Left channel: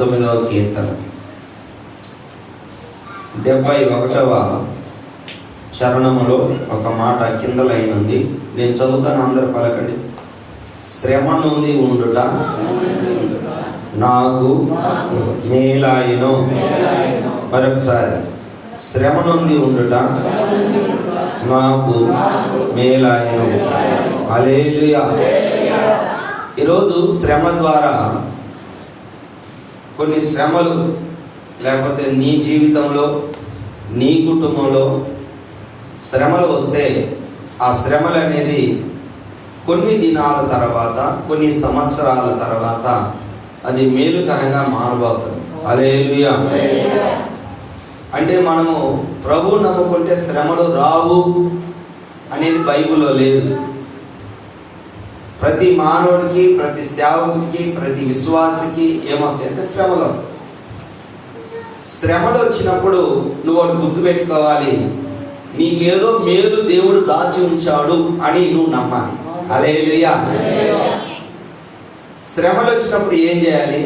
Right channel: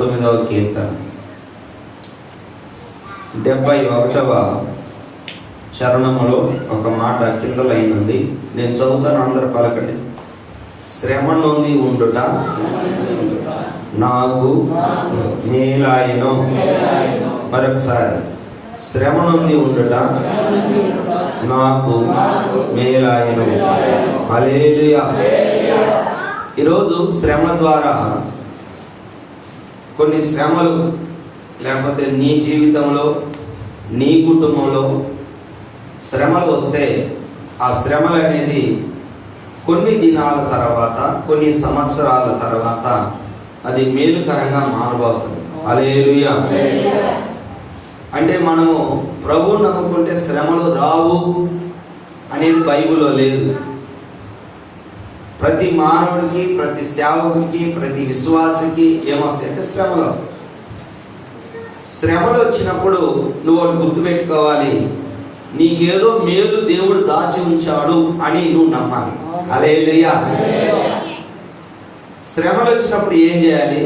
19వ కీర్తన 71వ చరణములో ఒక మాట కింద లైన్ ఉంది. నేను చదువుతాను, అందరూ పలకండి. శ్రమ నొంది ఉండుట నాకు మేలాయను. మరొకసారి, శ్రమ నొంది ఉండుట నాకు మేలాయను. హల్లెలూయా. ఈరోజు శ్రమ ద్వారా కొన్ని శ్రమలు, లేకపోతే నీ జీవితంలో, నీ కుటుంబంలో శ్రమలు వస్తే ఆ శ్రమలు అనేది కొన్ని దినాల తర్వాత, కొన్ని సంవత్సరాల తర్వాత అది మేలుకరంగా మారబోతుంది. హల్లెలూయా. అంటే మనము ప్రభువు నమ్ముకుంటే శ్రమలు రావు అనేది బైబిల్లో లేదు. ప్రతి మానవుడికి, ప్రతి సేవకుడికి, ప్రతి విశ్వాసికి ఏమొస్తాయంటే శ్రమలు వస్తాయి. శ్రమలు వచ్చినప్పుడు నువ్వు ఒకటి గుర్తుపెట్టుకోవాలి, నీకేదో మేలు దేవుడు దాచి ఉంచాడు అని నువ్వు నమ్మాలి. హల్లెలూయా. శ్రమలు వచ్చినప్పుడు ఏం చేయాలి?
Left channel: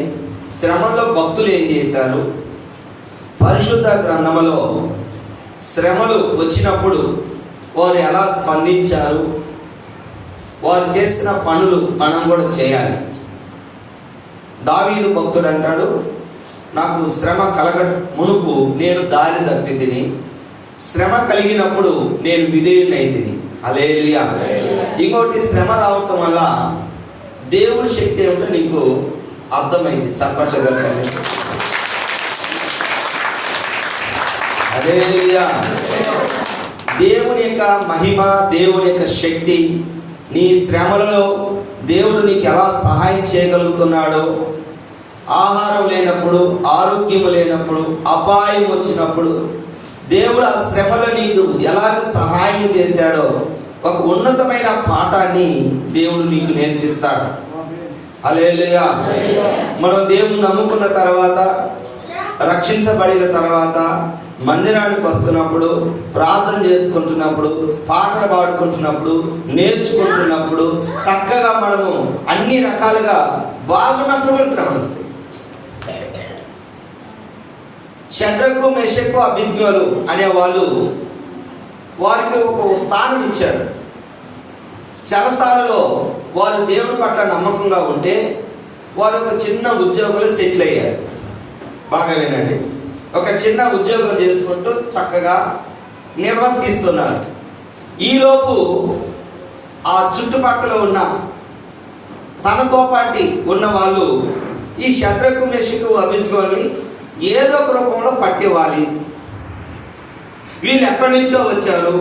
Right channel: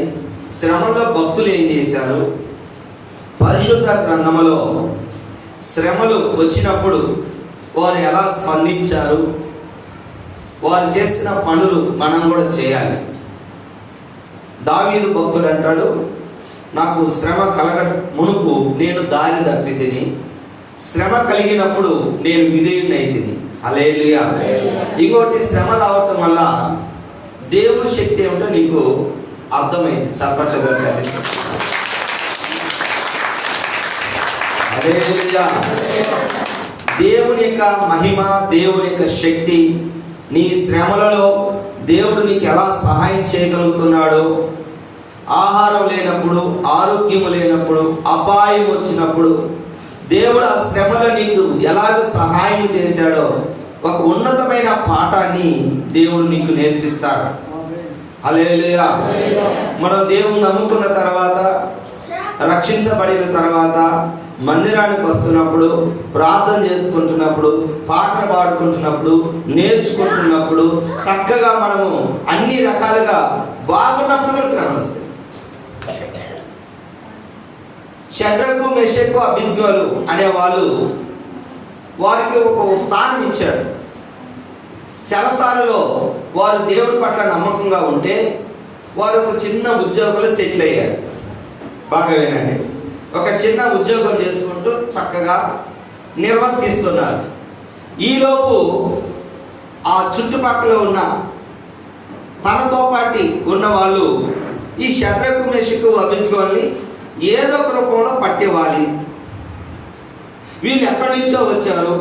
శ్రమలో భక్తులు ఏం చేశారు? పరిశుద్ధ గ్రంథములో శ్రమలు వచ్చినప్పుడు వారు ఎలా స్పందించారు, వారు చేసిన పనులు మనం కూడా చేయాలి. దావీదు భక్తుడు అంటాడు, నాకు శ్రమ కలగ మునుపు నేను దారి తప్పితిని, శ్రమ కలిగినప్పుడు నేను విధేయుడైతిని. హల్లెలూయా. ఇంకోటి, శ్రమ రావటం వల్ల దేవుడి శక్తి ఏమిటో నీకు అర్థమైంది. చప్పట్లు కొట్టాలి. హల్లెలూయా. దేవుని యొక్క మహిమ, దేవుని యొక్క శక్తి, నీ శ్రమలలో దేవుడు నీకు ఎలా సహాయం చేయగలుగుతున్నాడో, ఆహారం లేనప్పుడు, ఆరోగ్యం లేనప్పుడు, అపాయం వచ్చినప్పుడు దేవుడు ఆ శ్రమలో నీకు ఎలాగ సహాయం చేశాడో ఒక ఉన్నతమైన పాఠాన్ని దేవుడు నీకు నేర్పిస్తాడు. హల్లెలూయా. మనం దేవుని నమ్ముకున్న తర్వాత, రక్షించబడిన తర్వాత మందిరానికి వస్తున్నప్పుడు, ప్రార్థన చేసుకుంటున్నప్పుడు, పాటలు పాడుకుంటున్నప్పుడు, నేర్చుకుంటున్నప్పుడు, చక్కగా మనము అన్ని రకాలుగా బాగున్నప్పుడు కూడా శ్రమలు వస్తాయి. షడ్రకు, మెషకు, అబేద్నెగోలు అనేవాళ్ళు, వారికి ఒక స్థానం ఇచ్చాడు. చెరసాలలో వారు దేవుడి పట్ల నమ్మకంగా ఉంటే వారు ఒక చిన్న ఉద్యోగంలో సెటిల్ అయ్యారు. బాగా వినండి. ఒక చిన్న ఉద్యోగం చేసుకుంటూ చక్కగా నిర్వర్తిస్తున్నారు. ఈలోపు ఆ చుట్టుపక్కల ఉన్న తనతో పాటు ఉన్న వాళ్ళు ఈ షడ్రకు, మెషకు, అబేద్నెగోల్ని ఏదో ఒక రూపంలో పట్టేవాలి. వీళ్ళు ఎక్కడి నుంచో వచ్చారు,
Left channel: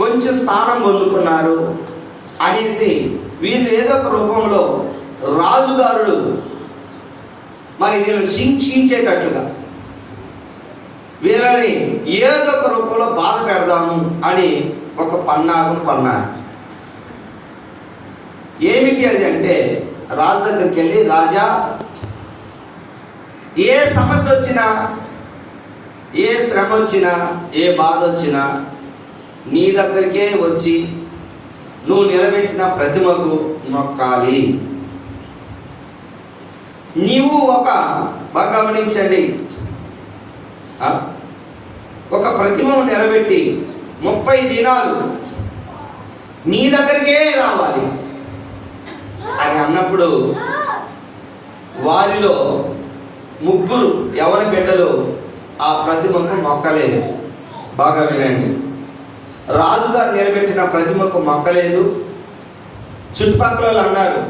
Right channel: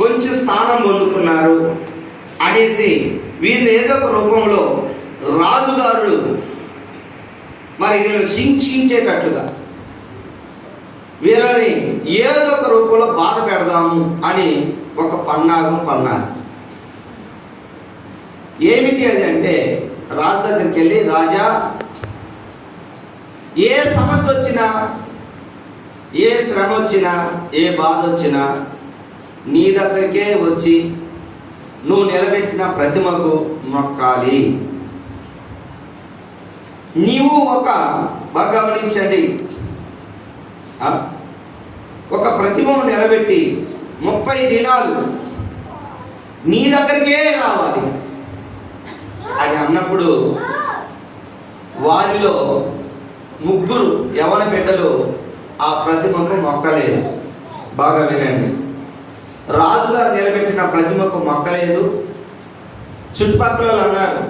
కొంచెం స్థానం పొందుకున్నారు అనేసి వీళ్ళు ఏదో ఒక రూపంలో రాజుగారు మరి వీళ్ళని శిక్షించేటట్టుగా వీళ్ళని ఏదో ఒక రూపంలో బాధ పెడదాము అని ఒక పన్నాగం పన్నారు. ఏమిటి అది అంటే, రాజు దగ్గరికి వెళ్ళి, రాజా, ఏ సమస్య వచ్చినా, ఏ శ్రమ వచ్చినా, ఏ బాధ వచ్చినా నీ దగ్గరికే వచ్చి నువ్వు నిలబెట్టిన ప్రతిమకు మొక్కాలి. నీవు బాగా గమనించండి, ఒక ప్రతిమను నిలబెట్టి 30 దినాలు నీ దగ్గరికే రావాలి అని అన్నప్పుడు వారిలో 3 యవన బిడ్డలు ఆ ప్రతిమకు మొక్కలేదు. బాగా వినండి. రాజుగారు నిలబెట్టిన ప్రతిమకు మొక్కలేదు. చుట్టుపక్కల అన్నారు,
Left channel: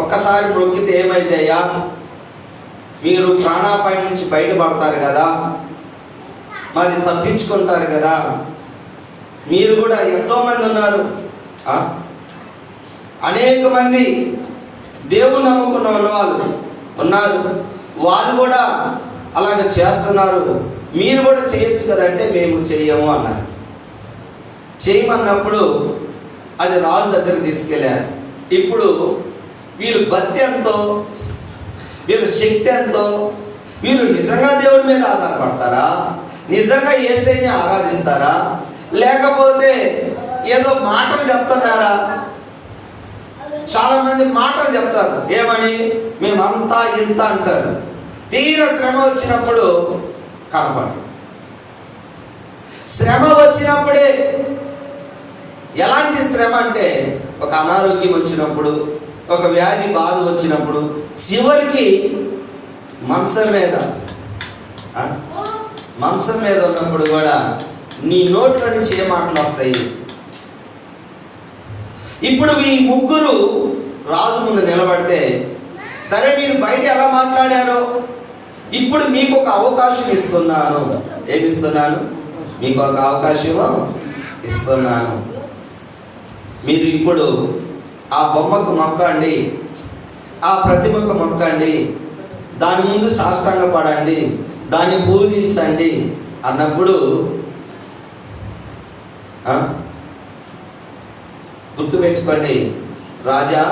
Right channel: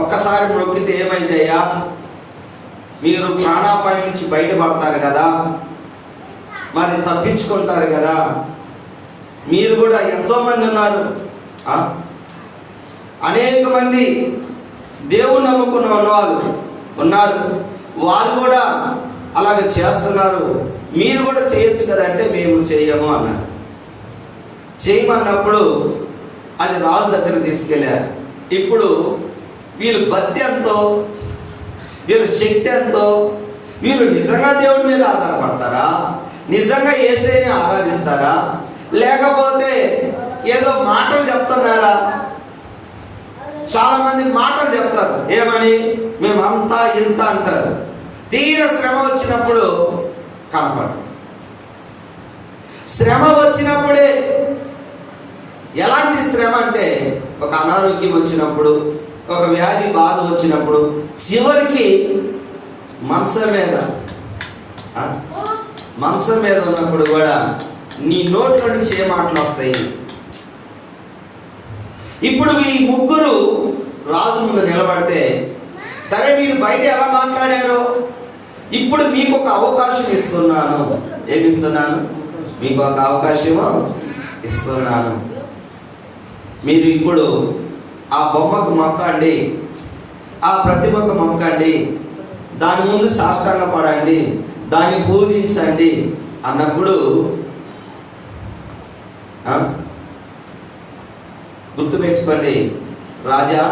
ఒక్కసారి మొక్కితే ఏమైందయ్యా, మీరు ప్రాణాపాయం నుంచి బయటపడతారు కదా, మరి తప్పించుకుంటారు కదా, మీరు కూడా ఎంతోమంది ఉన్నారు, అనేక మంది దేవుని నమ్ముకున్న వాళ్ళు ఉన్నారు, వాళ్ళు కూడా అలాగ చేస్తున్నారు, మీరు కూడా చేయొచ్చు కదంటే మేము చెయ్యము అన్నారు. చేయమన్నప్పుడు అది రాజు దగ్గర తీసుకెళ్ళారు. ఇప్పుడు వీళ్ళు భక్తి ఎంతో, వీళ్ళ శక్తి ఎంతో, వీళ్ళు నిజంగా దేవుడి మీద ఆధారపడతారా, నిజంగా యేసయ్యని ఆరాధిస్తారా, లేకపోతే ఏదో మాటలు చెప్తున్నారా? చాలా మంది మాటలు చెప్తారు, ఏమని, మేమంతా ఇంత అంటారు. తీర శ్రమ వచ్చినప్పుడు కనపడదు. శ్రమ వచ్చినప్పుడే, ఎలాంటి శ్రమ అంటే ఒక అనారోగ్యం వచ్చినప్పుడు, ఒక వ్యాధి బాధ వచ్చినప్పుడు, చివరికి మంచం మీద ఉన్నప్పుడు కూడా నీ నోట్ల నుంచి ఏ మాటలు వస్తాయి? ఇప్పుడు ఈ ముగ్గురు రాజు ముందు నిలబడితే, సరే మీరు బయట ఎలా మాట్లాడారో ఇప్పుడు మీకు ఒక అవకాశం ఇస్తున్నాను. ఏమిస్తున్నాను? మీకు ఒక అవకాశము ఇస్తున్నాను. మీరు ఇప్పుడు ఆ బొమ్మకు మొక్కండి, ఆ ప్రతిమకు మొక్కండి, దాని ముందు సాష్టాంగ పడండి, దాన్ని పూజించండి అన్నప్పుడు గుర్తుపెట్టుకోండి, రాజా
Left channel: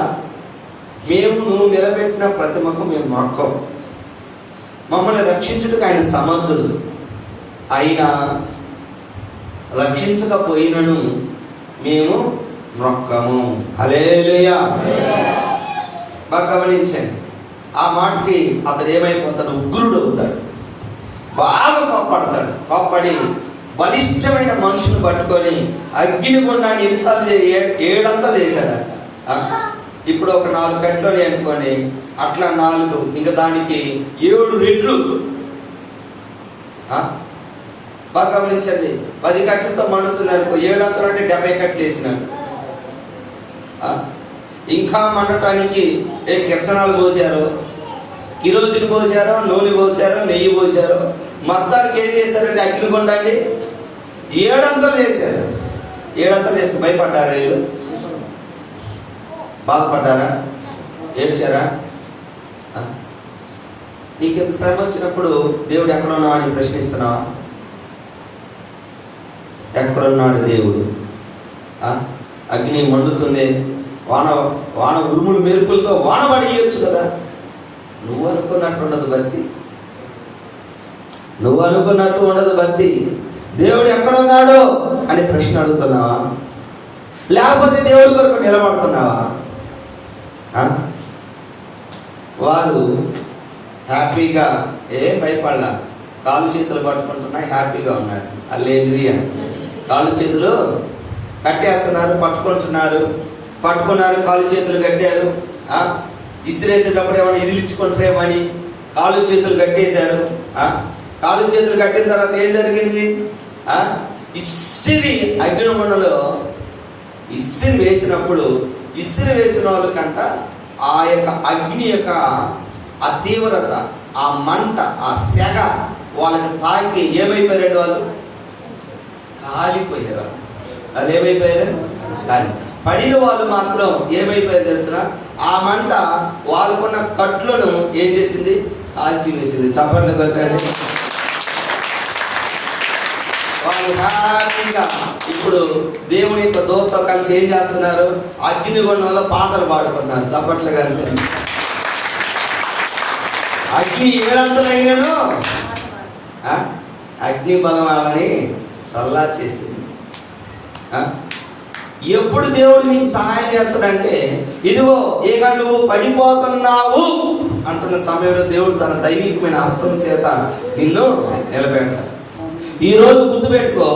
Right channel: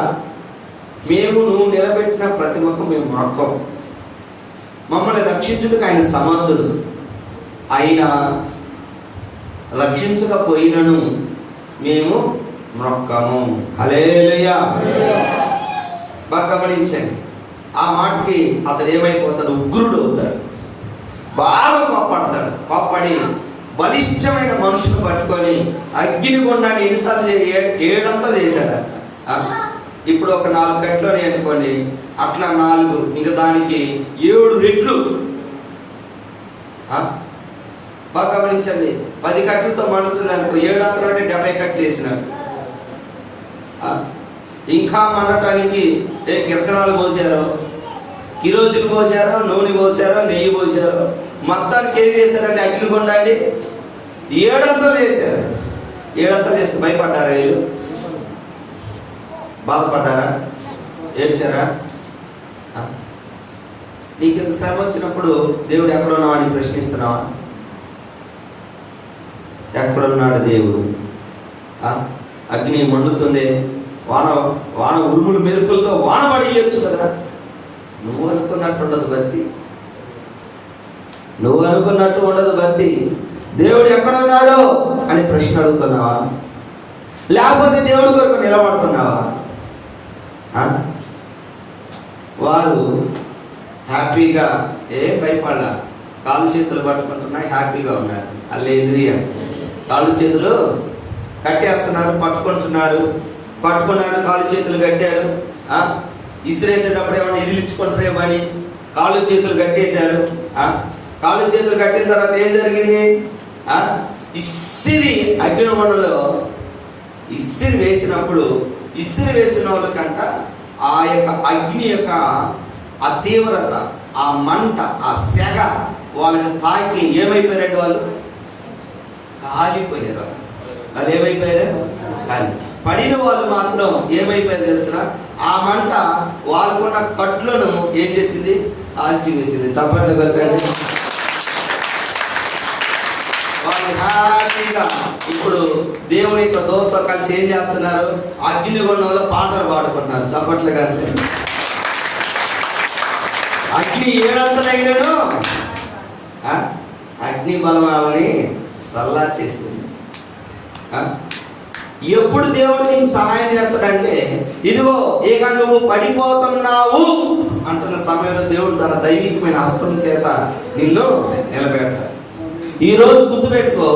మేము నువ్వు నిలబెట్టిన ప్రతిమకు మేము మొక్కం. మమ్మల్ని రక్షించుటకు ఆయన సమర్థుడు. అయినా రక్షించకపోయినను మేము మొక్కము. హల్లెలూయా. బాగా గమనించండి. ఆ మాటకి అతడు ఏమైపోతాడు? ఉగ్రుడు అవుతాడు, బాగా కోప్పడతాడు. కోప్పడి బలిష్టమైన మనుషులు పట్టుకొని అగ్నిగుండాన్ని ఎన్నిసార్లు 7 చేశాడు. ఇప్పుడు ఒక 4 కట్లు అనుకోండి, అట్లా 4, ఇంకా దానికి 7 రెట్లు. బాగా గమనించండి. 10 కట్లతో మండుతుంది అనుకో, 7 అంటే 70 కట్లు వేసినాడు. ఇంకా మండటానికి కిరసనాలు పోసారో, కిరోసిన్ పోసారో, నూనె పోసారో, నెయ్యి పోసారో, మొత్తానికి ఏం చేశారంటే అగ్నిగుండాన్ని 7 వేసారు. 7 వేస్తే భయపడ్డారా? వీళ్ళు బాధపడ్డారా? ఏడ్చారా? నీకు ఇంత శ్రమ వచ్చినప్పుడు దేవుడు ఎక్కడున్నావాడిని ప్రశ్నిస్తున్నావా? ఎక్కడున్నాడు దేవుడు? అగ్ని మండుతుంది, వాన ఉరుములు మెరుపులతో వాన పడేయచ్చు కదా. నువ్వు అనుకున్నట్టు ఉండదు భక్తి. నువ్వు అనుకున్నట్టు ఉండదు భక్తి. దేవుడు ఎక్కడున్నాడు అని ప్రశ్న అడుగుతున్నావా? లేకపోతే దేవుడి కొరకు నిలబడుతున్నావా? వారు హ్యాపీగా భయపడలా, కాళ్ళు చేతులు పట్టుకుంటున్నాయి, హ్యాపీగా ఉన్నారు. హల్లెలూయా. కాళ్ళు చేతులు కట్టేస్తున్నారు, పట్టుకున్నారు, కాళ్ళు చేతులు కట్టారు. ఇసిరేసేటప్పుడు ఏమైనా ఇదిలించుకుంటారేమని కాళ్ళు చేతులు కట్టేశారు. కాళ్ళు చేతులు కట్టిన తర్వాత ఏం జరిగింది? ఇసిరి అగ్నిమండలో ఇసిరి వేసినప్పుడు, ఇసిరి వేసిన వాళ్ళకంట ఆ యొక్క అగ్ని యొక్క ఆ తీవ్రత, ఆ మంట, ఆ సెగ వాళ్ళకి తాకి ఏమైపోయారు? వాళ్ళు కాలిపోయారు. వాళ్ళు ఏమైపోయారు? కాలి. పడిన వాళ్ళు మాత్రం ఏమైపోయారు తెలిసిన? ఆ మంట వాళ్ళకున్న కట్లను ఏం చేసింది? కాల్చి వేసింది. చప్పట్లు కొట్టండి. వాళ్ళు హ్యాపీగా ఇప్పుడు దేవుని యొక్క దూతతో కలిసి ఏం చేస్తున్నారు? అగ్నిగుండంలో పాటలు పాడుకుంటున్నారు. చప్పట్లు కానీ అగ్ని 7 అయినాడు. అగ్ని బలం వాళ్ళని సల్లా చేసింది. ఎప్పుడు దేవుడు నీకు సహాయం చేస్తాడంటే, ఇదిగో ఇక నువ్వు పడిపోతున్నావు అంటున్న సమయంలో దేవుడు తన దైవికమైన హస్తం చేత నిన్ను నిలబెడతాడు. ఈరోజు గుర్తుపెట్టుకో,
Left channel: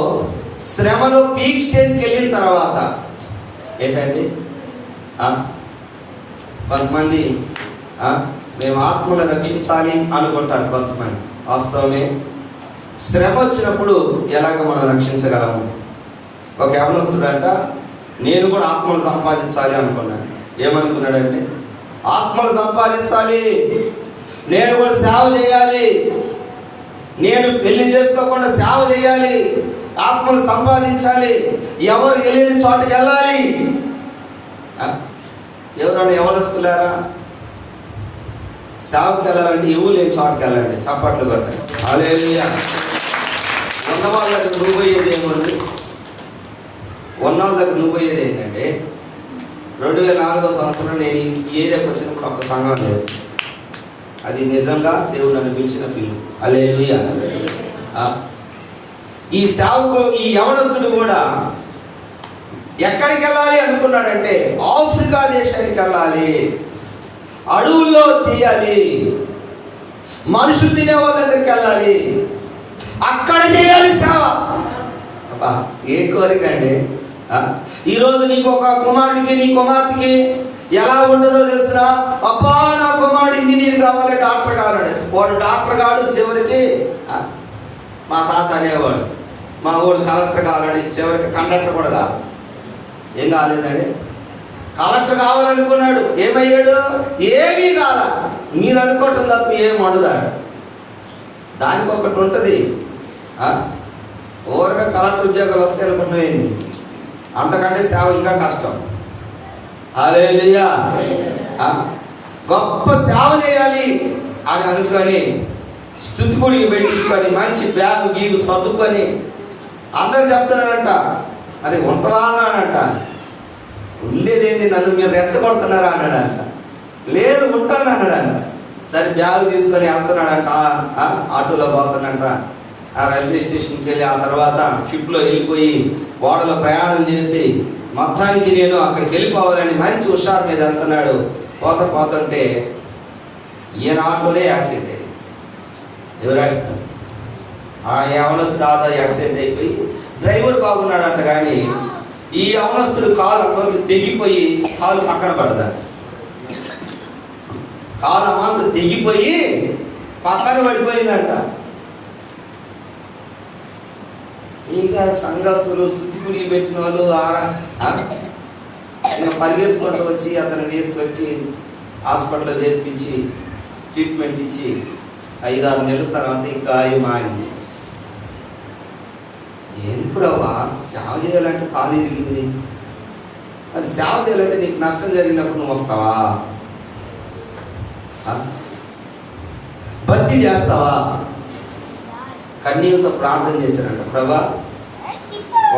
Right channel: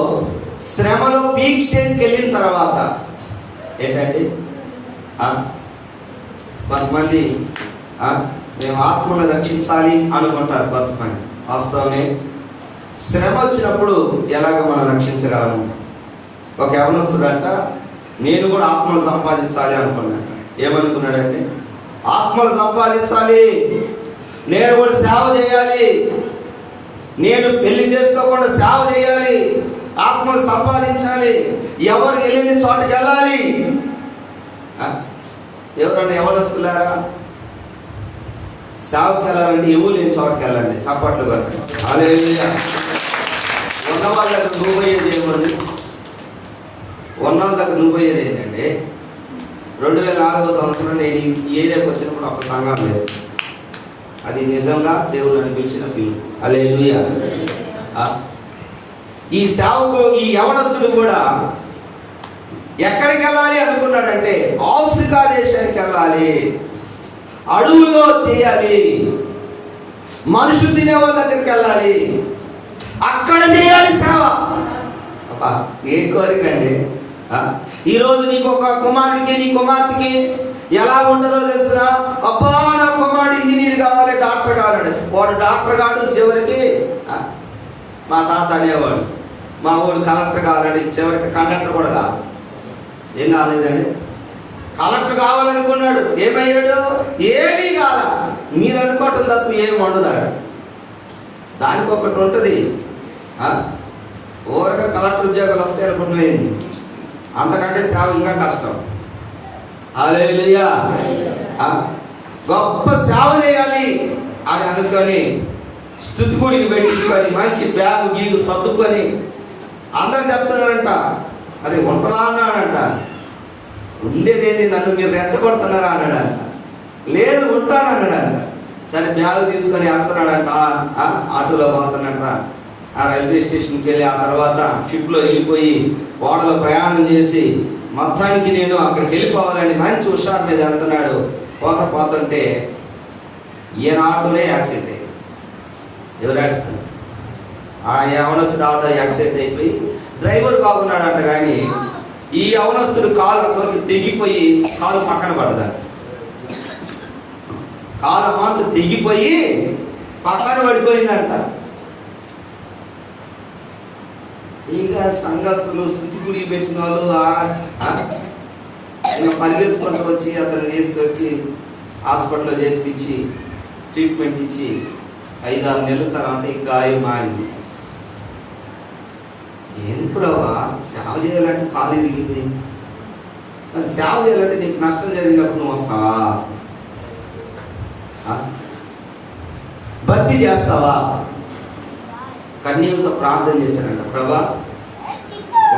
శ్రమలో పీక్ స్టేజ్కి వెళ్ళిన తర్వాత ఏంటండి, కొంతమంది మేము ఆత్మను రక్షించాలి అనుకుంటారు. కొంతమంది వాస్తవమే, శ్రమ వచ్చినప్పుడు ఎలాగ మనం రక్షించగలము? ఒక యవనస్తుడంట, నేను కూడా ఆత్మను సంపాదించాలి అనుకున్నాను. ఏమనుకున్నాడంటే, ఆత్మను సంపాదించాలి, నేను కూడా సేవ చేయాలి, నేను పెళ్లి చేసుకోకుండా సేవ చేయాలి, ఆత్మను సంపాదించాలి, ఎవరు వెళ్ళిన చోటుకి వెళ్ళాలి. ఎవరన్నా యవనస్తులారా, సేవకి వెళ్ళాలంటే ఎవరు లేని చోటుకి వెళ్ళండి. చప్పట్లు పెట్టండి. హల్లెలూయా. ఉన్న వాళ్ళ దగ్గర నువ్వు పోయేది ఏమండి? ఉన్న వాళ్ళ దగ్గర నువ్వు పోయేది ఏంటంటే, 2004వ సంవత్సరం నేను ఈ ఏరియాకి వచ్చినప్పుడు ఒక సంఘం లేదు. అది నిజంగా దేవుడు నన్ను పిలిచిన పిలుపు. హల్లెలూయా. ఈ సేవకు ఈ యవనస్తుడు కూడా ఎక్కడికి వెళ్ళాలి అనుకున్నాడంటే, ఆఫ్రికా దేశానికి వెళ్ళాలి, అడవుల్లో చేయాలి. మనుషులు తినే వాళ్ళ దగ్గరికి వెళ్ళాలి, అక్కడ చేయాలి సేవ. ఏ కోరిక అండి! ఈరోజు నీకు ఒక కుమారుడికి, నీ కుమార్తెకి ఎలా ఉండదో తెలుసునా? అబ్బా నా కుమారుడు ఇంజనీర్ కావాలి, డాక్టర్ కావాలండి. వాడు డాక్టర్ కాడు, చివరికి మా తాత అనేవాడు మా వాడు కలెక్టర్ కావాలండి, చివరికి కండక్టర్ కూడా కాదు. ఏం కాలేదండి? కలెక్టర్ కావాలనుకున్నాడు, ఏమయ్యాడు? ఏమీ కాల. మీరు అనుకోవటం తప్ప ఏం వండుదాడు. దానికి ఒకటి ఉంటుంది, ఊరగా కలెక్టర్ ఉద్యోగాలు వస్తాయి అనుకున్నాయింది. అంతకంటే సేవ ఇంకా కష్టం. హల్లెలూయా! గొప్ప సేవ చేయాలి అని అనుకొని స్తుతి గుడికి పెట్టించుకొని మంచి బ్యాగు గీగు సర్దుకొని అందరూ చెప్తున్నారంట, అది ఉంటావా అన్నాడంట. ఉండేదేంటి, నన్ను మీరు రెచ్చగొడుతున్నారా అన్నాడంట. లేదు ఉంటాను అన్నాడంట. సరే బ్యాగు తీసుకొని వెళ్తున్నాడంట, ఆటోలో పోతున్నాడంట. ఆ రైల్వే స్టేషన్కి వెళ్ళి ఆ తర్వాత షిప్లో వెళ్ళిపోయి ఓడలో ప్రయాణం చేసి మొత్తానికి నేను అక్కడికి వెళ్ళిపోవాలని మంచి హుషారు మీద వెళ్తున్నాడు. పోతుంటే ఈయన ఆటోనే యాక్సిడెంట్ అయ్యింది. ఎవరు? ఆ యవనస్తుడు ఆటో యాక్సిడెంట్ అయిపోయి డ్రైవర్ బాగున్నాడంట, కానీ ఈ యవనస్తుడు కాలు అంతవరకు తెగిపోయి కాలు పక్కన పడదాడు. కాలు మాత్రం తెగిపోయి పక్కన పడిపోయిందంట. ఇక సంఘస్థులు స్తుతి గుడికి పెట్టిన వాళ్ళు పరిగెత్తుకుంటూ వచ్చి అతన్ని తీసుకొచ్చి హాస్పిటల్లో చేర్పించి ట్రీట్మెంట్ ఇచ్చి 5-6 నెలల తర్వాత ఈ గాయం మారింది. ఎందుకు రావా సేవ చేయాలంటే కాలు ఇరిగింది, అది సేవ చేయాలంటే నీకు నష్టం జరిగినప్పుడు నువ్వు వస్తావా? భక్తి చేస్తావా? కన్నీళ్ళతో ప్రార్థన చేశానంట, ప్రభా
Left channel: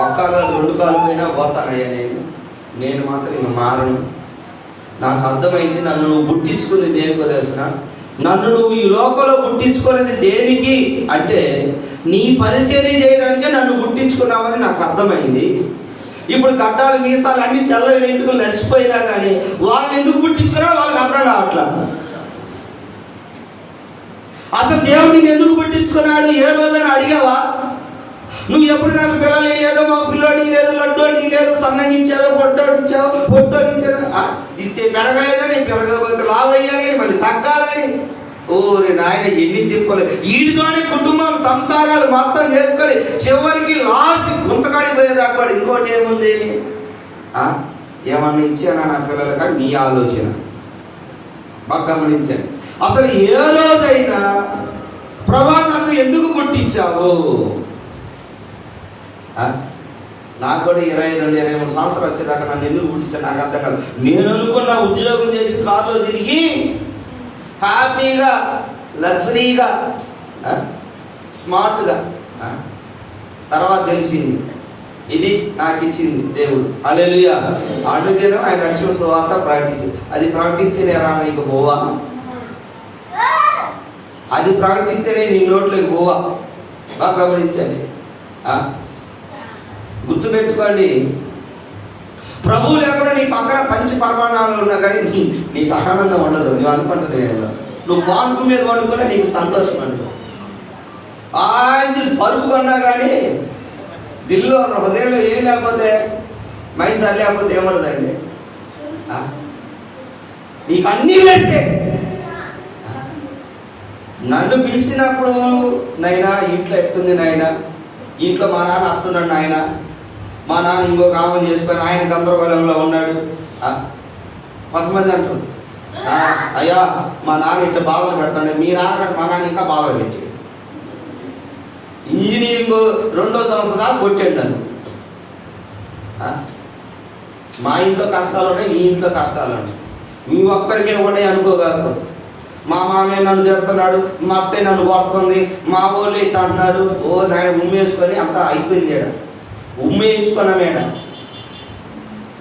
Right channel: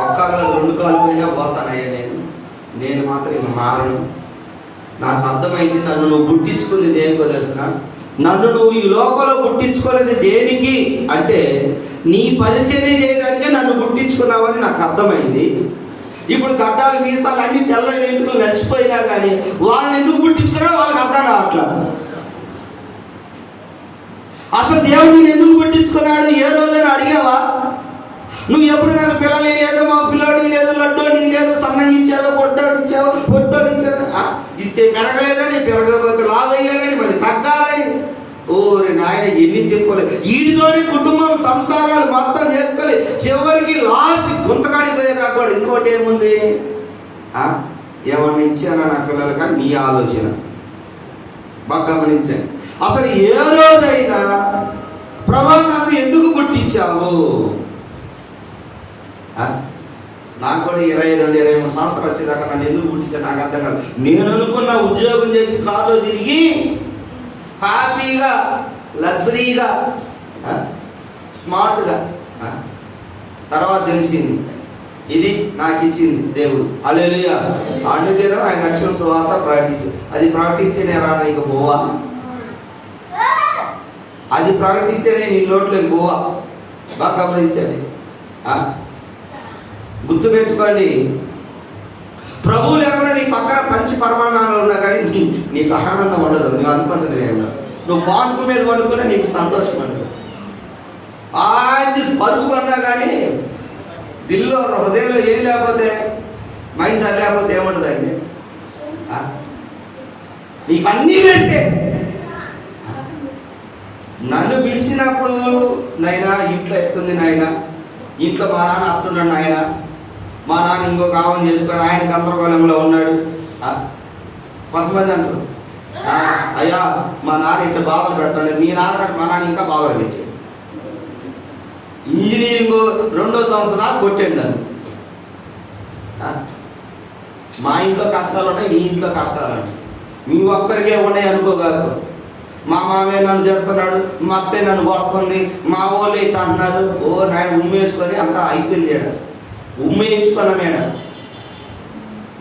ఒక్క కాలు 2 కాలు పోయినా పోతానయ్యా, నేను మాత్రం ఇక మారను. నాకు అర్థమైంది, నన్ను నువ్వు పుట్టించుకునేది దేనికో తెలుసిన? నన్ను నువ్వు ఈ లోకంలో పుట్టించుకునేది దేనికి అంటే నీ పరిచర్య చేయడానికే నన్ను పుట్టించుకున్నావని నాకు అర్థమైంది. ఇప్పుడు గడ్డాలు మీసాలు అన్ని తెల్ల వెంట్రుకలు నడిచిపోయినా కానీ వాళ్ళని ఎందుకు పుట్టించుకున్నారో వాళ్ళకి అర్థం కావట్లా. అసలు దేవుడిని ఎందుకు పుట్టించుకున్నాడు ఏ రోజున అడిగావా? నువ్వు ఎప్పుడు నాకు పిల్లలు లేదో, మా పిల్లోడి లేదు, లడ్డోడి లేదు, సన్నగించావో, పొట్టోడిచ్చావో, ఇస్తే పెరగలేదని, పెరగకపోతే లావయ్యాలని, మళ్ళీ తగ్గాలని. ఓరి నాయన ఎన్ని తిప్పుకోలేదు. వీటితోనే కుటుంబం సంసారాలు మొత్తం చేసుకొని చివరికి లాస్ట్ గుంతకాడికి పోయేదాకా కూడా ఇంకోటి ఏముంది? ఏమన్నా ఇచ్చానా నా పిల్లలు? కానీ నీ ఆలోచన బాగా గమనించండి. అసలు ఏ రోజైనా ప్రభా నన్ను ఎందుకు పుట్టించావు? నాకు కూడా 22-23 సంవత్సరాలు వచ్చేదాకా నన్ను ఎందుకు పుట్టించాను నాకు అర్థం కాదు. నేను అనుకున్న ఉద్యోగం చేసి కారులో తిరిగి హ్యాపీగా, లగ్జరీగా, స్మార్ట్గా, తర్వాత తెలిసింది ఇది నాకు ఇచ్చింది దేవుడు. హల్లెలూయా! అందుకేనో ఆయన రక్షణ సువార్త ప్రకటించు. అది ప్రకటిస్తేనే రా నీకు పోవా, అది ప్రకటిస్తేనే నీ నోట్లోకి పోవా. బాగా గమనించండి, గుర్తుపెట్టుకోండి. ప్రభువు లేకుండా నీ పక్కన పంచి పరమాణాలు ఉన్నా కానీ నీకు ఆనందం ఉండదు. నువ్వు అనుకుంటున్నావు, నువ్వు పాన్పు మీద వండుకున్నా నీకు సంతోషం ఉండదు. పరుపు కొన్నా కానీ దిల్లో హృదయంలో ఏం లేకపోతే, మైండ్ సరి లేకపోతే ఏముండదండి? నీకు అన్నీ వేస్తే. నన్ను పిలిచినప్పుడు నైనా ఇంట్లో ఎట్టుంది నాయన, ఇంట్లో మా నాన్న అట్టున్నాడు నాయన, మా నాన్న ఇంకొక ఆమెను చేసుకొని ఆయన గందరగోళంలో ఉన్నాడు. కొంతమంది అంటారు, అయ్యా మా నాన్న ఇంత బాధలు పెడతాను. మీ నాన్న మా నాన్న ఇంకా బాధలు పెట్టాడు. ఇంజనీరింగ్ 2వ సంవత్సరం దాకా కొట్టాడు నన్ను. మా ఇంట్లో కష్టాలు ఉన్నాయి, నీ ఇంట్లో కష్టాలు ఉన్నాయి. మీ ఒక్కరికే ఉన్నాయి అనుకోగలరు. మా మామయ్య నన్ను తిడుతున్నాడు, మా అత్తయ్య నన్ను కొడుతుంది, మా వాళ్ళు ఇట్లా అంటున్నారు. ఓ నాయన ఉమ్మేసుకొని అంతా అయిపోయింది. ఏడ ఉమ్మేయించుకున్నా మేడ,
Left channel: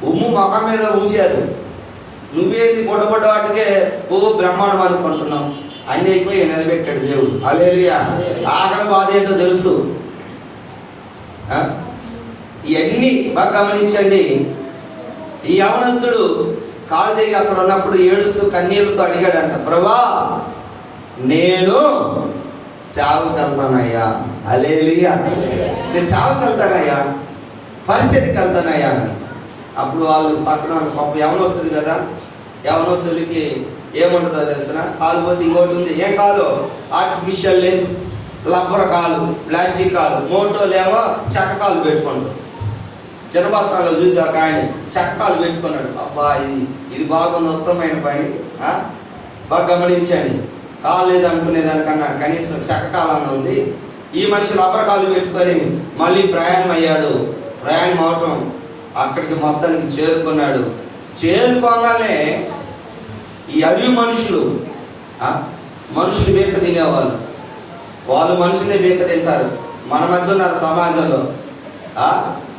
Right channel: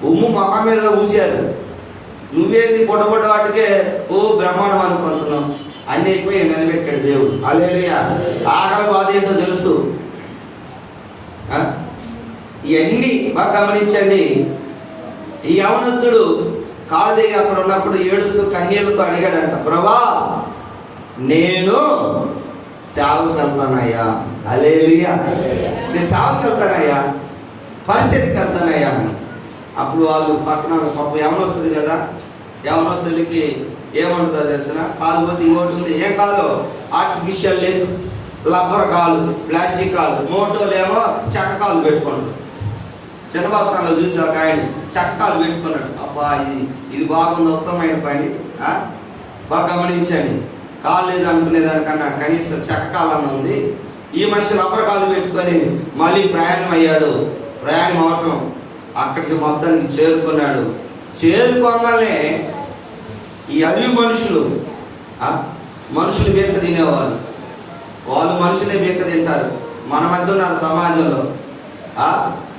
ఉమ్ము మొఖం మీద ఊసారు. నువ్వేది పొడబొడ్డ వాటికే ఓ బ్రహ్మాండం అనుకుంటున్నావు. అన్నీ అయిపోయి నిలబెట్టాడు దేవుడు. హల్లెలూయా! ఆకలి బాధ ఏంటో తెలుసు. ఇవన్నీ బాగా గమనించండి. ఈ యవనస్తుడు కాలు దిగి అక్కడ ఉన్నప్పుడు ఏడుస్తూ కన్నీళ్లతో అడిగాడంట, ప్రభా నేను సేవకు వెళ్తానయ్యా. హల్లెలూయా. నేను సేవకు వెళ్తానయ్యా, పరిచర్యకి వెళ్తానయ్యా అని. అప్పుడు వాళ్ళు పక్కన పాప యవనొస్తుంది కదా, యవనొస్తులకి ఏమంటుందో తెలిసిన, కాలు పోతే ఇంకోటి ఉంది. ఏ కాలు? ఆర్టిఫిషియల్ లేదు, రబ్బర్ కాలు, ప్లాస్టిక్ కాలు. మోటోలు ఏమో చెక్క కాలు పెట్టుకోండి. చిన్న బస్తాల్లో చూసి ఒక ఆయన చెక్క కాలు పెట్టుకున్నాడు. అబ్బా ఇది బాగుంది, ఉత్తమమైన పని, బాగా గమనించండి. కాలు లేదు అనుకునేదానికన్నా కనీసం చెక్క కాలం ఉంది. ఈ మనిషి రబ్బర్ కాలు పెట్టుకొని మళ్ళీ ప్రయాణం అయ్యాడు. ప్రయాణం అవటం అక్కడికి మొత్తానికి చేరుకున్నాడు. చేరుకోగానే ఈ అడవి మనుషులు బీక తినేవాళ్ళు, వాళ్ళు మనుషులే బీక తింటారు. మన మధ్య ఉన్నారు సమాజంలో.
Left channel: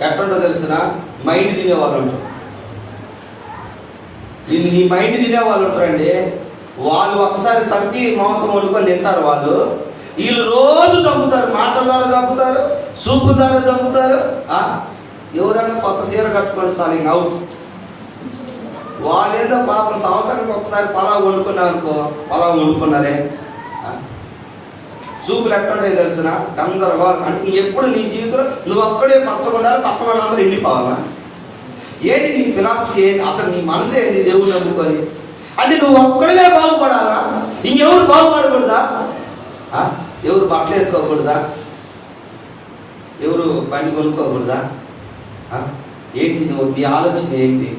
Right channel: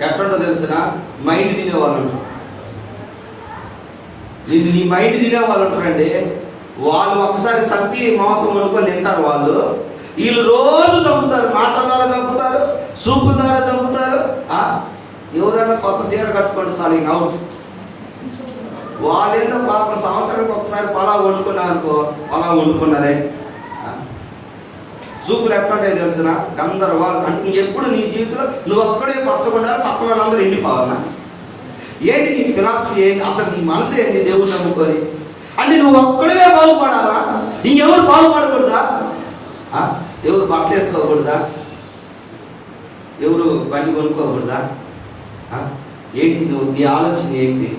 ఎట్టుంటో తెలిసిన మైండ్ తినేవాళ్ళు ఉంటారు. నీ మైండ్ తినేవాళ్ళు ఉంటారండి. వాళ్ళు ఒకసారి చంపి మాంసం వండుకొని తింటారు. వీళ్ళు రోజు చంపుతారు, మాటల ద్వారా చంపుతారు, సూపు ద్వారా చంపుతారు. ఎవరైనా కొత్త చీర కట్టుకోండి చాలు, ఇంక అవుట్. వాళ్ళు ఏదో పాపం సంవత్సరానికి ఒకసారి పలావ్ వండుకున్నారు అనుకో, పలావ్ వండుకున్నారే. సూపులు ఎట్లుంటాయి తెలిసిన గందరగోళం. అంటే ఎప్పుడు నీ జీవితంలో నువ్వు ఒక్కడే పచ్చకున్నారు, పక్కన వాళ్ళందరూ ఎండిపోవాలా? ఏంటి నీ ఫిలాసఫీ ఏంటి? అసలు నీ మనసు ఏంటి? దేవుడు నమ్ముకొని అంటే నువ్వు ఒక్కడే బాగుపడాలా? ఇంకెవరు బాగుపడకూడదా? ఎవరు బట్టలు వేసుకోకూడదా? ఎవరు బండి కొనుక్కోకూడదా? ఏంటి నువ్వు నీ ఆలోచన ఏంటి?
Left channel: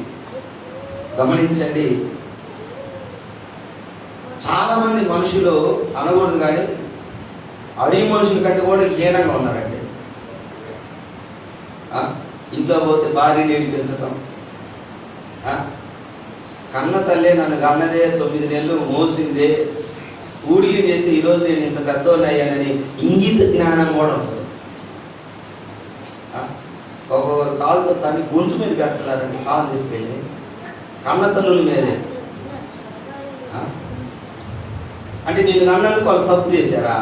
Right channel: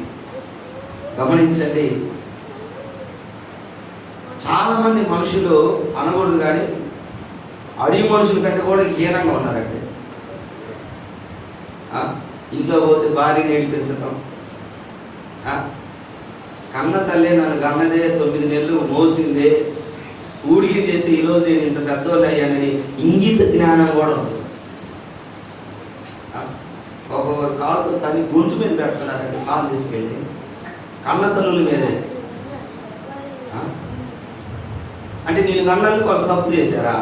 గమనించండి. చాలా మంది మనుషులు అనకూడదు కానీ అడవి మనుషుల కంటే కూడా హీనంగా ఉన్నారండి. ఇంట్లో పోతే భార్యని ఏడిపించడం. కన్న తల్లి నన్ను కన్నదే 9 నెలలు మోసిందే, ఊడికి చేస్తే ఈరోజు నేను ఇంత పెద్దోళ్ళు అయ్యానని ఇంగిత జ్ఞానం కూడా ఉంటుంది. ఒక్కొక్కరు కాలుతో తల్లి గొంతు మీద పెడుతున్నారండి, కాలు తీసుకెళ్ళి కన్న తల్లుల మీదే. అంటే నేను నన్నందుకు వాళ్ళు తప్పు చేశారా,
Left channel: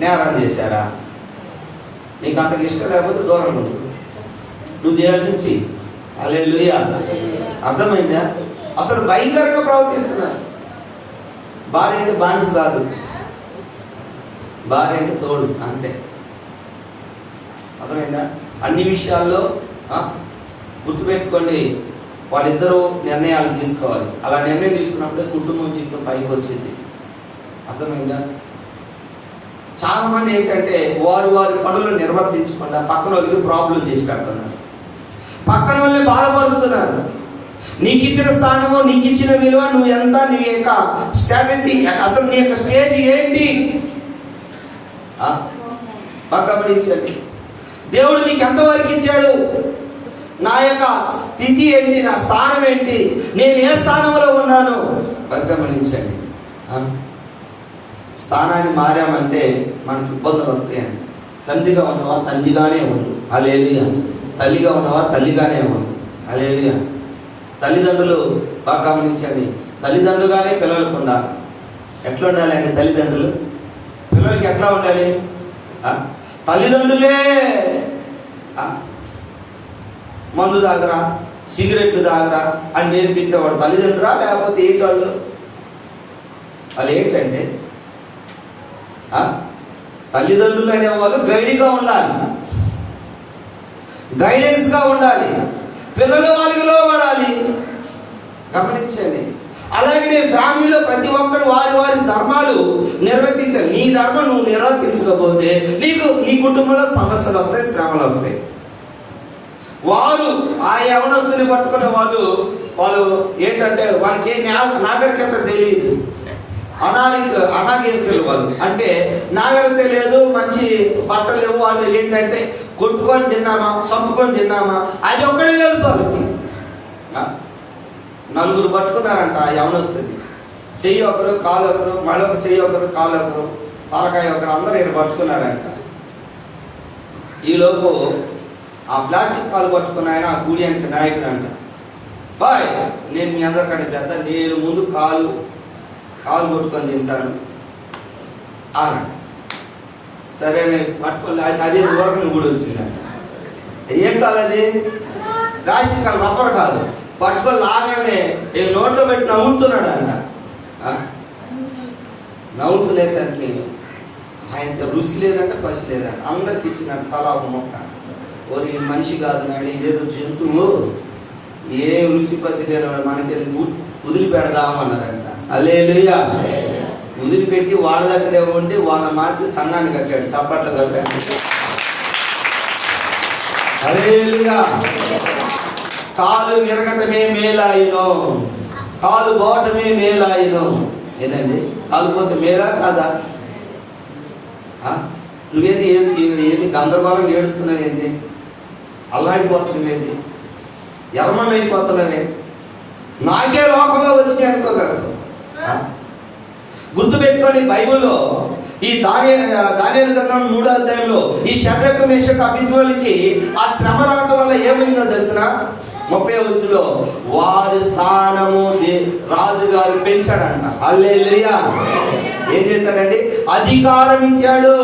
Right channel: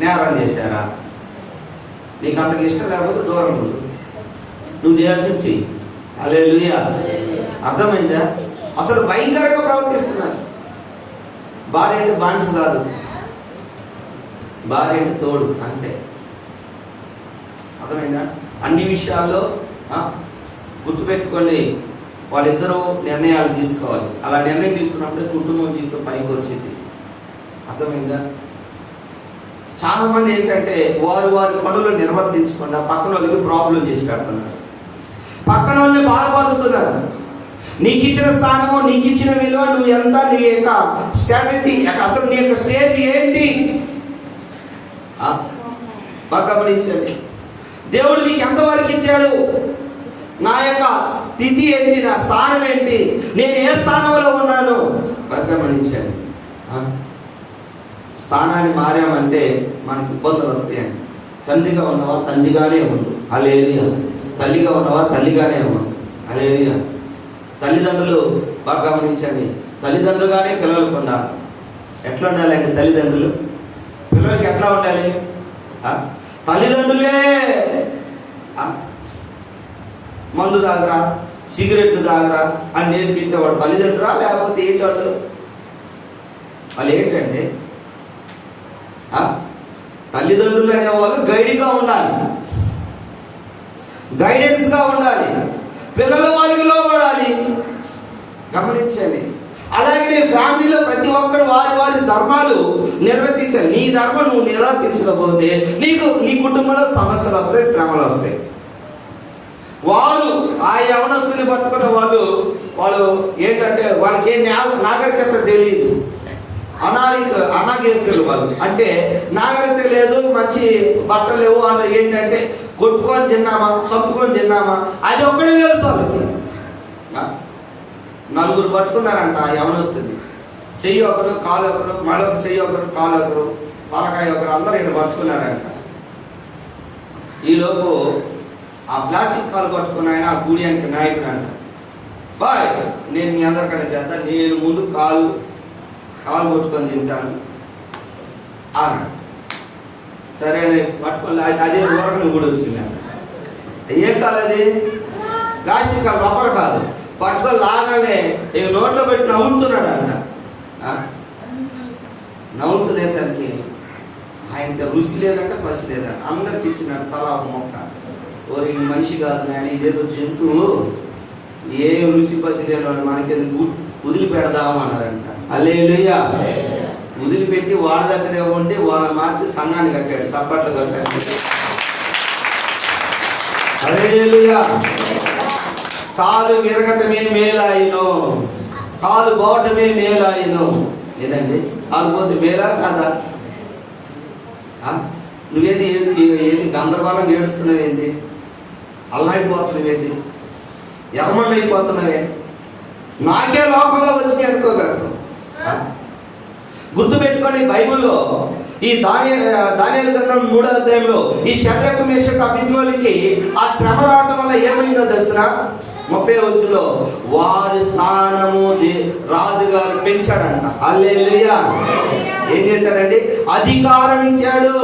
నేరం చేశారా? నీకు అంతకు ఇష్టం లేకపోతే దూరం ఉంది, నువ్వు చేయాల్సి వచ్చి. హల్లెలూయా. అర్థమైందా? అసలు భయంకరంగా ప్రవర్తిస్తున్నారు. భార్య అంటే బానిస కాదు, భార్య అంటే తోడు, అంతే. అర్థమైందా? అన్ని విషయాల్లో గుర్తుపెట్టుకోండి, వాళ్ళిద్దరూ నిర్ణయాలు తీసుకోవాలి. అలా నిర్ణయం తీసుకున్నప్పుడే కుటుంబం జీవితం పైకి వచ్చింది. అర్థమైందా? చాలా మంది ఏంటంటే వారి పనులు నిర్వర్తించకుండా పక్కన వాళ్ళకి ప్రాబ్లం చేసి పెడుతున్నారు, పక్కన వాళ్ళని బాధపరుస్తున్నారు. నీకు ఇచ్చిన స్థానము, నీకు ఇచ్చిన విలువ, నువ్వు ఎంత, నీ యొక్క స్ట్రాటజీ, అసలు నీ యొక్క స్టేజ్ ఏంటి బాగా గమనించండి. దేవుడు నీకు ఎంతవరకు ఇచ్చాడు, నా యొక్క స్థితి ఏంటి, నా స్థానం ఏంటి, నేను ఏ స్థానంలో ఉన్నాను బాగా గమనించండి. స్థానాన్ని మారామంటే మనకి ఇబ్బందులు వస్తాయండి. తండ్రిగా ఉన్నవా తండ్రిగానే ఉంది, హల్లెలూయా. తల్లిగా ఉన్నవా తల్లిగానే ఉంది, హల్లెలూయా. తల్లిదండ్రులు బాగా గమనించండి, తల్లిదండ్రులుగానే పిల్లలకు ఉండాలి. ఎట్లా ఉండాలండి తల్లిదండ్రులు? పిల్లలకి ఎట్లా ఉండాలి? తల్లిదండ్రులే మందు తాగరా, సిగరెట్లు తాగరా అని నేర్పిస్తే వాడు తల్లిదండ్రురా? లేకపోతే ఏంటి వాళ్ళు ఏంటంటే తల్లిదండ్రులు అనేవాళ్ళు గైడ్గా ఉండాలి, గైడెన్స్గా ఉండాలి, పిల్లలు వాళ్ళకి లోబడాలి. గమనించండి. అలాగే ఫ్యామిలీలో ప్రతి ఒక్కరు వారి ధర్మాలు నిర్వర్తించాలి. నీ ధర్మం నువ్వు నిర్వర్తించకపోతే నీ కుటుంబంలో సమస్యలు వస్తాయి, శ్రమలు వస్తాయి. వారు ఆ యవనస్తుని పట్టుకున్న వాళ్ళు ఏంటంటే వాళ్ళకి ఏ నాగరికత తెలియదు, అనాగరికులు వాళ్ళు. అంటే నాగరికత లేదు, మంచి బట్టలు లేవు. వాళ్ళు ఏంటంటే కొట్టుకొని తిన్నామా, చంపుకొని తిన్నామా, అది ఒక్కడే తెలుసు వాళ్ళకి. నలుగురు పట్టుకున్నారంట యవనస్తుని, చెయ్యి ఒకరు, కాలు ఒకరు, మళ్ళొక చెయ్యి ఒకరు, కాలు ఒకరు, తలకాయ ఒకరు, అందరూ ఇక్కడ పట్టుకున్నారంట. ఈలోపు ఆ ప్లాస్టిక్ కాలు పట్టుకున్న ఆయన ఆ గూడియానికి నాయకుడు అంట. బాయ్, నేను మీ అందరికంటే పెద్ద, నేను ముందు కాలు పట్టుకొని తింటాను అన్నాడు. సరే పట్టుకొని అదే రోడ్డు గుడి వచ్చింది. ఏం కాదు అది? ప్లాస్టిక్ కాలు, రబ్బర్ కాదు. పట్టుకొని లాగానే నోట్లో పెట్టి నవ్వుతున్నాడు అంట. నవ్వుతునేసరికి ఆయనకి రుచి లేదంటే పసి లేదంటే అందరికి ఇచ్చిన తల ఒక మొక్క. ఓరి మనిషి కాదు నాయన, ఇదేదో జంతువు, ఏ రుచి పసి లేనివాడు మనకి వదిలిపెడదాము అన్నారంట. హల్లెలూయా. వదిలిపెట్టి వాళ్ళ దగ్గరే ఉండి వాళ్ళని మార్చి సన్నాన్ని కట్టాడు, చప్పట్లు కట్టాడు. హల్లెలూయా. కాలు విరగటమే మేలాయిను, కాలు పోవటమే మేలాయిను. ఏదండి, కాలు పోతే మేలా కాదా? నువ్వేది ఏది గందరగోళం ఏడుస్తున్నావు, ఏంది అల్లాడిపోతున్నావేది, ఎర్మమైపోతున్నావే, నాకే లోకంలో వచ్చినాయి అనుకోగలరు. గుర్తుపెట్టుకోండి, బైబిల్లో ఈ దానియేలు గ్రంథం 3వ అధ్యాయంలో ఈ షడ్రకు మేషకు అబేద్నెగోలకి ఆ శ్రమ రావటం వల్ల ఏమైందో తెలిసిన 30వ వచనంలో వారి స్థానము రాజుగారు పెంచాడంట. హల్లెలూయా. ఏం చేశాడండి? అధికారం ఇచ్చాడు,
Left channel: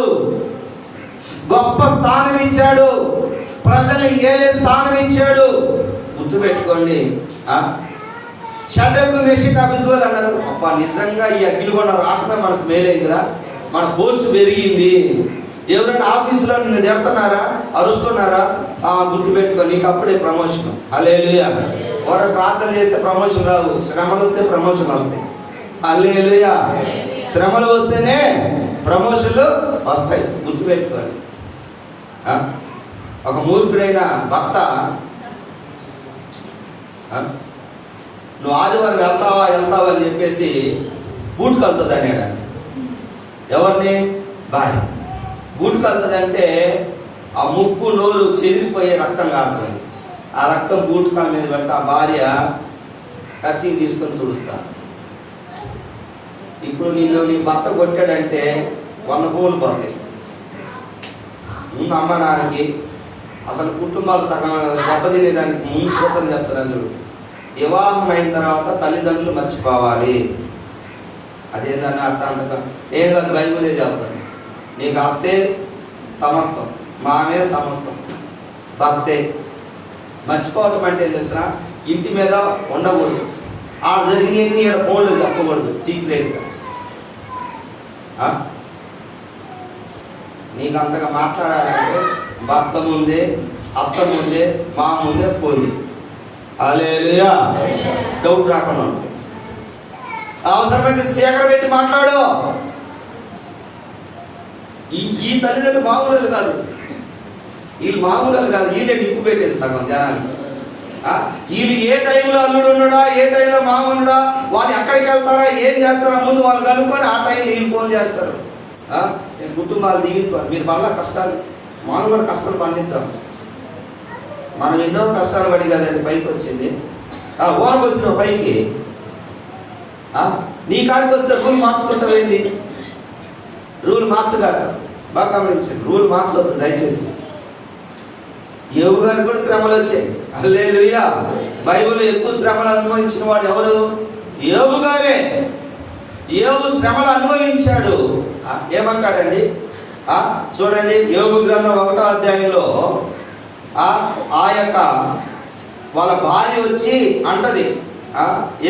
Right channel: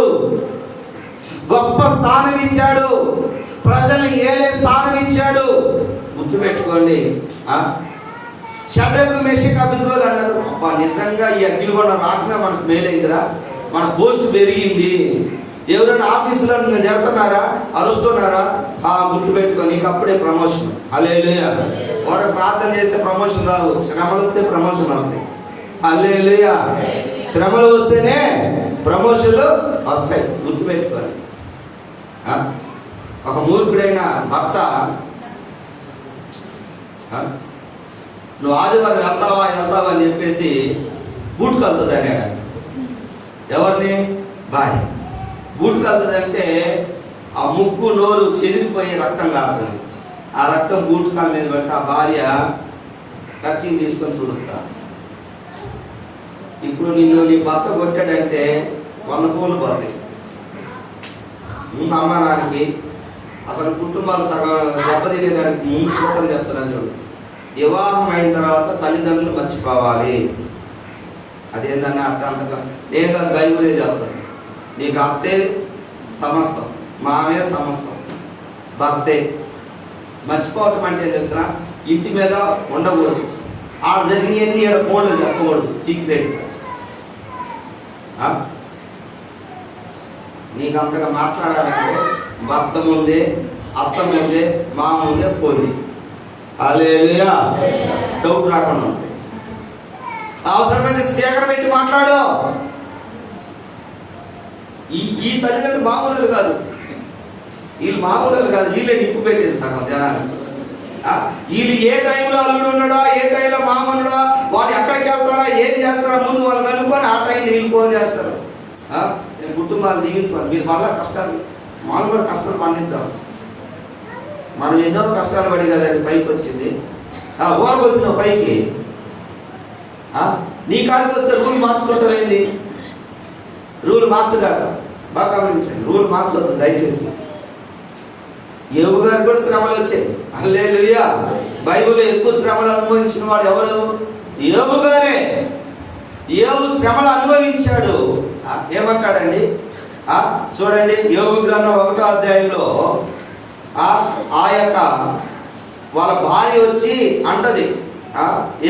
గొప్ప స్థానం ఇచ్చాడు, ప్రజల్ని ఏలే స్థానం ఇచ్చాడు. గుర్తుపెట్టుకోండి, షడ్రకు మేషకు అబేద్నెగోలు అన్నారు, అబ్బా నిజంగా ఈ అగ్నిగొండ రావటమే మనకు మేలైందిరా, మన పోస్ట్ పెరిగింది. ఎవరైనా ఆఫీసులో నిన్ను తిడుతున్నారా, అరుస్తున్నారా, గుర్తుపెట్టుకో, నీకు అప్పుడే ప్రమోషన్. హల్లెలూయా. వారు ప్రార్థన చేస్తే ప్రమోషన్ రావు, శ్రమలు వస్తే ప్రమోషన్ అవుతాయి. హల్లెలూయా. శ్రమలు వస్తేనే ప్రమోషన్లు వస్తాయి, గుర్తుపెట్టుకోండి. ఒక మూర్ఖుడైన భర్త, నువ్వు ఆదివారం వెళ్తావా అని చెప్పేసి బూట్కి వెళ్తుంది అన్నాడు. ఎవరిని? భార్య. బూట్కి వెళ్తుందంటే ఆ ముక్కు నోరు చెదిరిపోయే రక్తం కాదు, ఆ రక్తం బూట్ కాళ్ళ మీద పెట్టి ఆ భార్య కచ్చిని తీసుకొని తుడుస్తా. ఇప్పుడు నిన్ను నీ భర్త కొట్టాడంటే 100 పూలు పోతాయి. ముందు అమ్మ నాన్నకి అసలు కుటుంబాలు సగం దెబ్బతినేదానికి ముందు సూత్రం చెప్తున్నాను చూడు. వివాహం అయిన తర్వాత తల్లిదండ్రులు మర్చిపోవాలి. అదేంటన్నా అర్థంతగా నేను కాదు, బైబిలే చెప్తాను. నీకు అత్తే సమస్తం, మామే సమస్తం, భర్తే. మర్చిపోవటం అంటే తెలిసిన ఇంటి మీద ఉండకూడదు, ఆ జరిగినవన్నీ ఫోన్లో చెప్పకూడదు, సీక్రెట్. నీకు అంతగా మాట్లాడాలంటే భర్త ముందే, అత్త ముందే, మా ముందే ఫోన్. హల్లెలూయా. డౌట్ రాకుండా ఉంటుంది. అవసరమైతే స్పీకర్ పెట్టి మాట్లాడు. ఈ తల్లిదండ్రులు మామూలు కాదు, వీళ్ళు మామూలు కాదు, వీళ్ళే నిప్పు పెట్టేది సగం జనాన్ని. వీళ్ళు ఏ టైంలో అల్లుడు ఉన్నాడా, ఏ టైంలో మామూలుడా, వాడు ఎక్కడికి వెళ్తారా, ఏం చేస్తారా ముందు వాళ్ళు కనుక్కొని ఆ టైంలో వీళ్ళు ఫోన్ చేస్తారు. నేను కుటుంబాలు దీవించాలి. మీరు మళ్ళా కష్టాలు, మనం కూడా కష్టాలు పండిద్దాం. మనం ఎన్నో కష్టాలు పడి కదండి పైకి వచ్చింది. ఊరకు వచ్చిన పైకి నీ కాడికి వస్తే రూల్ మార్చుకుంటాం. ఏంది రూల్ మార్చగా? బాగా గమనించండి, రూల్ మార్చవద్దు దయచేసి. యోబు గారికి కూడా శ్రమలు వచ్చాయి. హల్లెలూయా. బైబిల్లో ఎక్కువ శ్రమలు అనుభవించిన వాడు ఎవరు? యోబు గారే. యోబు శ్రమలు అనుభవించాడు. ఏమంటాడండి? చూడండి, యోబు గ్రంథం 1వ అధ్యాయంలో ఆ యొక్క వాళ్ళ భార్య వచ్చి అంటది,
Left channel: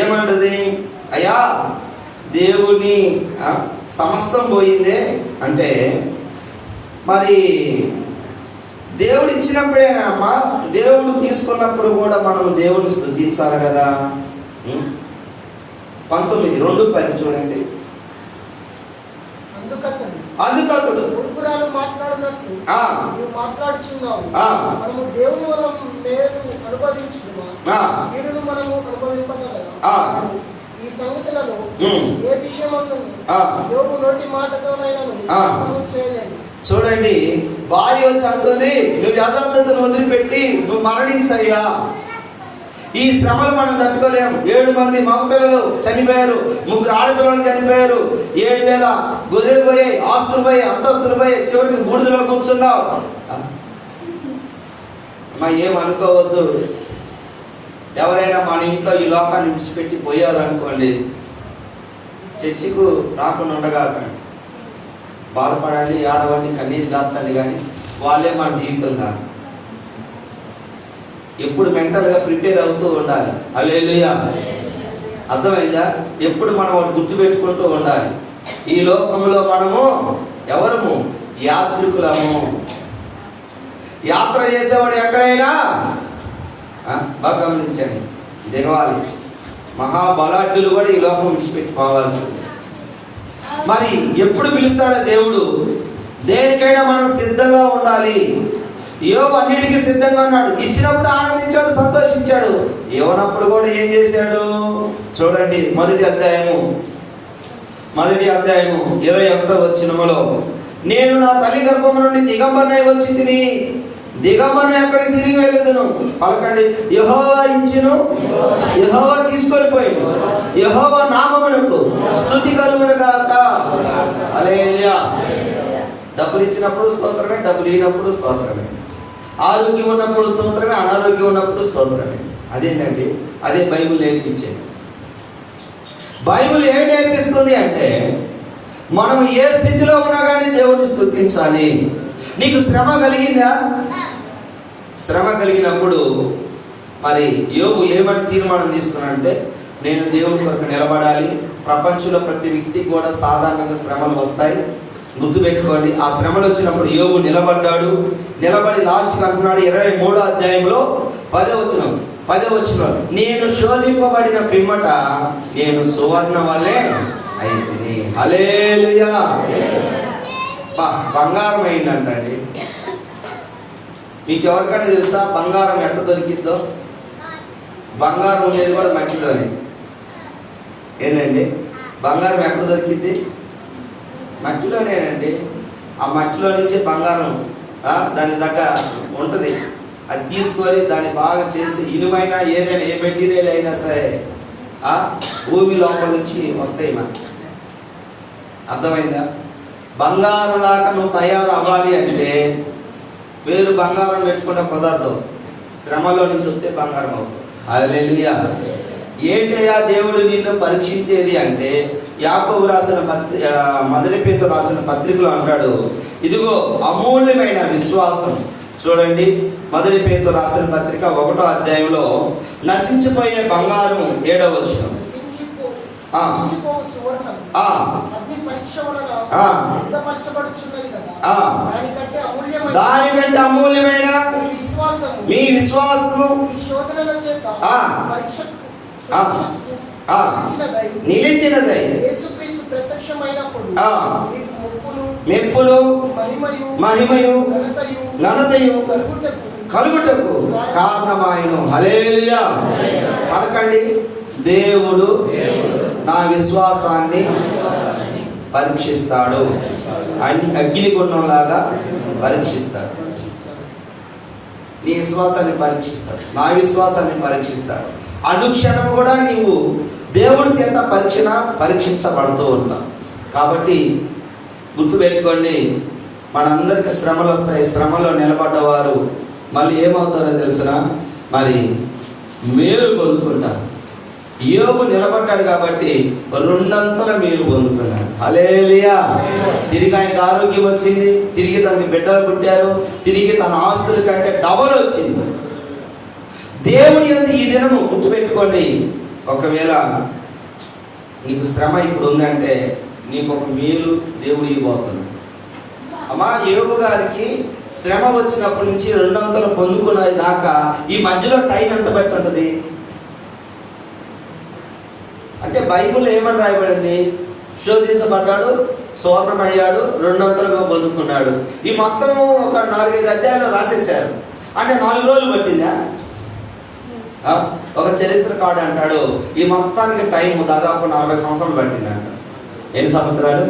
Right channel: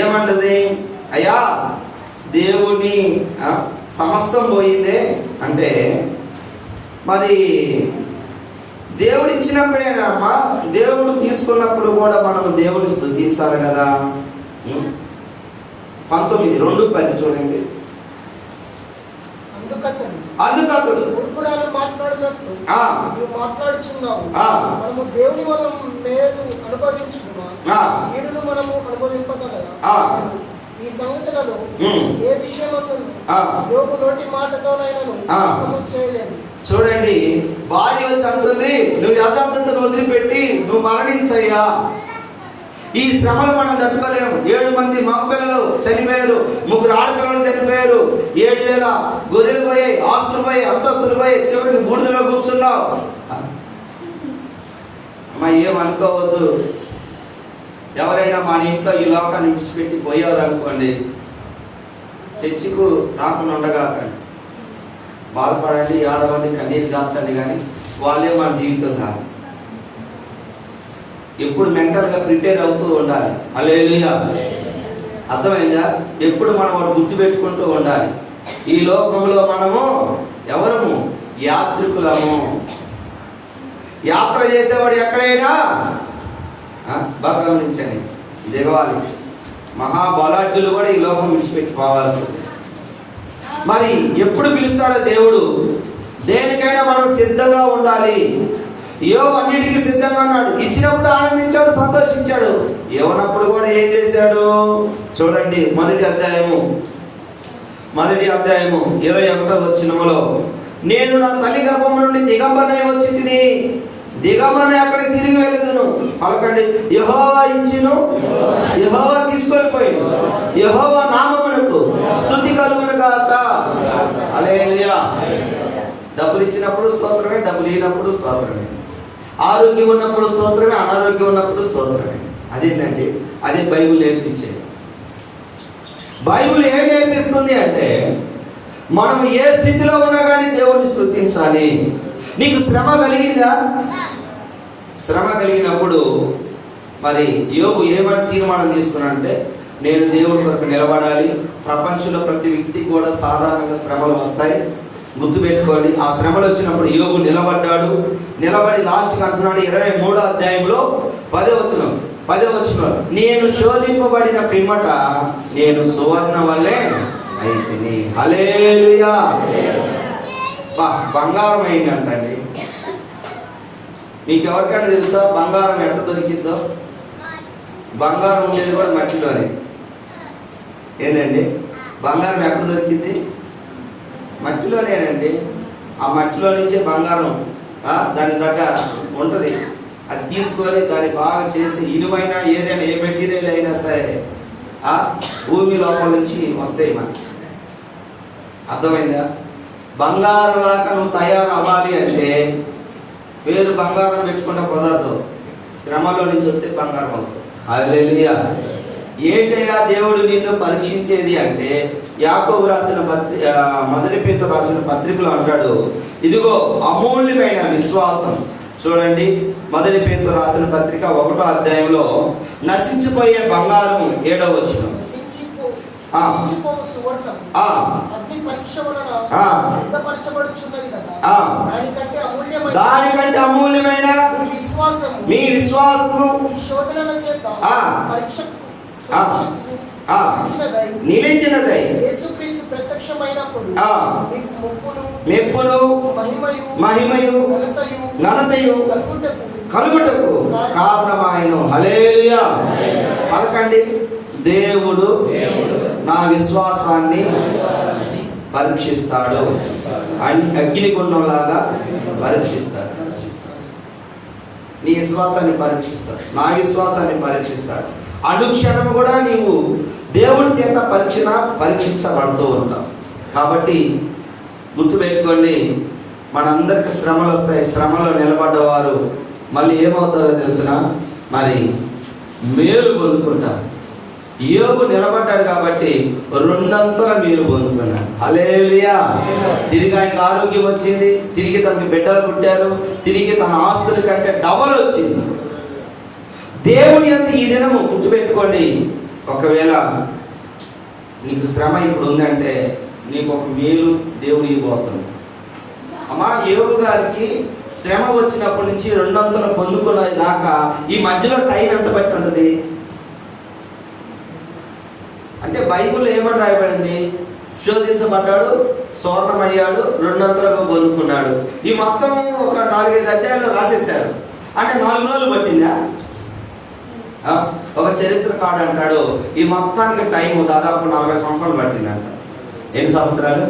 ఏమంటది? అయ్యా దేవుని సమస్తం పోయిందే అంటే, మరి దేవుడు ఇచ్చినప్పుడేనమ్మా, దేవుడు తీసుకున్నప్పుడు కూడా మనం దేవుని స్తుతించాలి కదా. 19:2-10 చూడండి. అందుకతడు చూడండి, భార్య వచ్చి అంటుంది, నువ్వు యథార్థతను వదిలిపెట్టి నువ్వు మరణించయ్యా. ఈ శ్రమలు మనం తట్టుకోలేము. 7 మంది మగ పిల్లలు చనిపోయారు, 3 ఆడపిల్లలు చనిపోయారు, 7,000 గొర్రెలు పోయాయి, ఆస్తులు పోయాయి, అంతస్తులు పోయాయి, చివరికి బూడిదలో కూర్చున్నావు. అమ్మా ఏమనుకోవద్దు. ఎవరైనా మన ఇంట్లో ఈ లోకాన్ని విడిచిపెట్టి పోయారనుకోండి, చర్చికు రాకుండా ఉండగాకండి, బాధపడండి, ఆడవండి, కన్నీరు దాల్చండి, కానీ వాళ్ళే మన జీవితం కాదు. ఎప్పుడు మెంటల్గా ప్రిపేర్ అవుతూ ఉండాలి. హల్లెలూయా. అర్థమైందా? ఎప్పుడు మనం వాడు గుర్తు పెట్టుకుంటూ ఉండాలి. ఈ లోకంలో మనము ఎవరము? యాత్రికులము. యాత్ర చేసేవాడు ఎక్కడైనా బాగా గమనించండి, దిగవాలి. మహాబలాఢ్యులు కూడా ఈ లోకం విడిచిపెట్టి పోవాల్సింది. మరి ఎప్పుడు పిలుస్తాడో దేవుడు? దేనికైనా మనం సిద్ధంగా ఉండాలి. యోబు అన్నిటికీ సిద్ధంగా ఉన్నాడు. ఇచ్చినప్పుడు ఆనందించాడు, సంతోషించాడు. ఇవ్వనప్పుడు కూడా ఏం చేశాడు? చూడండి, మొదటి అధ్యాయము 21వ వచనములో, నేను నా తల్లి గర్భం నుండి దిగంబరనై వచ్చి తిని దిగంబరన ఎక్కడికి తిరిగి వెళ్ళదును. పలకండి, యెహోవా ఇచ్చును, యెహోవా తీసుకొని పోయిండు, యెహోవా నామమునకు స్తుతి కలుగును గాక. హల్లెలూయా. డబ్బులు ఇచ్చినప్పుడు స్తోత్రమే, డబ్బులు ఇచ్చినప్పుడు స్తోత్రమే. ఆరోగ్యం ఉన్నప్పుడు స్తోత్రమే, అనారోగ్యం ఉన్నప్పుడు స్తోత్రమే. అదేంటండి? అదే బైబిల్ నేర్పించేది. బైబిల్ ఏం నేర్పిస్తుంది అంటే, మనం ఏ స్థితిలో ఉన్నా కానీ దేవుడిని స్తుతించాలి. నీకు శ్రమ కలిగిందా? శ్రమ కలిగినప్పుడు మరి యోబు ఏమని తీర్మానం తీసుకున్నాడంటే, నేను దేవుడి కొరకు నిలబడాలి. ప్రపంచంలో ప్రతి వ్యక్తికి కూడా సాధారణంగా శ్రమలు వస్తాయి. గుర్తుపెట్టుకోండి. ఆ శ్రమలు వచ్చినప్పుడు యోబు నిలబడ్డాడు. నిలబడి లాస్ట్కి అంటున్నాడు 23వ అధ్యాయంలో 10వ వచనం, నేను శోధింపబడిన పిమ్మట నేను సువర్ణ వల్లే అయితిని. హల్లెలూయా. బంగారం అయిందంటండి. మీకు ఎవరికైనా తెలుసా బంగారం ఎట్లా దొరికిద్దో? బంగారం ఉండేది కూడా మట్టిలోనే. ఏంటండి? బంగారం ఎక్కడ దొరికింది? మట్టిలోనేనండి. ఆ మట్టిలో నుంచే బంగారం దాని దగ్గర ఉంటుంది. అది తీసుకొని దాన్ని బాగా చేసి ఇనుమైనా ఏదైనా ఏ మెటీరియల్ అయినా సరే భూమి లోపల నుంచి వస్తాయి మనకి. అర్థమైందా? బంగారం లాగా నువ్వు తయారు అవ్వాలి అంటే పేరు బంగారం పెట్టుకుంటే కుదరదు. శ్రమలో నుంచి వస్తే బంగారం అవుతుంది. హల్లెలూయా. ఏంటయ్యా దేవుడు నిన్ను పరీక్షించేది అంటే, యాకోబు రాసిన మొదటి పేతురు రాసిన పత్రికలో అంటాడు, ఇదిగో అమూల్యమైన విశ్వాసం. చూడండి, మొదటి పేతురు రాసిన పత్రిక 1వ అధ్యాయంలో, నశించిపోయే బంగారం 7వ వచనం, దానికంటే అమూల్యమైన మీ విశ్వాసము నిలిచినదై మెప్పులు మహిమయు ఘనతయు కలుగుటకు కారణమాయను. హల్లెలూయా. పలకండి, దేవుడు నా విశ్వాసాన్ని పరీక్షిస్తాడు. అగ్నిగుండంలాగా పరీక్షిస్తాడు. నీ విశ్వాసాన్ని పరీక్షిస్తాడు, నా విశ్వాసాన్ని పరీక్షిస్తాడు. అనుక్షణము కూడా నీవు దేవుడి చేత పరీక్షించబడుతూ ఉంటావు. కాబట్టి గుర్తుపెట్టుకోండి, మనందరికి శ్రమలు వస్తాయి. శ్రమలో నిలబడ్డవారు మళ్ళీ ఏమవుతారో తెలుసునా? మరి మేలు పొందుకుంటారు. యోబు నిలబడ్డాడు కాబట్టి 2 మేలు పొందుకున్నాడు. హల్లెలూయా. తిరిగి ఆయనకు ఆరోగ్యం వచ్చింది, తిరిగి తనకి బిడ్డలు పుట్టారు, తిరిగి తన ఆస్తుల కంటే డబల్ వచ్చింది. దేవుడి యందు ఈ దినము గుర్తుపెట్టుకోండి, ఒకవేళ నీకు శ్రమ ఇప్పుడు ఉందంటే నీకు ఒక మేలు దేవుడు ఇవ్వబోతుంది. అమ్మా, యోబు గారికి శ్రమ వచ్చినప్పటి నుంచి 200 పొందుకునే దాకా ఈ మధ్యలో టైం ఎంత బట్టి ఉంటుంది అంటే, బైబిల్ ఏమని రాయబడింది? శోధించబడ్డాడు, స్వర్ణమయ్యాడు, 200 పొందుకున్నాడు. ఈ మొత్తము ఒక 4-5 అధ్యాయాలు రాసేసారు. అంటే 4 రోజులు పట్టిందా? ఒక చరిత్రకారుడు అంటాడు, ఈ మొత్తానికి టైం దాదాపు 40 సంవత్సరాలు పట్టిందంట. ఎన్ని సంవత్సరాలు?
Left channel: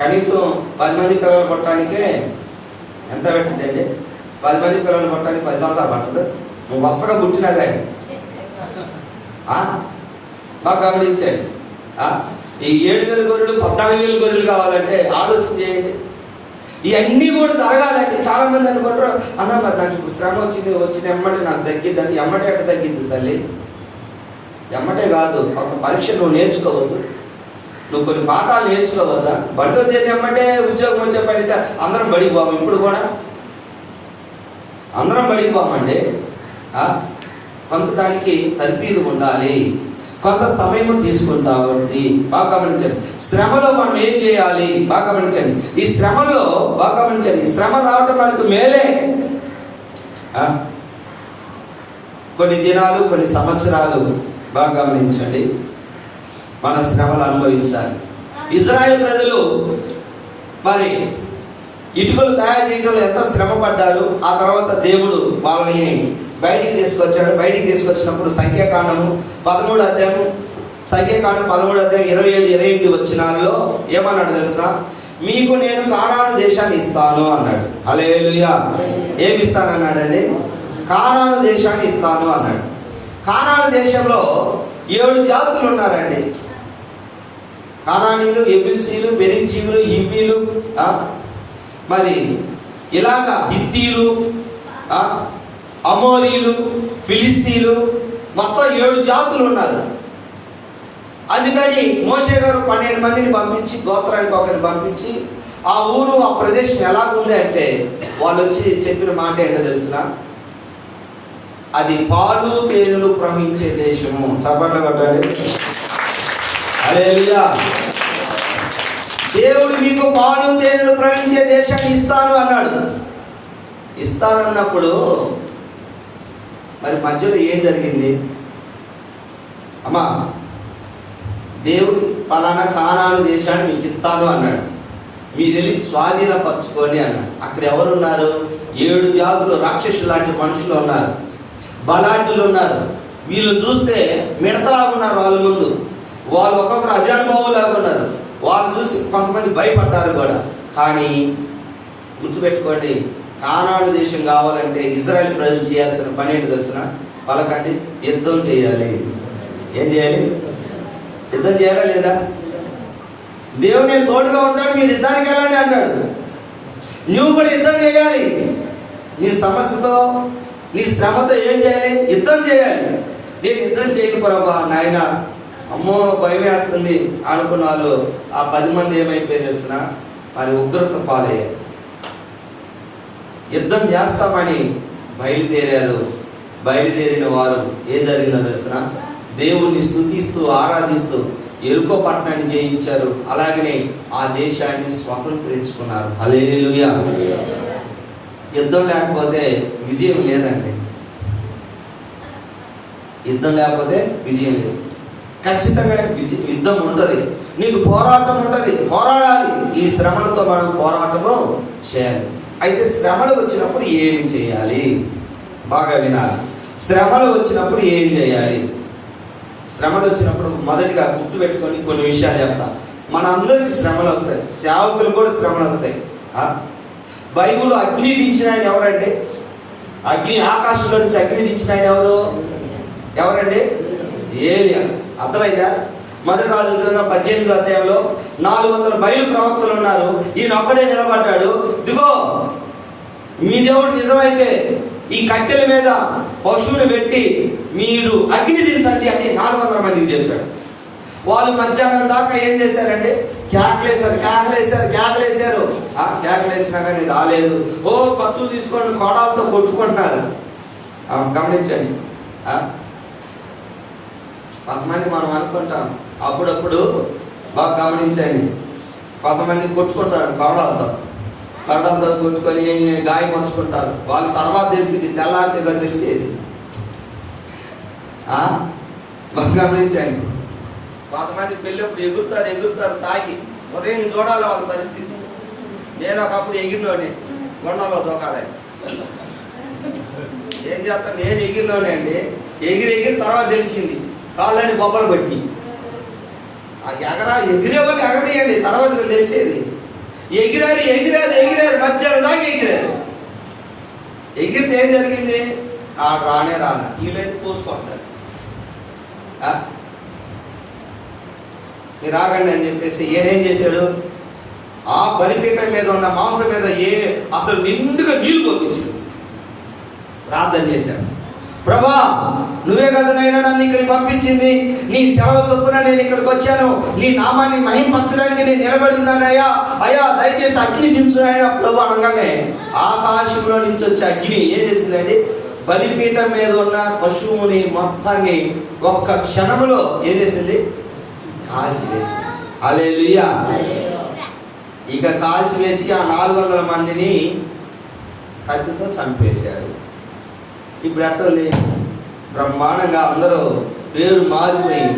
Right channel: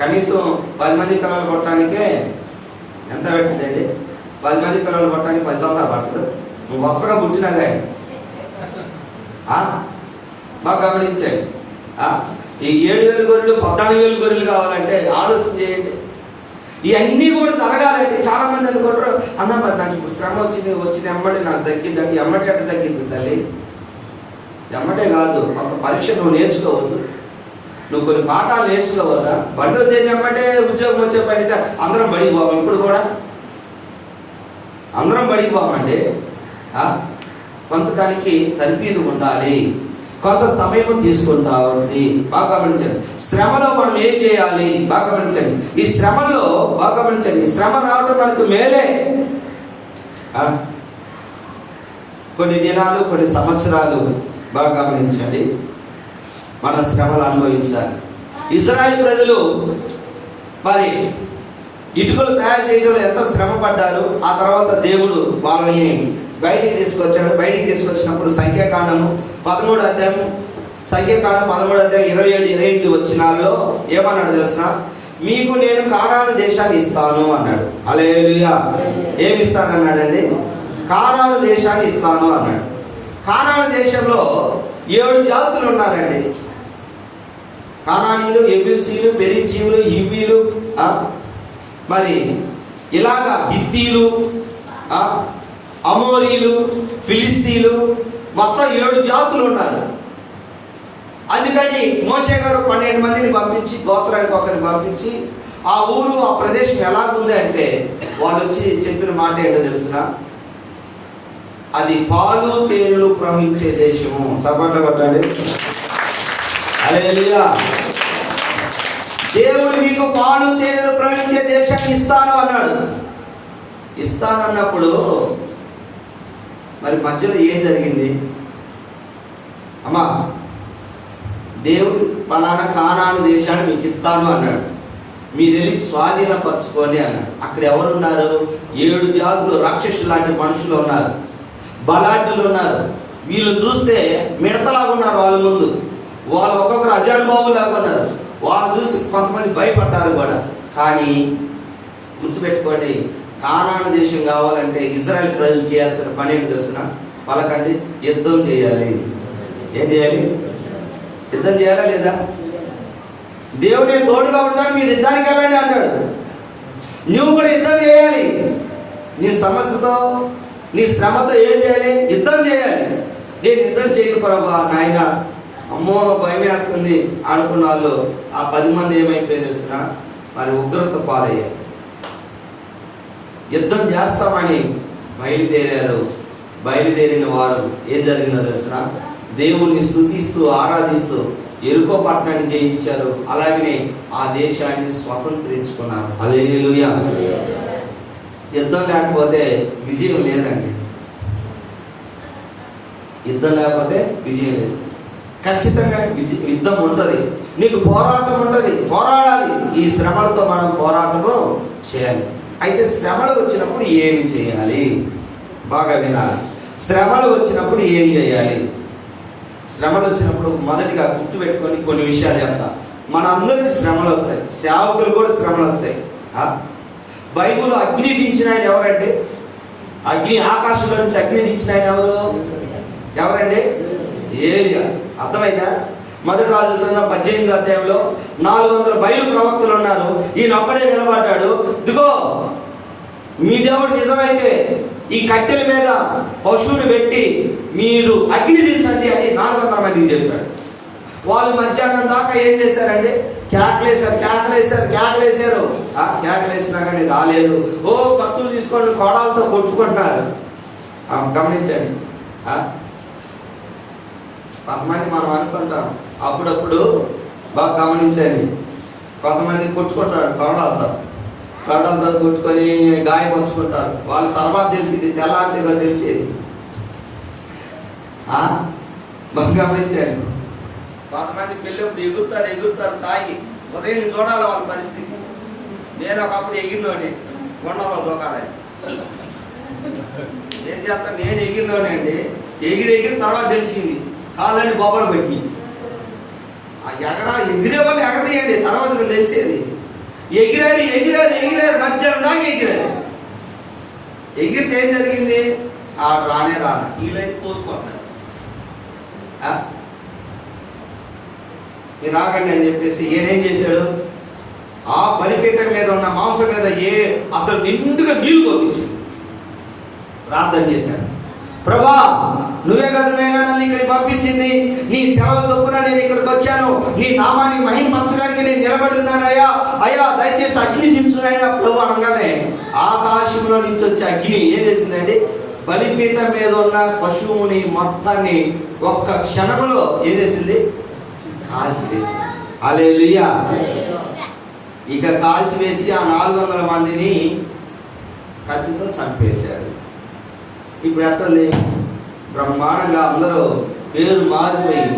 కనీసం 10 మంది పిల్లలు పుట్టడానికే ఎంత పెట్టిందండి? 10 మంది పిల్లలు పుట్టడానికి 10 సంవత్సరాలు పట్టదు. నువ్వు వరుసగా పుట్టినదే. బాగా గమనించండి. ఈ 7,000 గొర్రెలు 14,000 గొర్రెలు కావాలంటే ఆలోచన చేయండి. ఇవన్నీ కూడా జరగాలంటే చాలా మంది అనుకుంటారు, అన్న మరి నాకు ఇప్పుడు శ్రమ వచ్చిన ఎమ్మటే నాకు తగ్గిద్దంటే, ఎమ్మటే ఎట్ట తగ్గిద్ది తల్లి? ఎమ్మటే కాదు, ఒక పరీక్ష నువ్వు నేర్చుకోవద్దు, నువ్వు కొన్ని పాఠాలు నేర్చుకోవద్దా? బడి వచ్చే ఎమ్మటే ఉద్యోగం వచ్చే పడితే అందరం బడికి పోము. ఇప్పుడు కూడా అందరం బడికి పోమండి. కొంత దానికి తర్ఫీదు ఉండాలి. కొంత సమయం తీసుకుంటా ఉంది. బాగా గమనించండి. శ్రమలో మనం ఏం చేయాలి బాగా గమనించండి. ఈ శ్రమలో బాగా గమనించండి, శ్రమ రావడం మనకు మేలే. కొన్ని దినాలు, కొన్ని సంవత్సరాలు బాగా గమనించండి, మన శ్రమలు అనుభవించాలి. ఇజ్రాయేల్ ప్రజలు మరి ఇటుకలు తయారు చేయడంలో ఎంత శ్రమ పడ్డారు. ఆ తర్వాత దేవుడు వాళ్ళని బయటికి తీసుకొచ్చాడు. బయటికి తీసుకొచ్చినప్పుడు సంఖ్యాకాండము 13వ అధ్యాయం 13వ అధ్యాయం 27-28 వచనాల్లో ఏమన్నాడు తెలుసా? మీకు నేను కానాను దేశాన్ని ఇస్తాను అన్నాడు. హల్లెలూయా. ఏమి ఇస్తానన్నాడండి? కానాను దేశాన్ని ఇస్తాను అన్నాడు. కానాను దేశంలో 7 జాతులు ఉన్నారండి. కానానీయులు, ఎబూసీలు, పెరిజీవులు, హివ్వీలు, మరి ఇలాగా హిత్తీలు, అమోరీలు, ఫిలిస్తీన్లు, మొత్తం 7 జాతులు ఉన్నారు. అందుకని మోషే గారు 12 మందిని పంపించి, గోత్రానికి ఒకరిని పంపించి, ఆ ఊరు ఆ ప్రదేశం ఎలాగుంది అంటే వాళ్ళు వచ్చి చెప్పిన మాట ఏంటో తెలిసిన, అది పాలు తేనెలు ప్రవహించే దేశము. సభలో కొట్టాలి. హల్లెలూయా. దేవుడు మీకు పాలు తేనెలు ప్రవహించే దేశాన్ని ఇస్తాను అన్నాడు. ఇస్తానన్నప్పుడు మరి మధ్యలో ఏం జరిగింది? అమ్మా, దేవుడు పలానా కానాను దేశాన్ని మీకు ఇస్తాను అన్నాడు. మీరు వెళ్ళి స్వాధీనపరచుకోండి అన్నాడు. అక్కడ ఎవరు ఉన్నారు? 7 జాతులు రాక్షసులు లాంటి మనుషులు ఉన్నారు, బలాఢ్యులు ఉన్నారు. వీళ్ళు చూస్తే మిడతలాగా ఉన్నారు. వాళ్ళ ముందు వాళ్ళు ఒక్కొక్కరు అజానుభావులాగా ఉన్నారు. వాళ్ళు చూసి కొంతమంది భయపడ్డారు కూడా. కానీ గుర్తుపెట్టుకోండి, కానాను దేశం కావాలంటే ఇజ్రాయెల్ ప్రజలు చేయాల్సిన పని ఏంటి తెలిసిన? పలకండి, యుద్ధం చేయాలి. ఏం చేయాలి? యుద్ధం చేయాలా లేదా? దేవుని తోడుగా ఉంటాడు, మీరు యుద్ధానికి వెళ్ళండి అన్నాడు. నువ్వు కూడా యుద్ధం చేయాలి. నీ సమస్యతో, నీ శ్రమతో ఏం చేయాలి? యుద్ధం చేయాలి. నేను యుద్ధం చేయను ప్రభా, నాయన అమ్మో భయం వేస్తుంది అనుకున్న వాళ్ళు ఆ 10 మంది ఏమైపోయి తెలిసిన? మరి ఉగ్రత పాలయ్యారు. యుద్ధం చేస్తామని బయలుదేరారు. బయలుదేరిన వారు ఏం జరిగిందో తెలిసిన? దేవుణ్ణి స్తుతిస్తూ ఆరాధిస్తూ ఎరుకో పట్టణాన్ని జయించారు. అలాగనే ఆ దేశాన్ని స్వతంత్రించుకున్నారు. హల్లెలూయా. యుద్ధం లేకపోతే విజయం లేదండి. యుద్ధం లేకపోతే విజయం లేదు. ఖచ్చితంగా యుద్ధం ఉంటుంది, నీకు పోరాటం ఉంటుంది, పోరాడాలి. ఈ శ్రమలతో మనం పోరాటము చేయాలి. అయితే శ్రమలు వచ్చినప్పుడు ఏం చేయాలి? బాగా వినాలి. శ్రమలు వచ్చినప్పుడు ఏం చేయాలి? శ్రమలు వచ్చినప్పుడు మొదటిగా గుర్తుపెట్టుకొని కొన్ని విషయాలు చెప్తా. మనందరికీ శ్రమలు వస్తాయి, సేవకులు కూడా శ్రమలు వస్తాయి. బైబిల్లో అగ్ని దించిన ఆయన ఎవరండి? అగ్ని, ఆకాశంలో నుంచి అగ్ని దించిన ఆయన ఎవరండి? ఏలియా. అర్థమైందా? మొదటి రాజుల 18వ అధ్యాయంలో 400 బయలు ప్రవక్తలు ఉన్నారు. ఈయన ఒక్కడే నిలబడ్డాడు. ఇదిగో మీ దేవుడు నిజమైతే ఈ కట్టెల మీద పశువుని పెట్టి మీరు అగ్ని దించండి అని 400 మందికి చెప్పాడు. వాళ్ళు మధ్యాహ్నం దాకా ఏం చేశారంటే కేకలేశారు. కేకలేసినా కానీ రాలేదు. ఓ కత్తులు తీసుకొని కోడాలతో కొట్టుకుంటున్నారు. గమనించండి. కొంతమంది మనం అనుకుంటాం, అప్పుడప్పుడు బాగా గమనించండి, కొంతమంది కొట్టుకుంటారు కోడాలతో కొట్టుకొని గాయపరుచుకుంటారు. వాళ్ళ తర్వాత తెలిసింది, తెల్లారిగా తెలిసేది. బాగా గమనించండి. కొంతమంది పెళ్ళప్పుడు ఎగురుతారు తాగి. ఉదయం చూడాలి వాళ్ళ పరిస్థితి. నేను ఒకప్పుడు ఎగిరినోని, కొండలో దూకాలి. ఏం చేస్తాను, నేను ఎగిరినోని అండి. ఎగిరి తర్వాత తెలిసింది కాళ్ళని బొబ్బలు పెట్టి. ఎగిరే వాళ్ళు ఎగరదీయండి, తర్వాత తెలిసేది. ఎగిరారు మధ్యాహ్నం దాకా ఎగిరారు. ఎగిరితే ఏం జరిగింది? రానే వీళ్ళైతే పోసుకుంటారు. మీరు రాగండి అని చెప్పేసి ఈయనేం చేశాడు? ఆ బలిపీఠం మీద ఉన్న మాంసం మీద అసలు నిండుగా నీళ్లు పంపించాడు. ప్రార్థన చేశాడు, ప్రభా నువ్వే కదా నైనా నన్ను ఇక్కడికి పంపించింది, నీ సేవ చొప్పున నేను ఇక్కడికి వచ్చాను, నీ నామాన్ని మహింపరచడానికి నేను నిలబడి ఉన్నానయ్యా. అయ్యా దయచేసి అగ్ని దించు ఆయన ప్రభు అనగానే ఆకాశంలో నుంచి వచ్చే అగ్ని ఏం చేసిందండి? బలిపీఠం మీద ఉన్న పశువుని మొత్తాన్ని ఒక్క క్షణంలో ఏం చేసింది? కాల్చివేసింది. హల్లెలూయా. ఇక కాల్చివేసి ఆ 400 మందిని కత్తితో చంపేశారు. ఇప్పుడు ఎట్టండి? బ్రహ్మాండంగా అందరూ పేరు మారిపోయి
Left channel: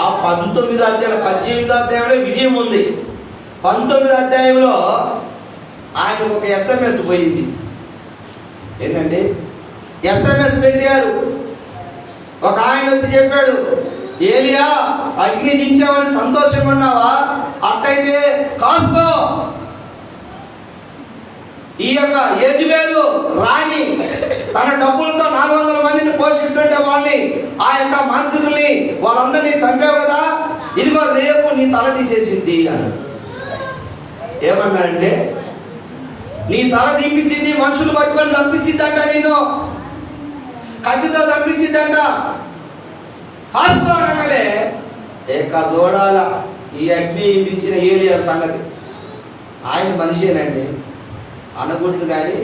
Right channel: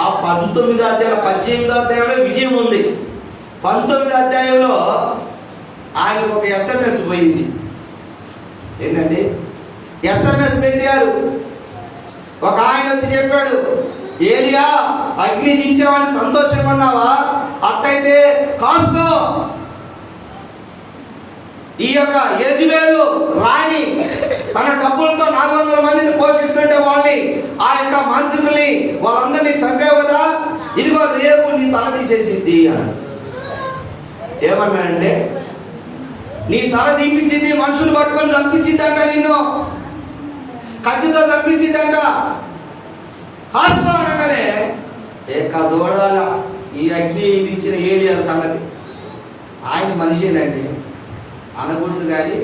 ఆ 19వ అధ్యాయం 18వ అధ్యాయంలో విజయం ఉంది. 19వ అధ్యాయంలో ఆయనకు ఒక SMS పోయింది. ఏంటండి? SMS పెట్టారు. ఒక ఆయన వచ్చి చెప్పాడు, ఏలియా అగ్ని దించావని సంతోషంగా ఉన్నావా? అట్టయితే కాసుకో, ఈ యొక్క యెజెబెలు రాణి తన డబ్బులతో 400 మందిని పోషిస్తుంటే వాళ్ళని, ఆ యొక్క మంత్రుల్ని వాళ్ళందరినీ చంపావు కదా, ఇదిగో రేపు నీ తల తీసేసింది అని. ఏమన్నాడంటే, నీ తల తీపించింది, మనుషులు పట్టుకొని చంపించిందంట, నిన్ను కత్తితో చంపించిందంట, కాసుకోనగానే ఏక దూడాల ఈ అగ్ని దించిన ఏలియా సంగతి. ఆయన మనిషేనండి అనకూడదు, కానీ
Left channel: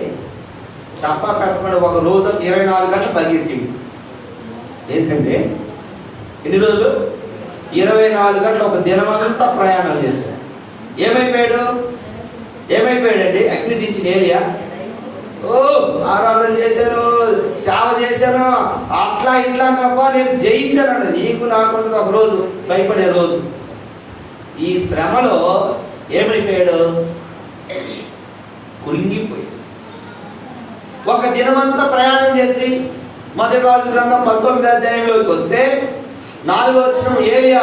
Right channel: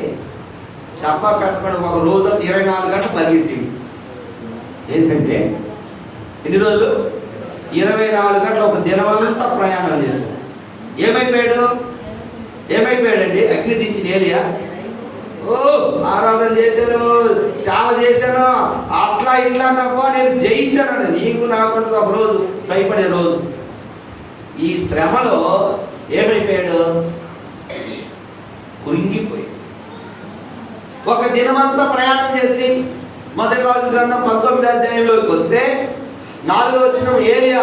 చప్ప కట్టుకొని ఒక రోజు 24 గంటలు పరిగెత్తిండు. ఏంటంటే ఎన్ని రోజులు? 24 గంటలు, ఒక దినమంతా ప్రయాణం చేశాడు. ఏమైపోయాడండి? అగ్ని దించిన ఏలియా, ఓ ఆరాధన చేశాను, సేవ చేశాను, అట్లా ఇట్లా తప్ప నేను జయించాను. నీకు నాకుంటుంది ఒక రోజు భయపడే రోజు. ఈ శ్రమలో ఏమైపోయాడు? కృంగిపోయి ఒక దినమంతా ప్రయాణం చేసి మొదటి రాజుల గ్రంథం 19వ అధ్యాయంలోకి వస్తే 4వ వచనం, ఏలియా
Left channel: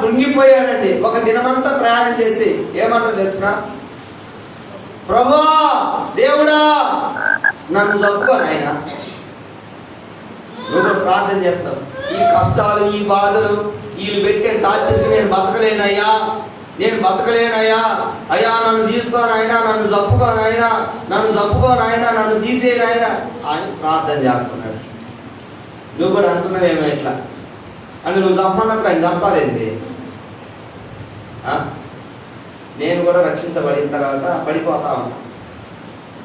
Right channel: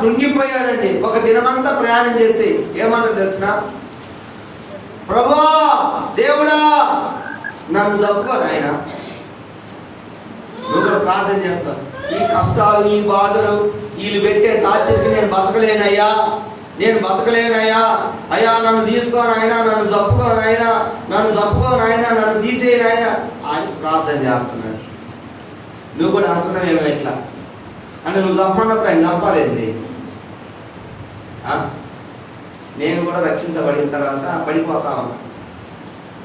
కృంగిపోయాడండి. ఒక దినమంతా ప్రయాణం చేసి ఏమన్నా తెలిసిన, ప్రభువా దేవుడా నన్ను చంపుకోను. ఆయన నువ్వు కూడా ప్రార్థన చేస్తావు, ఈ కష్టాలు, ఈ బాధలు, వీళ్ళు పెట్టే టార్చర్కి నేను బతకలేనయ్యా, అయ్యా నన్ను తీసుకోను ఆయన, నన్ను చంపుకోను ఆయన, నన్ను తీసేయను ఆయన ప్రార్థన చేస్తున్నాడు. నువ్వు కూడా అనుకున్నావేమో ఎట్లా అంటే, నువ్వు చంపన్నప్పుడు ఆయన చంపాలేంది? నేను కూడా రక్షించబడిన తర్వాత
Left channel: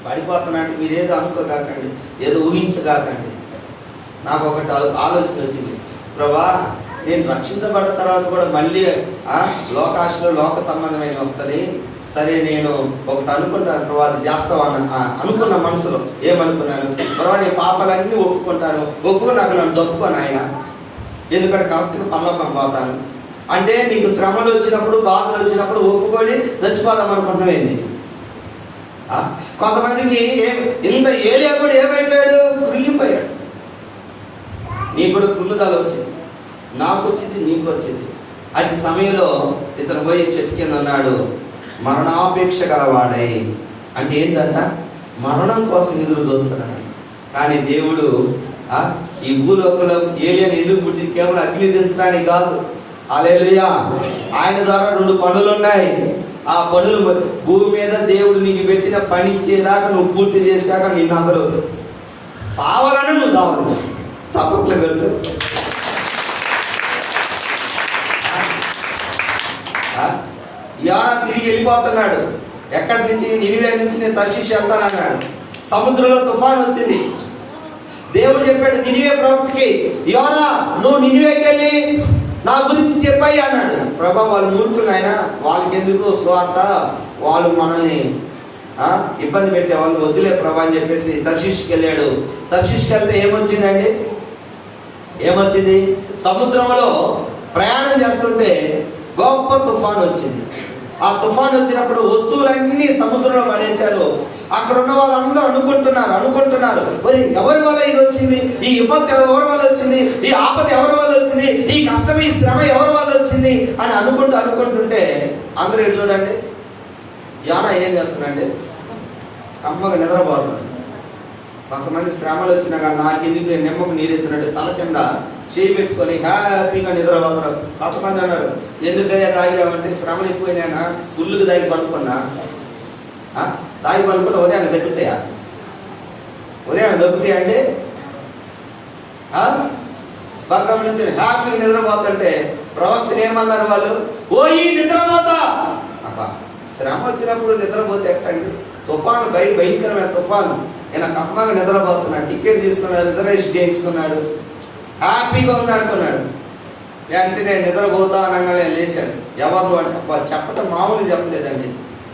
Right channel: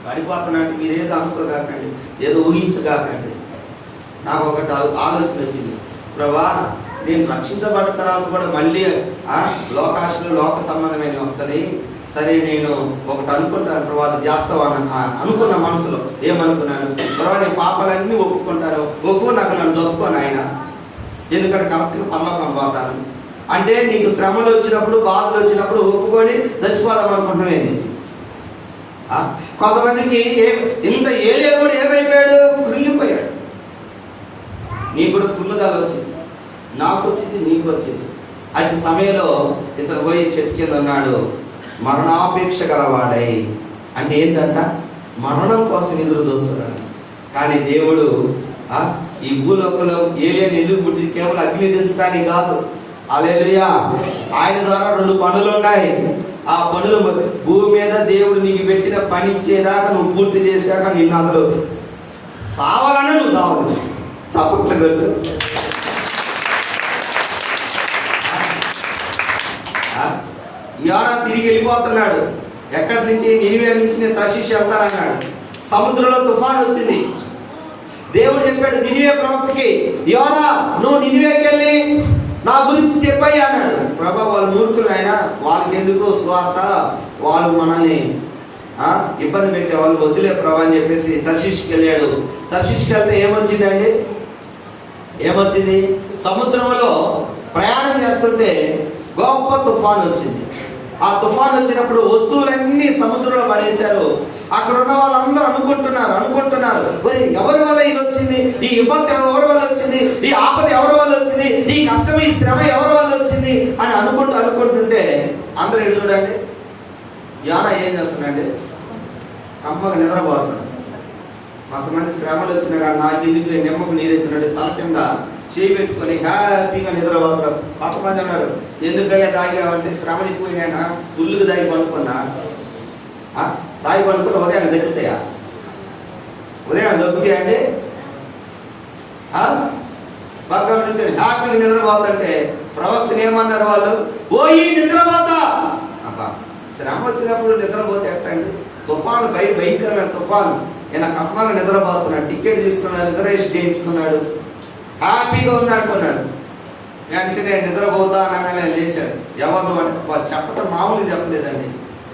పడిపోతానంటే మీరేదో అనుకోగాకండి, ఏదో ఊహించగాకండి. నాకు ఒకటి ఆలోచన వచ్చింది, ప్రభా నేను రక్షించబడ్డ తర్వాత కూడా మళ్ళీ లోకాశలో లోక సంబంధమైన వస్తుంది. సరే నేను ఒకటి అనుకుంటాను ప్రభా, అది చేస్తావా అనుకున్న మనసులో. ఏమనుకున్నాను? ప్రభా నేను పాపాలన్నీ ఒప్పుకుని నాకు నన్ను చంపుకోను ఆయన, ఎందుకంటే కరెక్ట్గా పరలోకం పోతాను. అంటే నీకు శ్రమలు వచ్చినప్పుడు, బాధలు వచ్చినప్పుడు ఒప్పుకొని చచ్చిపోదాం అనుకుంటున్నావేంది? కొంతమందికి ఇంత ఏలియా కూడా ఏమైపోయాడు? కృంగిపోయాడు. నీకు కూడా కృంగుదల వచ్చింది, నాకు వచ్చింది, నీకు వచ్చింది. అట్టి సమయంలో ఇతను పోయి చెట్టు కింద ఉన్నాడు, మరణాపేక్ష గలవాడై. అంటే ఏంటంట? మరణం కోసం ఎదురు చూస్తున్నాడు. కానీ దేవుడు ఈ భూలోకంలో ఏలియాని ఎదురు పుట్టి కేవలం అగ్ని దించడానికి కాదు. హల్లెలూయా. ఆయన ద్వారా 2 పనులు ఉన్నాయి. ఆ పనులు భూమి మీద దేవుడు నీకు పెట్టిన పని ఇచ్చేదాకా నువ్వు పూర్తి చేశాక నిన్ను అసలు సావాలని నువ్వు రావాలి. చప్పట్లు కొట్టు. యోనా తిరిగి వెళ్ళిపోతున్నాడు. ఎక్కడి నుంచి? నినివే నుంచి నేను తర్షీషు వెళ్తానన్నాడు. సముద్రంలో తుఫాన్ వచ్చింది. దేవుడు చెప్పాడు నినివే ప్రవక్తకి, యోనా నువ్వు నినివేకి వెళ్ళి నా గురించి చెప్పాయి అన్నాడు. ప్రభా వాళ్ళు మూర్ఖులు, అయినా వాళ్ళకి ఎందుకు సువార్త, వాళ్ళు మనల్ని ఇబ్బంది పెట్టే వాళ్ళు, వద్దులే ప్రభా అని చెప్పేసి తర్షీషుకి వెళ్ళాడు. తర్షీషుకి వెళ్తే ఏమొచ్చింది? సముద్రంలో ప్రయాణం చేస్తుంటే గొప్ప తుఫాన్ వచ్చింది. ఆ తుఫాన్ వచ్చినప్పుడు వస్తువులన్నీ సముద్రంలో పడేశారు. అక్కడ ఉన్న వాళ్ళందరూ అనుకుంటున్నారు ఎవరి వల్ల ఇది వచ్చింది, ఈ విపత్తు ఎవరి వల్ల వచ్చింది, ఈ ఆపద ఎవరి వల్ల వచ్చింది, ఈ కష్టం, ఈ శ్రమ ఎవరి వల్ల వచ్చింది అని అనుకుంటుంటే అందరూ చూడండి, యోనా ఏం చేస్తున్నాడండి? కమ్మగా నిద్రపోతున్నాడు. కొంతమంది శ్రమలు వచ్చినా కానీ నాకు ఎందుకు నిమ్మకు నీరెత్తున్నాడు, తల కింద చేయి పెట్టుకొని హ్యాపీగా నిద్రపోతారు. కొంతమంది అన్నారు, ఎందుకయ్యా తాగామంటే శ్రమలు ఎక్కువైనా ఫుల్గా తాగి పండుకున్నా, తాగి పండుకుంటే ఉదయాన్ని దక్కుతాయా? ఉదయాన్ని దొక్కుతాయండి? పక్కన నుంచి హ్యాపీగా నిద్రపోతుంటే ప్రవక్తను ఏమన్నారు వాళ్ళు? ఓయి నిద్రపోతా. అబ్బా శ్రమ వచ్చినప్పుడు నిద్రపోతే ఎట్టండి? తుఫాను భయంకరమైన తుఫాను, నేను కమ్మగా నిద్రపోతున్నాడు, టికెట్ తీసుకున్నాడు, రిజర్వేషన్ చేయించుకున్నాడు, హ్యాపీగా ఉంది అనుకున్నాడు. వెంటనే నిద్రపోతా అనగానే లేచాడు. ఎవరు అంటే వాళ్ళు చెప్పడం మామూలు చెప్పలేదండి.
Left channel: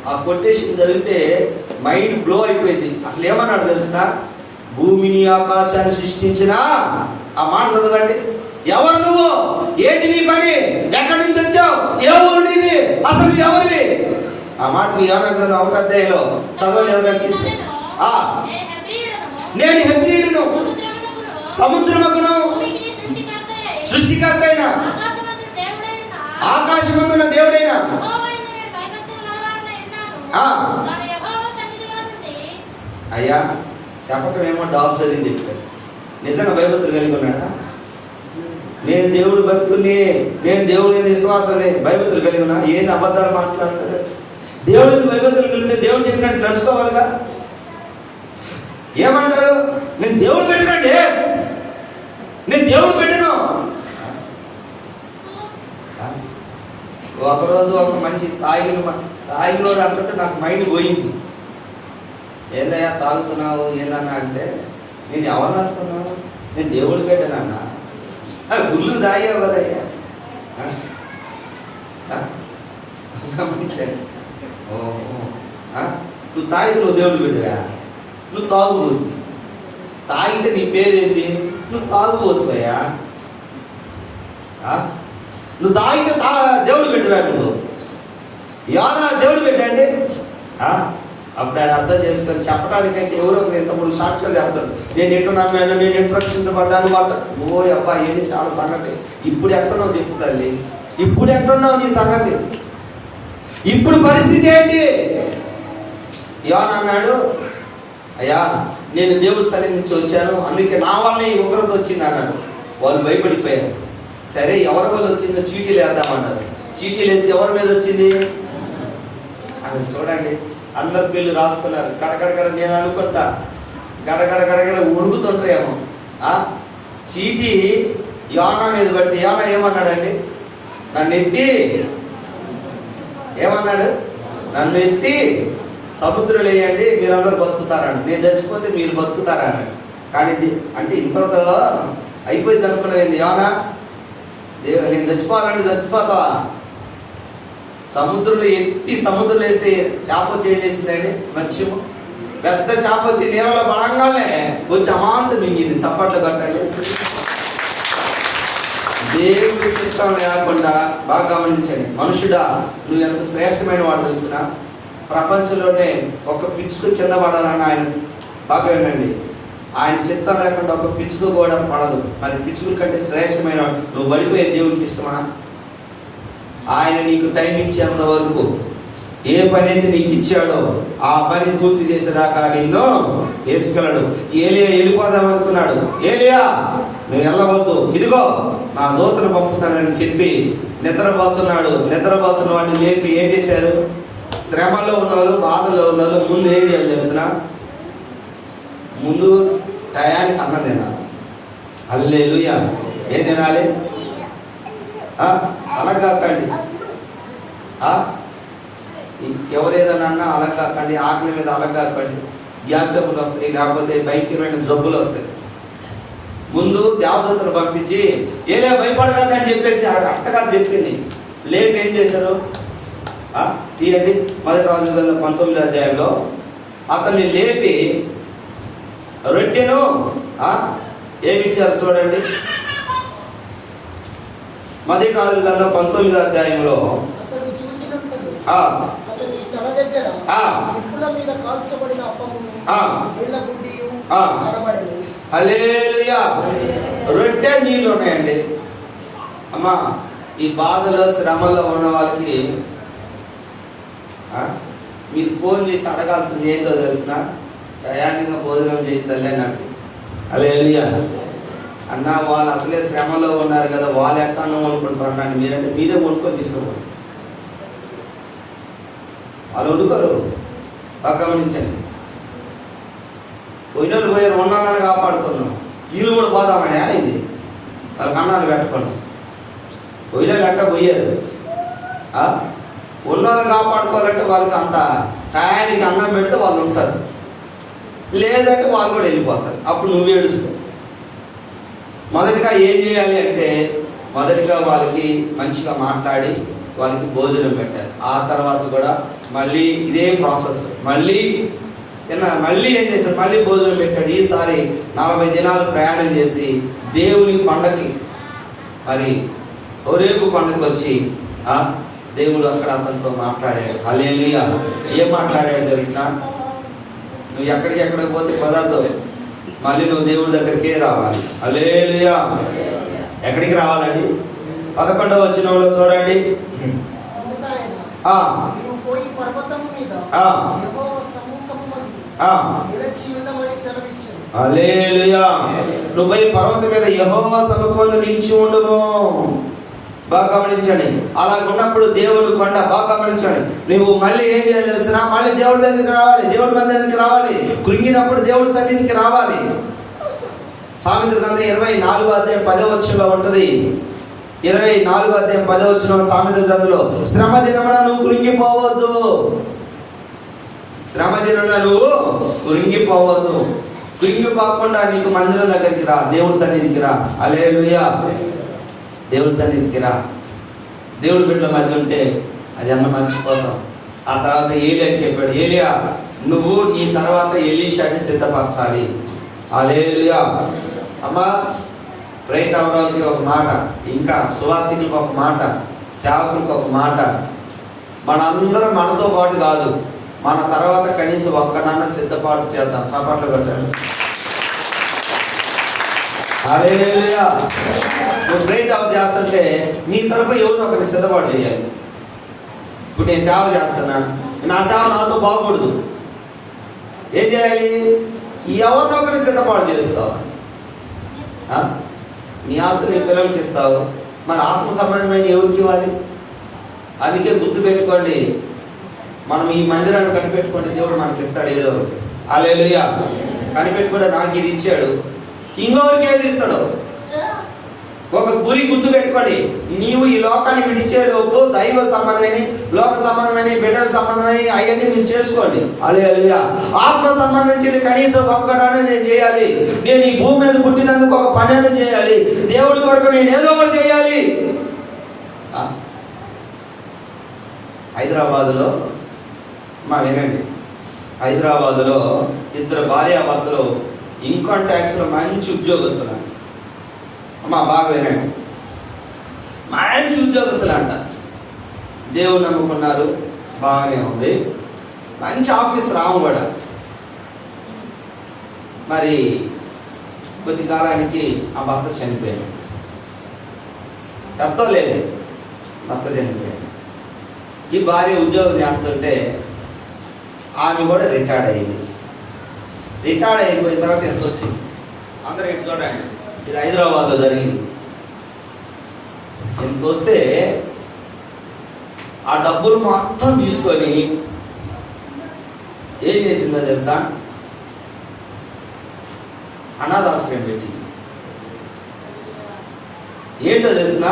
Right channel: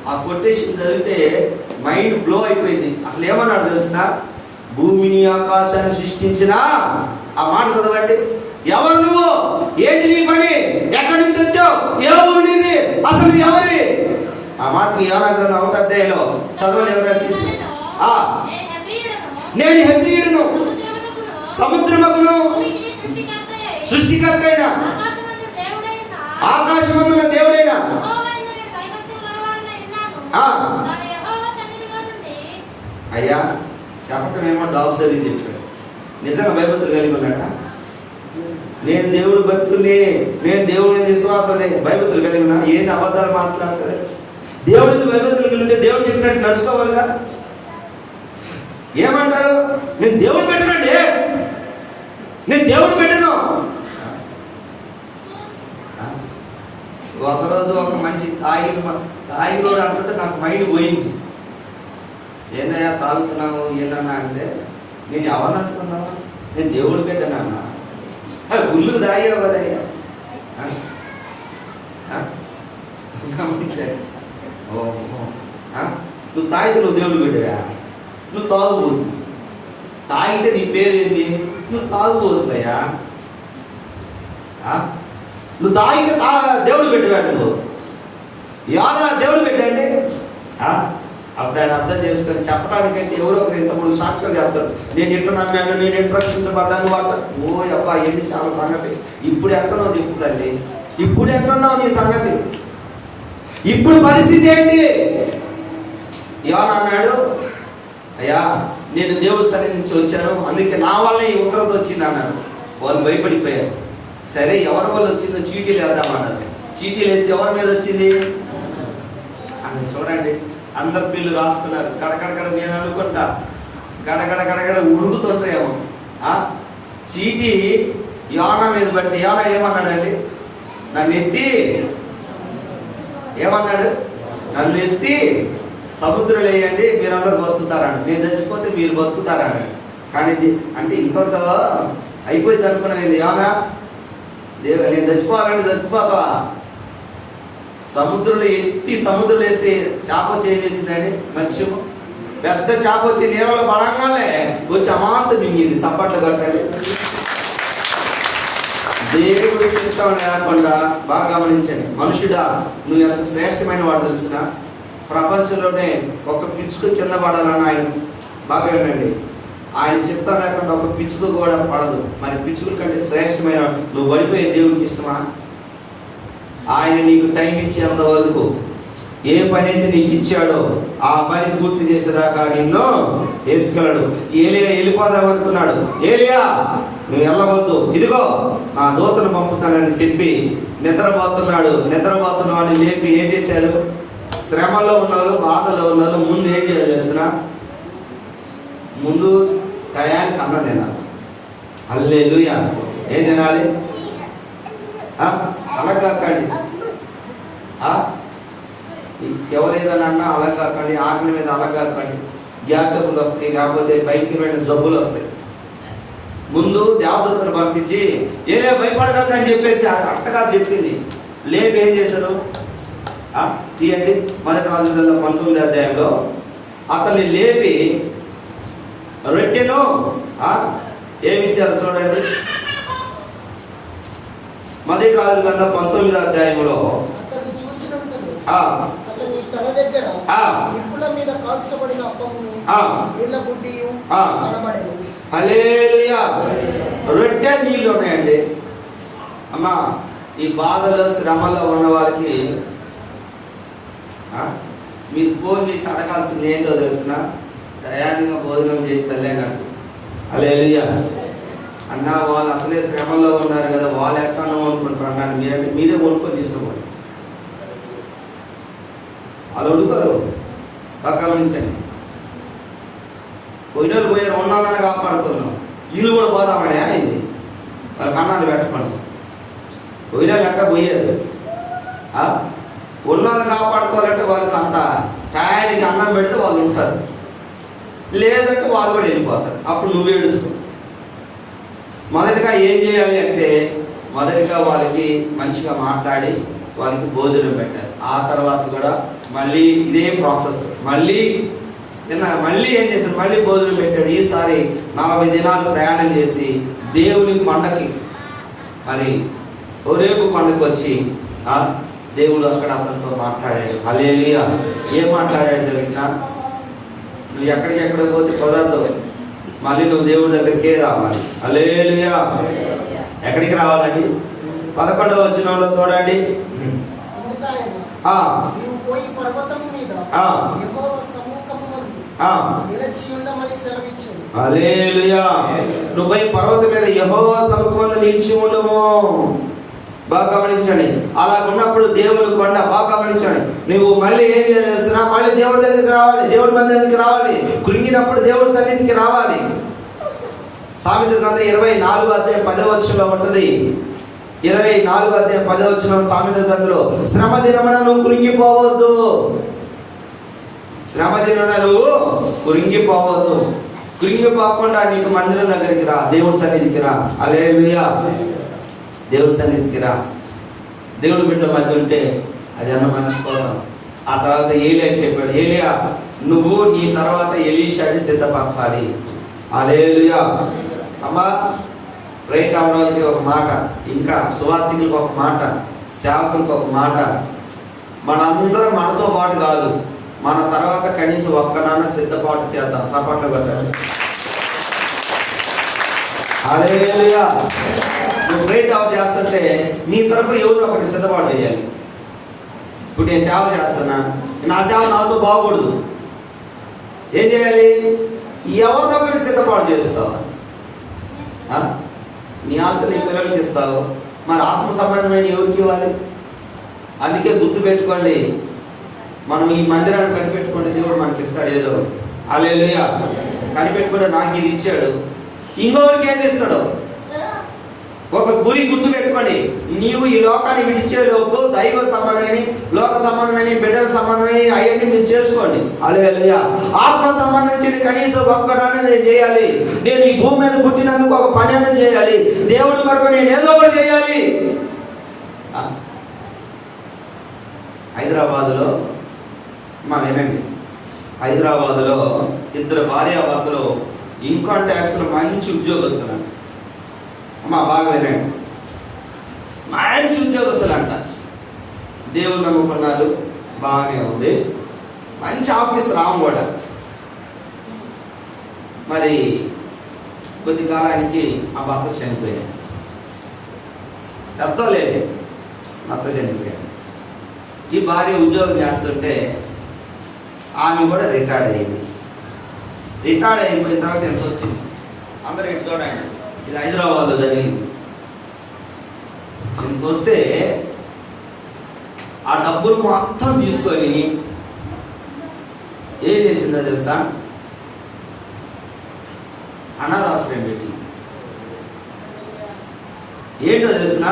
ఆ కొటేషన్ చదివితే మైండ్ బ్లో అయిపోయింది. అసలు ఏమన్నాడు తెలిసిన? భూమిని ఆకాశాన్ని సృష్టించిన, ఆ మాట చదవండి. ఎవరు నువ్వు? ఏంటి నీ పని? ఎక్కడి నుంచి వచ్చావు? ఏ ఊరు నీది? అసలు ఎవరివి? ఆ మాట యోనా గ్రంథం 1వ అధ్యాయంలో చదవని ఎవరైనా తీసుకు. నేను హెబ్రీయుడును, సముద్రమును సృష్టికర్త అయిన ఆకాశమందున దేవుడైన అయ్యా చెప్పటం ఏమో డాబ్ చదివి చెప్పాడు. నిజంగా భయభక్తులు కలిగి ఉన్నాడా? నేను దేవుడు భక్తుని, నేను దేవుని విశ్వాసమే, భయభక్తులు కలిగి ఉన్నా. ఏంది అబద్ధాలు మాట్లాడతాడు? దేవుడిని భయభక్తులు కలిగి ఉంటే దేవుడు చెప్పినట్టు నడుచుకోవాలిగా. ఏమంటారు? నేను దేవుడు పెట్టినండి, నేను దేవుడు పెట్టాను. ఒకరోజు ఒక మనిషి తాగిలో అంటుంటే నాకు మైండ్ పోయింది. ఏందయ్యా తాగుతున్నావు ఏందన్నా అంటే, నేను ఎవరు నచ్చుకున్నాను? నేను దేవుడు పెట్టానన్నా. గుళ్ళు తాగావు కదయ్యా. గమనించాడు. నువ్వు తాగితే నువ్వు దేవుడు పెట్టావా? నువ్వు తాగుబోతు. తాగితే నీ పేరేంది? నువ్వు తాగుబోతువయ్యా. నువ్వు తాగితే దేవుడు పెట్టావా? నువ్వు యోనా దేవుడు పెట్టండి. అప్పుడు ఆయన అర్థం చేసుకొని చెప్పడానికైతే ఎవరో ఒకరు ఇంతప్పుడు సాక్ష్యాలు చెప్తారు. నేను ఎట్లా నమ్మాను, నేను ఎట్లా రక్షించబడ్డాను వాళ్ళు. ఓ అబ్బా ఏంటి చాలా సంగతి. ఇప్పుడు ఎక్కడున్నావు చెప్పు తల్లి, ఇప్పుడు ఎక్కడున్నావు నీ సంగతి, ఇప్పుడు పరిస్థితి ఏంటి? యోనా అన్నాడు, అయ్యా నేను దేవుడి సన్నిధి నుంచి వచ్చాను, అందుకే నా వల్ల ఈ ఉగ్రత వచ్చింది అన్నాడు. వాళ్ళు భయపడిపోయారు. సరే ఎవరి వల్ల వచ్చిందో చీటీలు వేద్దామన్నారు. చీటీలు వేస్తే ఎవరి మీద వచ్చింది? అది చూడండి, అందరు బిల్లు రాసుకున్నారు. గడగడ నేను అనుకుంటా గడగడ ఉడుకుతుంటాయేమో. చీటీ యోనా మీద పడితే యోనా ఏమన్నాడండి? నన్ను ఎత్తి ఏమన్నాడు? నన్ను ఎత్తి సముద్రం వేయండి, మీరందరూ బతుకుతారండి, నేను చచ్చిపోతే మీరు బతుకుతారన్నాడు. కానీ అంటే ఇంతటితో అయిపోయింది అనుకునేది. యోనా నేను చచ్చిపోవాలంటే చచ్చిపోతావా? సముద్రంలో ఎత్తి సముద్రంలో వేస్తే చేప చేసిందండి, మత్స్యము. పెద్ద చేప వచ్చి నీళ్ళలో పడంగానే వచ్చి అమాంత మింగింది. చప్పట్లు కొట్టండి. దేవుడి చిత్తం లేకుండా బాగా గమనించండి. మనుషుడా, నువ్వు ఎంత శ్రేష్టమైన వాడు తెలిసిన, ప్రపంచంలోనే ఒక పిచ్చుకు కింద పడాలని ఆయన బాగా వినండి. ఆయన చిత్తం లేకుండా ఒక పిచ్చుకు కూడా పడదు. మరి పిచ్చుకుల కంటే శ్రేష్టమైన నువ్వు పడిపోయే దేవుడికి ఇష్టమా? ఆయన నీకు టైం ఇచ్చేంత వరకు ఏ పని అయితే నీకు ఇచ్చాడో ఆ పని పూర్తి చేసేదాకా నిన్ను తీసుకెళ్ళడు. ఏలియా వెళ్ళిపోదాం అనుకున్నాడు. ఏలియా నువ్వు వెళ్ళవద్దు, ఇదిగో నా దూతను పంపుతానని చెప్పి నిద్రపోతున్నాడు. నిద్రపోతున్న వాడిని లేపి ఏం చేశారు? శ్రమలో ఉన్నవాళ్ళు, బాధలో ఉన్నవాళ్ళు ముందు ఏం చేయాలి తెలిసిన? ముందు టయానికి అన్నం తినాలి. హల్లెలూయా. ఏం తినాలి? అలాగాకండి, ఎవరేదన్నా అన్నా అలాగాకండి, ఆకలి మీద అలాగాకండి. గ్యాస్ డబ్బులు వస్తాయి, లేకపోతే భయంకరమైన జబ్బులు వస్తాయి. ముందు దేవదూతను పంపించి ఏలే భయపడకండి చెప్పేసి అట్టగా చెప్పింది. లేపి ఏం చేశారు? తీయండి 1 రాజుల 19వ అధ్యాయంలో అతన్ని లేపి రొట్టెను ఏమిచ్చారు చూడండి. 1 రాజుల 19వ అధ్యాయంలో హల్లెలూయా. రొట్టె నీళ్ళు ఉన్నాయండి. అమ్మా, ఈ బాధలో శ్రమలో ఉన్న వాళ్ళకి మీరు ఫోన్ చేసి అడగాల్సింది ఏంటో తెలిసిన? టయానికి భోజనం చేయాలి అన్నట్టు. హల్లెలూయా. అన్న వాళ్ళు అసలే శ్రమలో ఉన్నారు కదా, వాళ్ళు ఎట్టానో అనుకుంటున్నారు అన్నాడు. మీరంటే మీరే కొనుక్కొని తీసుకోండి. వాళ్ళు ఉడుకోరు. బాగా గమనించండి. పోయినోళ్ళు పోయారు, ఉన్నామని కాపాడుకున్నాం. వీళ్ళు కూడా పోదామని ఇది వాళ్ళ కన్నాలు పెట్టకుండా పోయినోళ్ళు ఎట్లా పోయారు. ఉన్నోళ్ళని కాపాడుకోవాలంటే వాళ్ళకి అంత టయానికి అన్నం పెడితే వాళ్ళు ఉంటారు. లేదంటే వాళ్ళు కూడా వెళ్ళిపోతారు. అప్పుడు నువ్వు ఏడుస్తావు. మొదటిగా ఏం చేయాలి అంటే, మొదటిగా వాళ్ళకి మంచిగా మాట్లాడి వాళ్ళకి భోజనం పెట్టాలి. ఆ తర్వాత కూడా మళ్ళీ ఇదే ప్రాసెస్. మళ్ళీ ఏం చేశాడు, మళ్ళీ భోజనం పెట్టాడు. ఈసారి 40 దినాలు ప్రయాణం చేసి దేవుని కొండకి, మరి హోరేబు కొండకి వచ్చి దేవుడు అక్కడ అతనితో మాట్లాడాడు. హల్లెలూయా. ఏం మాట్లాడాడు తెలిసిన? నువ్వు ఎక్కడికెక్కడ పోతే కుదరదు, మళ్ళీ నువ్వు దేవుడి దగ్గరికే రావాలి. హల్లెలూయా. ఎక్కడికి రావాలండి? 11వ వచనంలో చూడండి. హల్లెలూయా. నువ్వు పోయి పర్వతం మీద యెహోవా సముఖమందు నిలిచి ఉండము. బాగా గమనించండి. అలా ఉన్నప్పుడు దేవుని కొండ, బాగా గమనించండి. నువ్వు మళ్ళీ ఏం చేయాల్సిన, మళ్ళీ దేవుడి దగ్గరికి రావాలి, దేవుడి మందిరానికి రావాలి. కృంగినప్పుడు దేవుడి సన్నిధికి రావాలి. సామెతల గ్రంథం 24వ అధ్యాయం 10వ వచనంలో ఉంటుంది. 24వ అధ్యాయం 10వ వచనం సామెతల గ్రంథంలో, శ్రమ దినమున నువ్వు కృంగిపోవద్దు. శ్రమ దినమున నువ్వు కృంగిపోవద్దు. కృంగిపోకుండా నీకు మందిరం దగ్గరికి రా, దేవుడి సన్నిధికి రా. హల్లెలూయా. దేవుడి సన్నిధికి రా. దేవుడి బిడ్డల మధ్య ఉంటే అది అన్న మర్చిపోతాం. ఆ తర్వాత ఏలియా చెప్పాడు, ఏలియా నువ్వు నీ తర్వాత ఎలీషాని సిద్ధపరచాలి. హల్లెలూయా. అమ్మా, రైట్ అవడానికి ఒక మాట, ఇంకా సువార్థికులకు ఒక మాట, సేవకులకు ఒక మాట. మనందరం మనతో పాటు కాదు, మన తర్వాత కనీసం ఒక్కనాన్న సిద్ధపాటు చేద్దాం. సపాట్లు పెట్టండి. హల్లెలూయా. నువ్వు బ్రేక్ అవుట్ చేస్తుంటే నీ తరపు ఎవరు ఒకరిని సిద్ధపాటు చేయాలి. ఇప్పుడు నేను సేవ చేస్తున్నా, నా సేవ నాతో బాగూడదు. ఏం చేయాలి? ఎవరినో ఒకరిని సిద్ధపాటు చేస్తావు. నీ ఆస్తి నీ పిల్లలకి ఇస్తావు, మరి ఆత్మ సంబంధమైన ఎవరికి ఇవ్వాలి? అందుకే గుర్తుపెట్టుకోండి, మనం ఈ మందిరాన్ని కనిపెట్టుకుంటే దేవుడు మనకి ఇస్తాడు ఏదో ఒకటి. హల్లెలూయా. కనిపెట్టుకుంటే నాకు ఇది ఇచ్చాడు, ఇంకొకరికి ఏది ఇస్తాడు? ఒక గురి గుర్తు పెట్టుకోండి. నీవు ఈ లోకాన్ని విడిచే లోపు దైవ సంబంధమైన, లోక సంబంధమైన, బిడ్డల సంబంధమైన అవన్నీ మీరు చేసుకోండి. హల్లెలూయా. ఆత్మ సంబంధించింది కనీసం ఒక్కడానే నేను చేయాలి. నేను ఈ భూమి మీద పుట్టినందుకు ఒక పని చేయాలి. దేవుడి కొరకు నేను ఏదో ఒకటి చేయాలి. హైదరాబాదులో వినండి, హైదరాబాదులో 2 భార్యాభర్తలు ఇన్కమ్ ట్యాక్స్లో మంచి ఉద్యోగస్తులు. బాగా వినండి, మంచి ఉద్యోగస్తులు అంట. దేవుడు నమ్ముకున్నారు, బాగానే ఉంది, మంచి ఆఫీస్ రాము కూడా. మరి కొద్ది కాలానికి ఆ భర్త చనిపోయాడు. భర్త లేదు, భర్త చనిపోయాడు. ఈ భార్య ఉద్యోగం చేస్తుంటే ఆమె కూడా రిటైర్డ్ అయింది. రిటైర్డ్ అయిపోయిన తర్వాత ఎంత వచ్చింది? అందరూ ఇటు చూడండి, ఇది హైదరాబాద్లో జరిగింది. ఎంత వస్తే ఆ డబ్బులు మొత్తం తీసుకొని ఏం చేసిందో తెలుసా? అనాథాశ్రయం పెట్టి. ఏంటో తెలిసిన?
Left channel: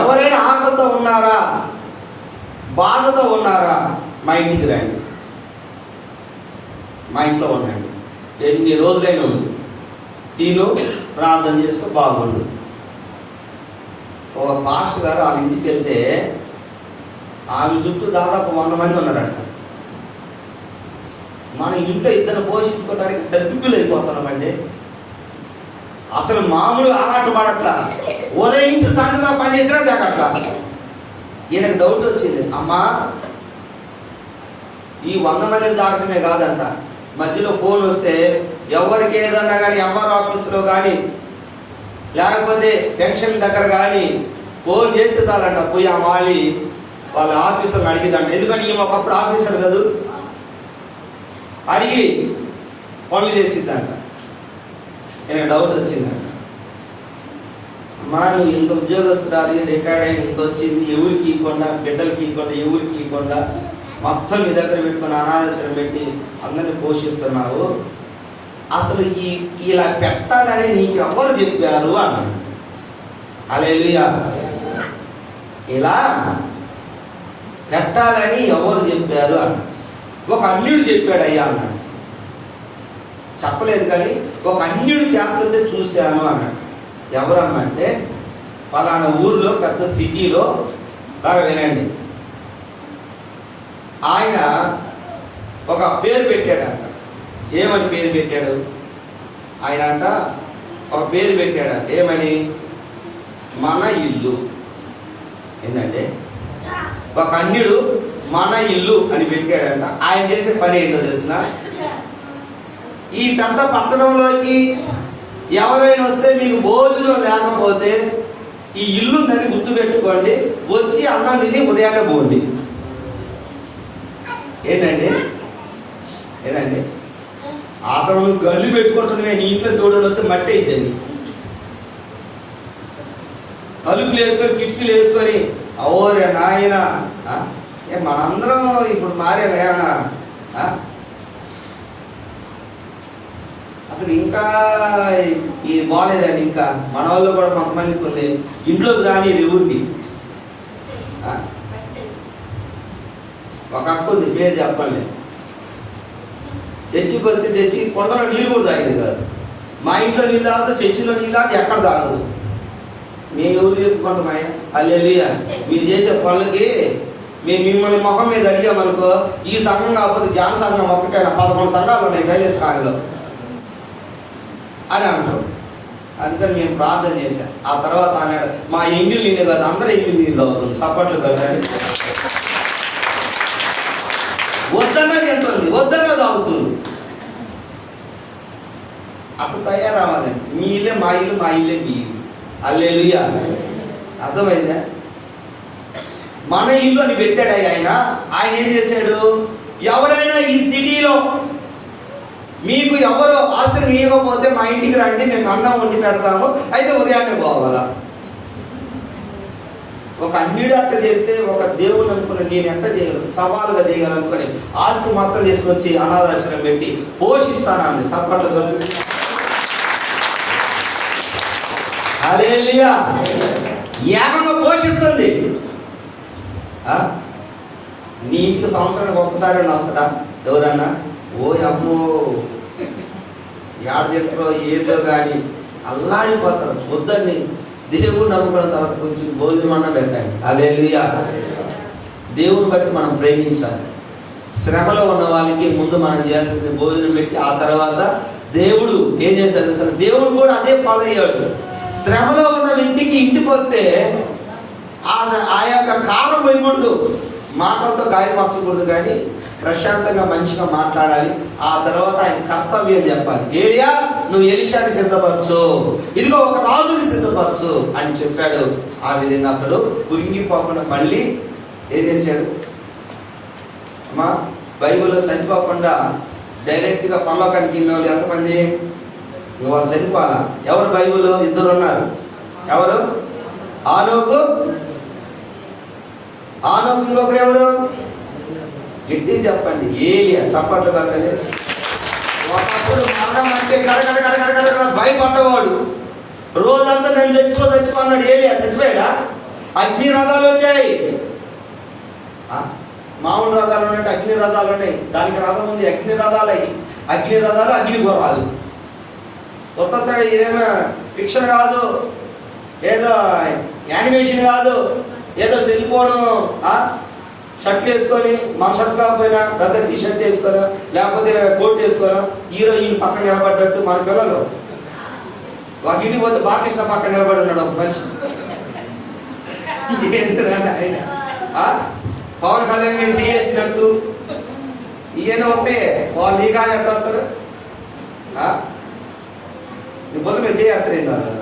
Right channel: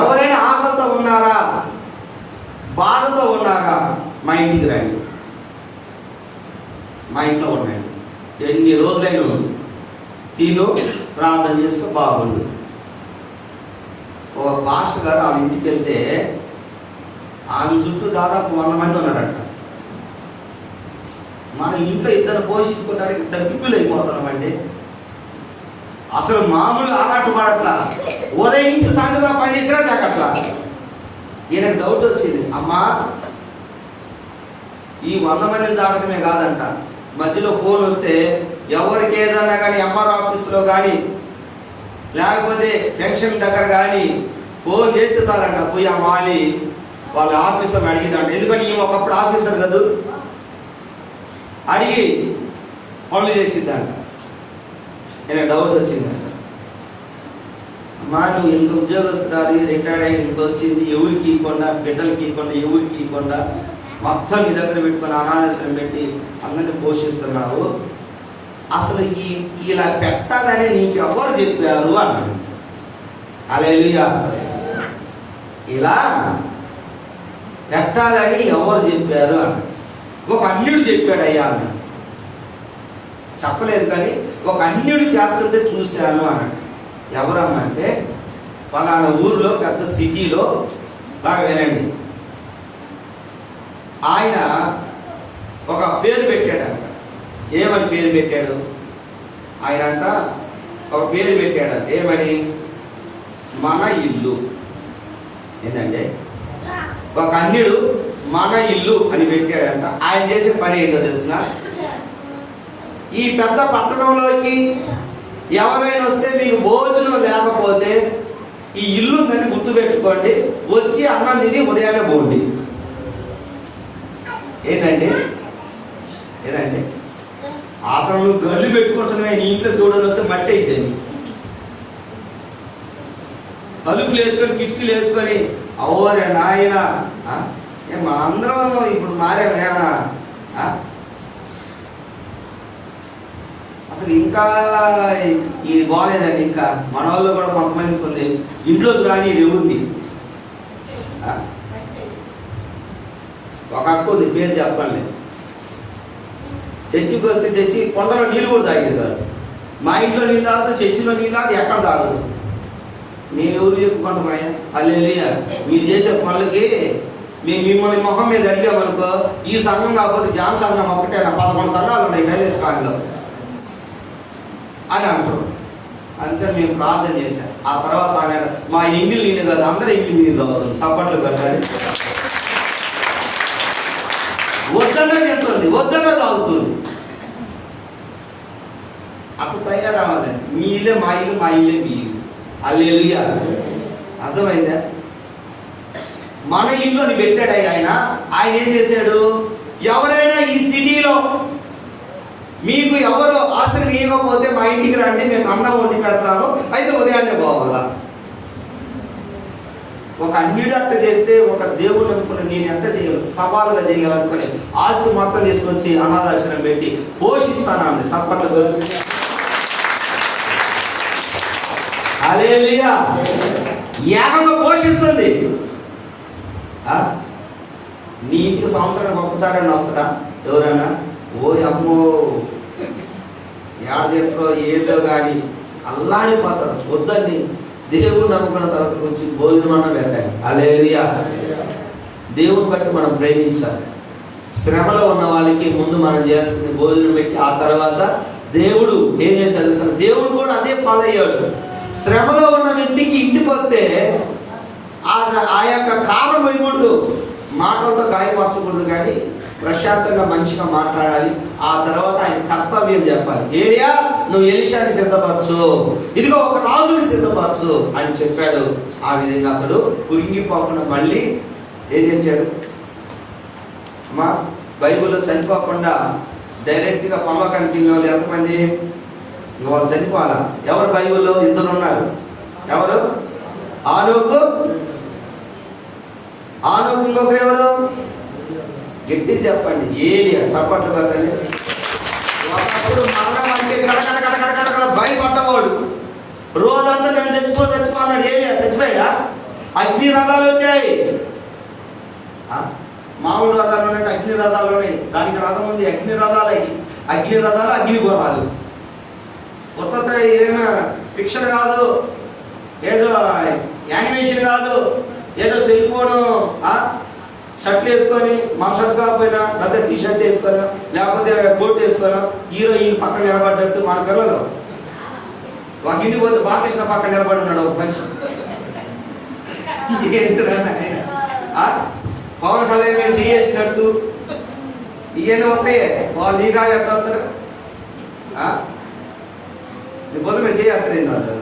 ఎవరైనా ఆకలితో ఉన్నారా, బాధతో ఉన్నారా, మా ఇంటికి రండి, మా ఇంట్లో ఉండండి, ఎన్ని రోజులైనా ఉంది, తిను, ప్రార్థన చేస్తే బాగుండు. ఒక పాస్టర్ గారు ఆమె ఇంటికి వెళ్తే ఆమె చుట్టూ దాదాపు 100 మంది ఉన్నారట. మన ఇంట్లో ఇద్దరు పోషించుకోవడానికి తప్పిప్పులు అయిపోతున్నామండి. అసలు మామూలు ఆట పడట్లా, ఉదయం నుంచి సాయంత్రం పని చేసినా జాగ్రత్త. ఈయనకు డౌట్ వచ్చింది, అమ్మా ఈ 100 మంది జాగ్రత్తమే కాదంట, మధ్యలో ఫోన్ వస్తే ఎవరికి ఏదన్నా కానీ ఎంఆర్ ఆఫీస్లో కానీ లేకపోతే పెన్షన్ దగ్గర కానీ ఫోన్ చేస్తే చాలంట, పోయి ఆ మాలి వాళ్ళ ఆఫీసర్ అడిగిదంట. ఎందుకంటే ఈమె ఒకప్పుడు ఆఫీసర్ కాదు, అడిగి పనులు చేసిద్దంట. నేను డౌట్ వచ్చిందంట, అమ్మా నువ్వు ఇంత ఉద్యోగస్తురాలి, రిటైర్డ్ అయ్యి ఇంత వచ్చింది, ఎవరికి ఇవ్వకుండా, బిడ్డలకి ఇవ్వకుండా, ఎవరికి ఇవ్వకుండా మొత్తం మీ దగ్గర పెట్టుకుని అనాథాశ్రయం పెట్టి అందరినీ పోషిస్తున్నావు, అసలు ఇలా పెట్టాలని నీకు ఎవరు చెప్పారు అన్నాడు. హల్లెలూయా. ఇలా పెట్టాలని ఎవరు చెప్పారు అన్నాడు. ఒక అన్యుడు చెప్పాడు అయ్యా అన్నాడు. చెప్పలేదు కానీ ఒక అన్యుడు చేస్తుంటే చూశాను అన్నాడు. ఎవరమ్మంటే పలానా ఊర్లో పెద్ద సిటీలో బాగా వినండి, ఆయన ఒక పేరు పెట్టాడంట. ఏమని పేరు పెట్టాడు ఆయన అంట? ఒక పేరు పెట్టాడంట. ఏమని? మన ఇల్లు. ఏంటంటే ఒక అన్యుడు మన ఇల్లు అని పెట్టాడంట. ఆయన చేసే పని ఏంటో తెలిసిన, ఈ పెద్ద పట్టణంలోకి ఎవరైనా వస్తే మీకు భోజనం లేకపోతే ఈ ఇల్లు దాన్ని గుర్తుపెట్టుకోండి, వచ్చి అన్నం తిని ఉదయాన్నే పోండి. ఏదండి అసలు నువ్వు గళ్ళు పెట్టుకుంటున్నావే, నీ ఇంట్లో దూడలు వస్తే మట్టి అయిద్దండి. తలుపులు వేసుకొని కిటికీలు వేసుకొని అవోరే నాయన. మనందరం ఇప్పుడు మారేమేమన్నా? అసలు ఇంకా ఇది బాగాలేదండి. ఇంకా మన వాళ్ళు కూడా కొంతమంది కొన్ని ఇంట్లోకి రాని రేవుండి. ఒక అక్క ఉంది, పేరు చెప్పండి. చర్చికి వస్తే చర్చి కొండలో నీళ్ళు కూడా తాగేది కాదు. మా ఇంట్లో నీళ్ళు తాగితే చర్చిలో నీళ్ళు తాగితే ఎక్కడ తాగదు. మేము ఎవరు చెప్పుకుంటామయ్యా? హల్లెలూయా. మీరు చేసే పనులకి మేము మిమ్మల్ని ముఖం మీద అడిగామనుకో, ఈ సంఘం కాకపోతే జాన సంఘం ఒకటే 11 సంఘాలు ఉన్నాయి మైలేజ్ కాలంలో అని అంటారు. అందుకని మేము ప్రార్థన చేశాం. ఆ తర్వాత ఆమె మా ఎంగిల్ నీళ్ళు కాదు, అందరూ ఎంగిల్ నీళ్ళు అవుతుంది, సపోర్ట్లు కట్టాలి. వద్దన్నా చెప్తుంది, వద్దన్నా తాగుతుంది. అప్పుడు తయారవ్వాలండి. మీ ఇల్లే మా ఇల్లు, మా ఇల్లే మీ ఇల్లు. హల్లెలూయా. అర్థమైందా? మన ఇల్లు అని పెట్టాడు ఆయన. ఆయన ఏం చేశాడు? ఎవరైనా ఈ సిటీలో మీకు ఎవరు ఆశ్రయం ఇవ్వకపోతే మా ఇంటికి రండి, మేము అన్నం వండి పెడతాము, అయితే ఉదయాన్నే పోవాలా. ఒక అన్యుడు అట్ట చేస్తే ఒక దేవుడు అనుకుని నేను ఎట్ట చేయాలి, సవాలుగా చేయాలనుకుని ఆస్తి మొత్తం తీసుకొచ్చి అనాథాశ్రమం పెట్టి పోషిస్తానండి. సప్పట్లు హల్లెలూయా. ఏకంగా పోషిస్తుంది. నీ ఇంటికి సంవత్సరానికి ఒక్కసారి వస్తాడా ఎవరైనా? ఓ అమ్మో ఏడో ఏదో కానీ అల్లాడిపోతారు. వద్దండి, దేవుడిని అనుకున్న తర్వాత కొంచెం భోజనం అన్న పెట్టాలి. హల్లెలూయా. దేవుని బట్టి మనం ప్రేమించాలి. శ్రమలో ఉన్న వాళ్ళకి ముందు మనం చేయాల్సింది భోజనం పెట్టి, ఆ తర్వాత దేవుడు ఏం చేశాడు అసలు? దేవుడు కూడా అదే ఫాలో అయ్యాడు. శ్రమలో ఉన్న వ్యక్తికి ఇంటికి వస్తే ఆ యొక్క కారణం వేయకూడదు, మాటలతో గాయపరచకూడదు, కానీ ప్రశాంతంగా మంచిగా మాట్లాడాలి. ఆ తర్వాత ఆయన కర్తవ్యం చెప్పాలి. ఏలియా, నువ్వు ఎలీషాని సిద్ధపరచు, ఇదిగో ఒక రాజుని సిద్ధపరచు అని చెప్పాడు. ఆ విధంగా అతడు కురింగిపోకుండా మళ్ళీ ఏం చేశాడు? అమ్మా, బైబిల్లో చనిపోకుండా డైరెక్ట్గా పరలోకానికి వెళ్ళిన వాళ్ళు ఎంతమంది? వాళ్ళు చనిపోవాలా? ఎవరు బైబిల్లో? 2 ఉన్నారు. ఎవరు? ఆనోకు, ఇంకొకరు ఎవరు? గట్టి చెప్పండి. ఏలియా. చప్పట్లు కట్టండి. ఒకప్పుడు మరణం అంటే కడకడ భయపడ్డవాడు. రోజంతా నేను చచ్చిపోన్నాడు. ఏలియా చచ్చిపోయాడా? అగ్ని రథాలు వచ్చాయి. మామూలు రథాలు ఉన్నాయి, అగ్ని రథాలు ఉన్నాయి. దానికి రథం ఉంది, అగ్ని రథాలు. అగ్ని రథాలు, అగ్ని గుర్రాలు. కొత్త ఏదైనా ఫిక్షన్ కాదు, ఏదో యానిమేషన్ కాదు, ఏదో సెల్ ఫోను షర్ట్ వేసుకొని, మా షర్ట్ కాకపోయినా పెద్ద టీ షర్ట్ వేసుకొని, లేకపోతే కోట్ వేసుకొని హీరోయిన్ పక్కన నిలబడ్డట్టు. మన పిల్లలు ఒక ఇంటికి పోతే బాలకృష్ణ పక్కన నిలబడున్నాడు ఒక మనిషి. ఆయన పవన్ కళ్యాణ్ మీద చేసినట్టు ఇవన్నీ వస్తే వాళ్ళు ఈ కాడ ఎట్లా వస్తారు? నీ బొద్దు మీద చేస్తారు. ఏంది వాళ్ళు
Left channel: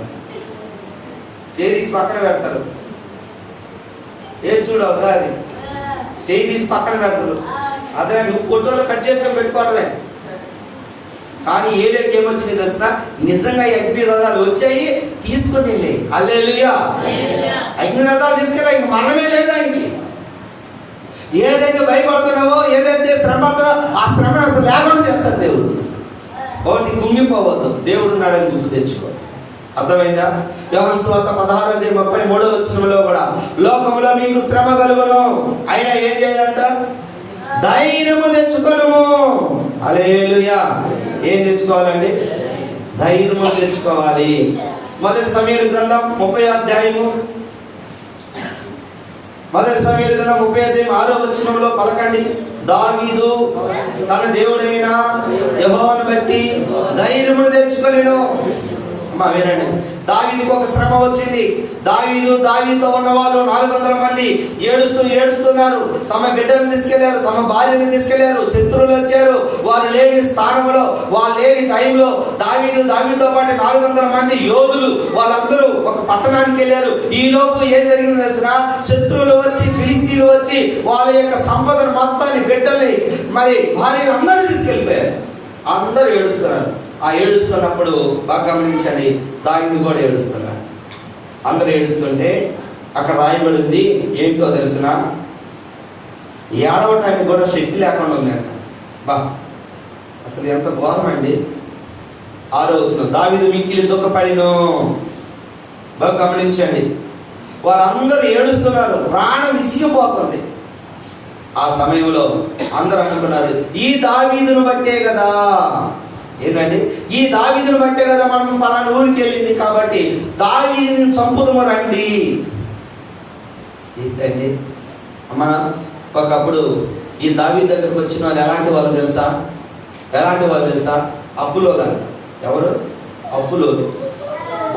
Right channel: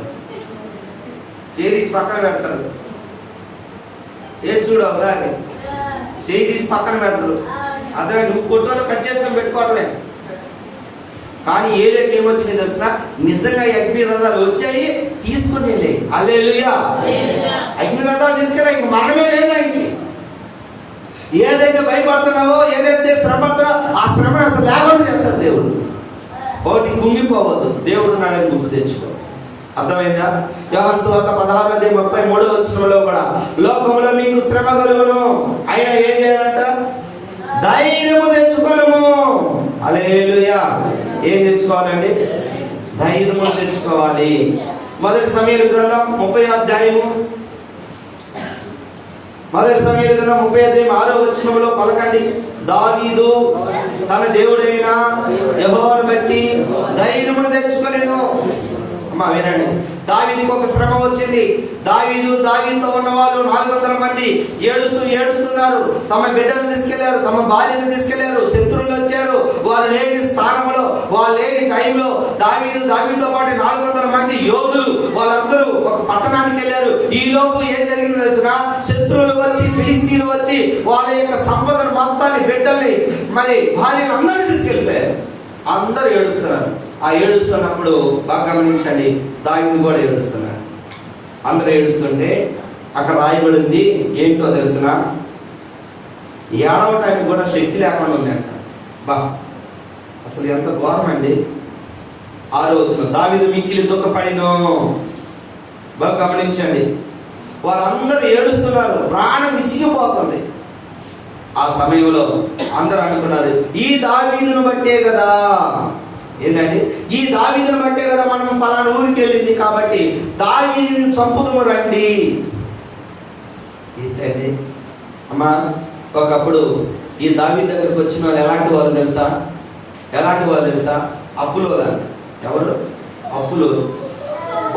చేసి పక్కన పెడతారు. ఏది చూడు ఒకసారి చేయి తీసి పక్కన పెడతారు. అదే నువ్వు కొట్టులో కట్ చేసుకొని పెట్టుకోవట్లే. కానీ ఏలేకి ఏమొచ్చింది తెలిసిన? నిజంగా అగ్ని రథాలు వచ్చాయి, తీసుకుని లే. హల్లెలూయా. అగ్ని రథాలు తీసుకెళ్ళి మనమే లేదా ఇంటి. ఏదైతే భయపడుతున్నావో, ఏదైతే శ్రమ పడుతున్నావో ఆ శ్రమ అసలు లేకుండా చేస్తాడు దేవుడు. ఒకటి కుంగిపోవద్దు, దేవుడు నాడని గుర్తు తెచ్చుకో. అర్థమైందా? యోహాను సువార్త 16:33 కూడా లోకంలో మీకు శ్రమ కలుగును, అయినా ఏం చేయాలంట? ధైర్యము తెచ్చుకోను. హల్లెలూయా. ఏం తెచ్చుకోవాలండి? ధైర్యం తెచ్చుకోవాలి. మొదటి సమూయేలు గ్రంథం 30వ అధ్యాయము, మొదటి సమూయేలు గ్రంథం 30వ అధ్యాయం 6వ వచనంలో పలకండి. దావీదు తన దేవుడైన యెహోవాను బట్టి ధైర్యమును తెచ్చుకొనెను. అమ్మా వినండి, దావీదుకు ఒక శ్రమ వచ్చింది. దావీదుతో ఉన్న వాళ్ళు 400 మంది ఏడుస్తున్నారు. తమ బిడ్డను తీసుకెళ్లారు, తమ భార్యను తీసుకెళ్లారు. శత్రువులు వచ్చారు. వారు లేని స్థానంలో, వాళ్ళు లేని టైంలో దావీదుతో పాటు 400 మంది యోధులు వాళ్ళందరూ ఒక పట్టణానికి వెళ్ళారు. ఈ లోపు ఏం జరిగింది తెలిసిన? శత్రువులు వచ్చి, ఫిలిస్తీన్లు వచ్చి వాళ్ళ యొక్క సంపదను మొత్తాన్ని, బిడ్డల్ని, మరి భార్యను అందరూ తీసుకెళ్ళిపోయారు. అందరూ ఏడుస్తున్నారు. ఆ ఏడుస్తున్నప్పుడు బాగా గమనించండి, దావీదు కూడా ఏడుస్తున్నాడు. అందరూ ఏడుస్తుంటే అక్కడ రాయబడింది ఏంటో తెలిసిన? ఏడవటానికి కూడా శక్తి లేకుండా ఉందంట. అసలు ఎంత ఘోరం అండి. 6వ వచనం, దావీదు మిక్కిలి దుఃఖపడిను. బాగా గమనించండి, వారందరూ ఏడుస్తున్నారు, ప్రాణం విసిగిపోతుంది. ఆ సమయంలో అందరూ అనుకున్నారు, ఈ దావీదును బట్టే కదా, ఏంటంటే ఈ దావీదును బట్టే కదా మనం పలానా ఊరికి వెళ్ళింది, కాబట్టి దావీదుని చంపుదము రండి. ఏంటంటే అమ్మా, ఒకప్పుడు ఈ దావీదు దగ్గరకు వచ్చిన వాళ్ళు ఎలాంటి వాళ్ళు తెలుసా? అప్పులో లాంటి. ఎవరు? అప్పులో,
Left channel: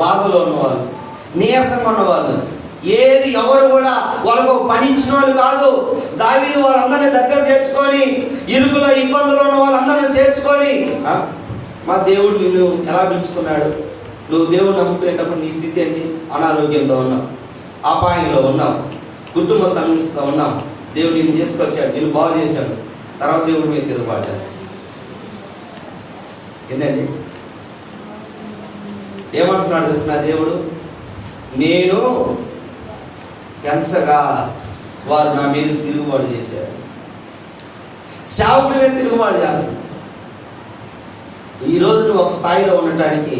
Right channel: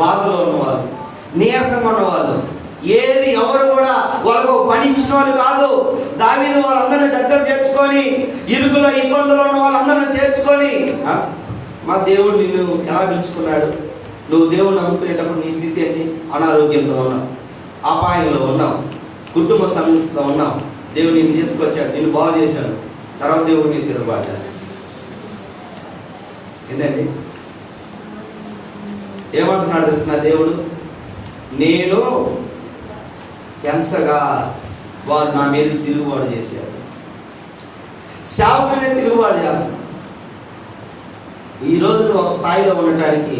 బాధలో ఉన్నవాళ్ళు, నీరసంగా ఉన్నవాళ్ళు, ఎవరు కూడా వాళ్ళకు పనిచ్చిన వాళ్ళు కాదు. దావీదు వాళ్ళందరినీ దగ్గర చేర్చుకొని, ఇరుకులో ఇబ్బందులు ఉన్న వాళ్ళందరినీ చేర్చుకొని, మా దేవుడు నిన్ను ఎలా పిలుచుకున్నాడు? నువ్వు దేవుడు నమ్ముకునేటప్పుడు నీ స్థితి ఏంటి? అనారోగ్యంతో ఉన్నావు, అపాయంలో ఉన్నావు, కుటుంబ సమస్యతో ఉన్నావు. దేవుడు నిన్ను తీసుకొచ్చాడు, నిన్ను బాగు చేశాడు. తర్వాత దేవుడు నీకు తిరుగుబాటాడు. ఏంటండి ఏమంటున్నాడు తెలిసిన? దేవుడు, నేను పెంచగా వారు నా మీద తిరుగుబాటు చేశారు. సేవకుడి మీద తిరుగుబాటు చేస్తాను. ఈరోజు నువ్వు ఒక స్థాయిలో ఉండటానికి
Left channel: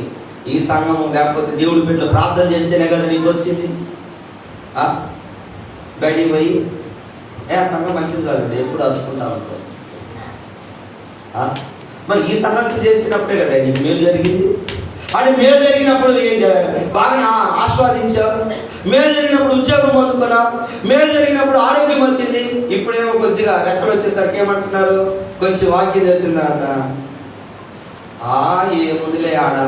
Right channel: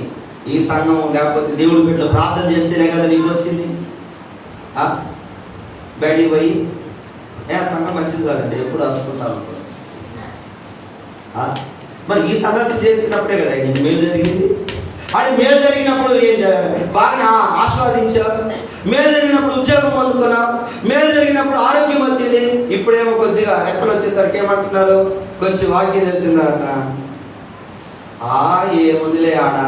ఈ సంఘం లేకపోతే దేవుడి బిడ్డలు ప్రార్థన చేస్తేనే కదా నీకు వచ్చింది. బయటికి పోయి సంఘం మంచిది కాదండి ఎప్పుడు అరుచుకుంటా ఉంటాడు. మరి ఈ సమస్యలు చేస్తున్నప్పుడే కదా నీకు మేలు జరిగింది. అని మేలు జరిగినప్పుడు ఏం చేయాలి? బాగా ఆస్వాదించావు. మేలు జరిగినప్పుడు ఉద్యోగం పొందుకున్నావు. మేలు జరిగినప్పుడు ఆరోగ్యం వచ్చింది. ఇప్పుడేమో కొద్దిగా రెక్కలు వచ్చేసరికి ఏమంటున్నారు? కొంచెం వాక్యం తెలిసిన తర్వాత ఏముందిలే ఆడ,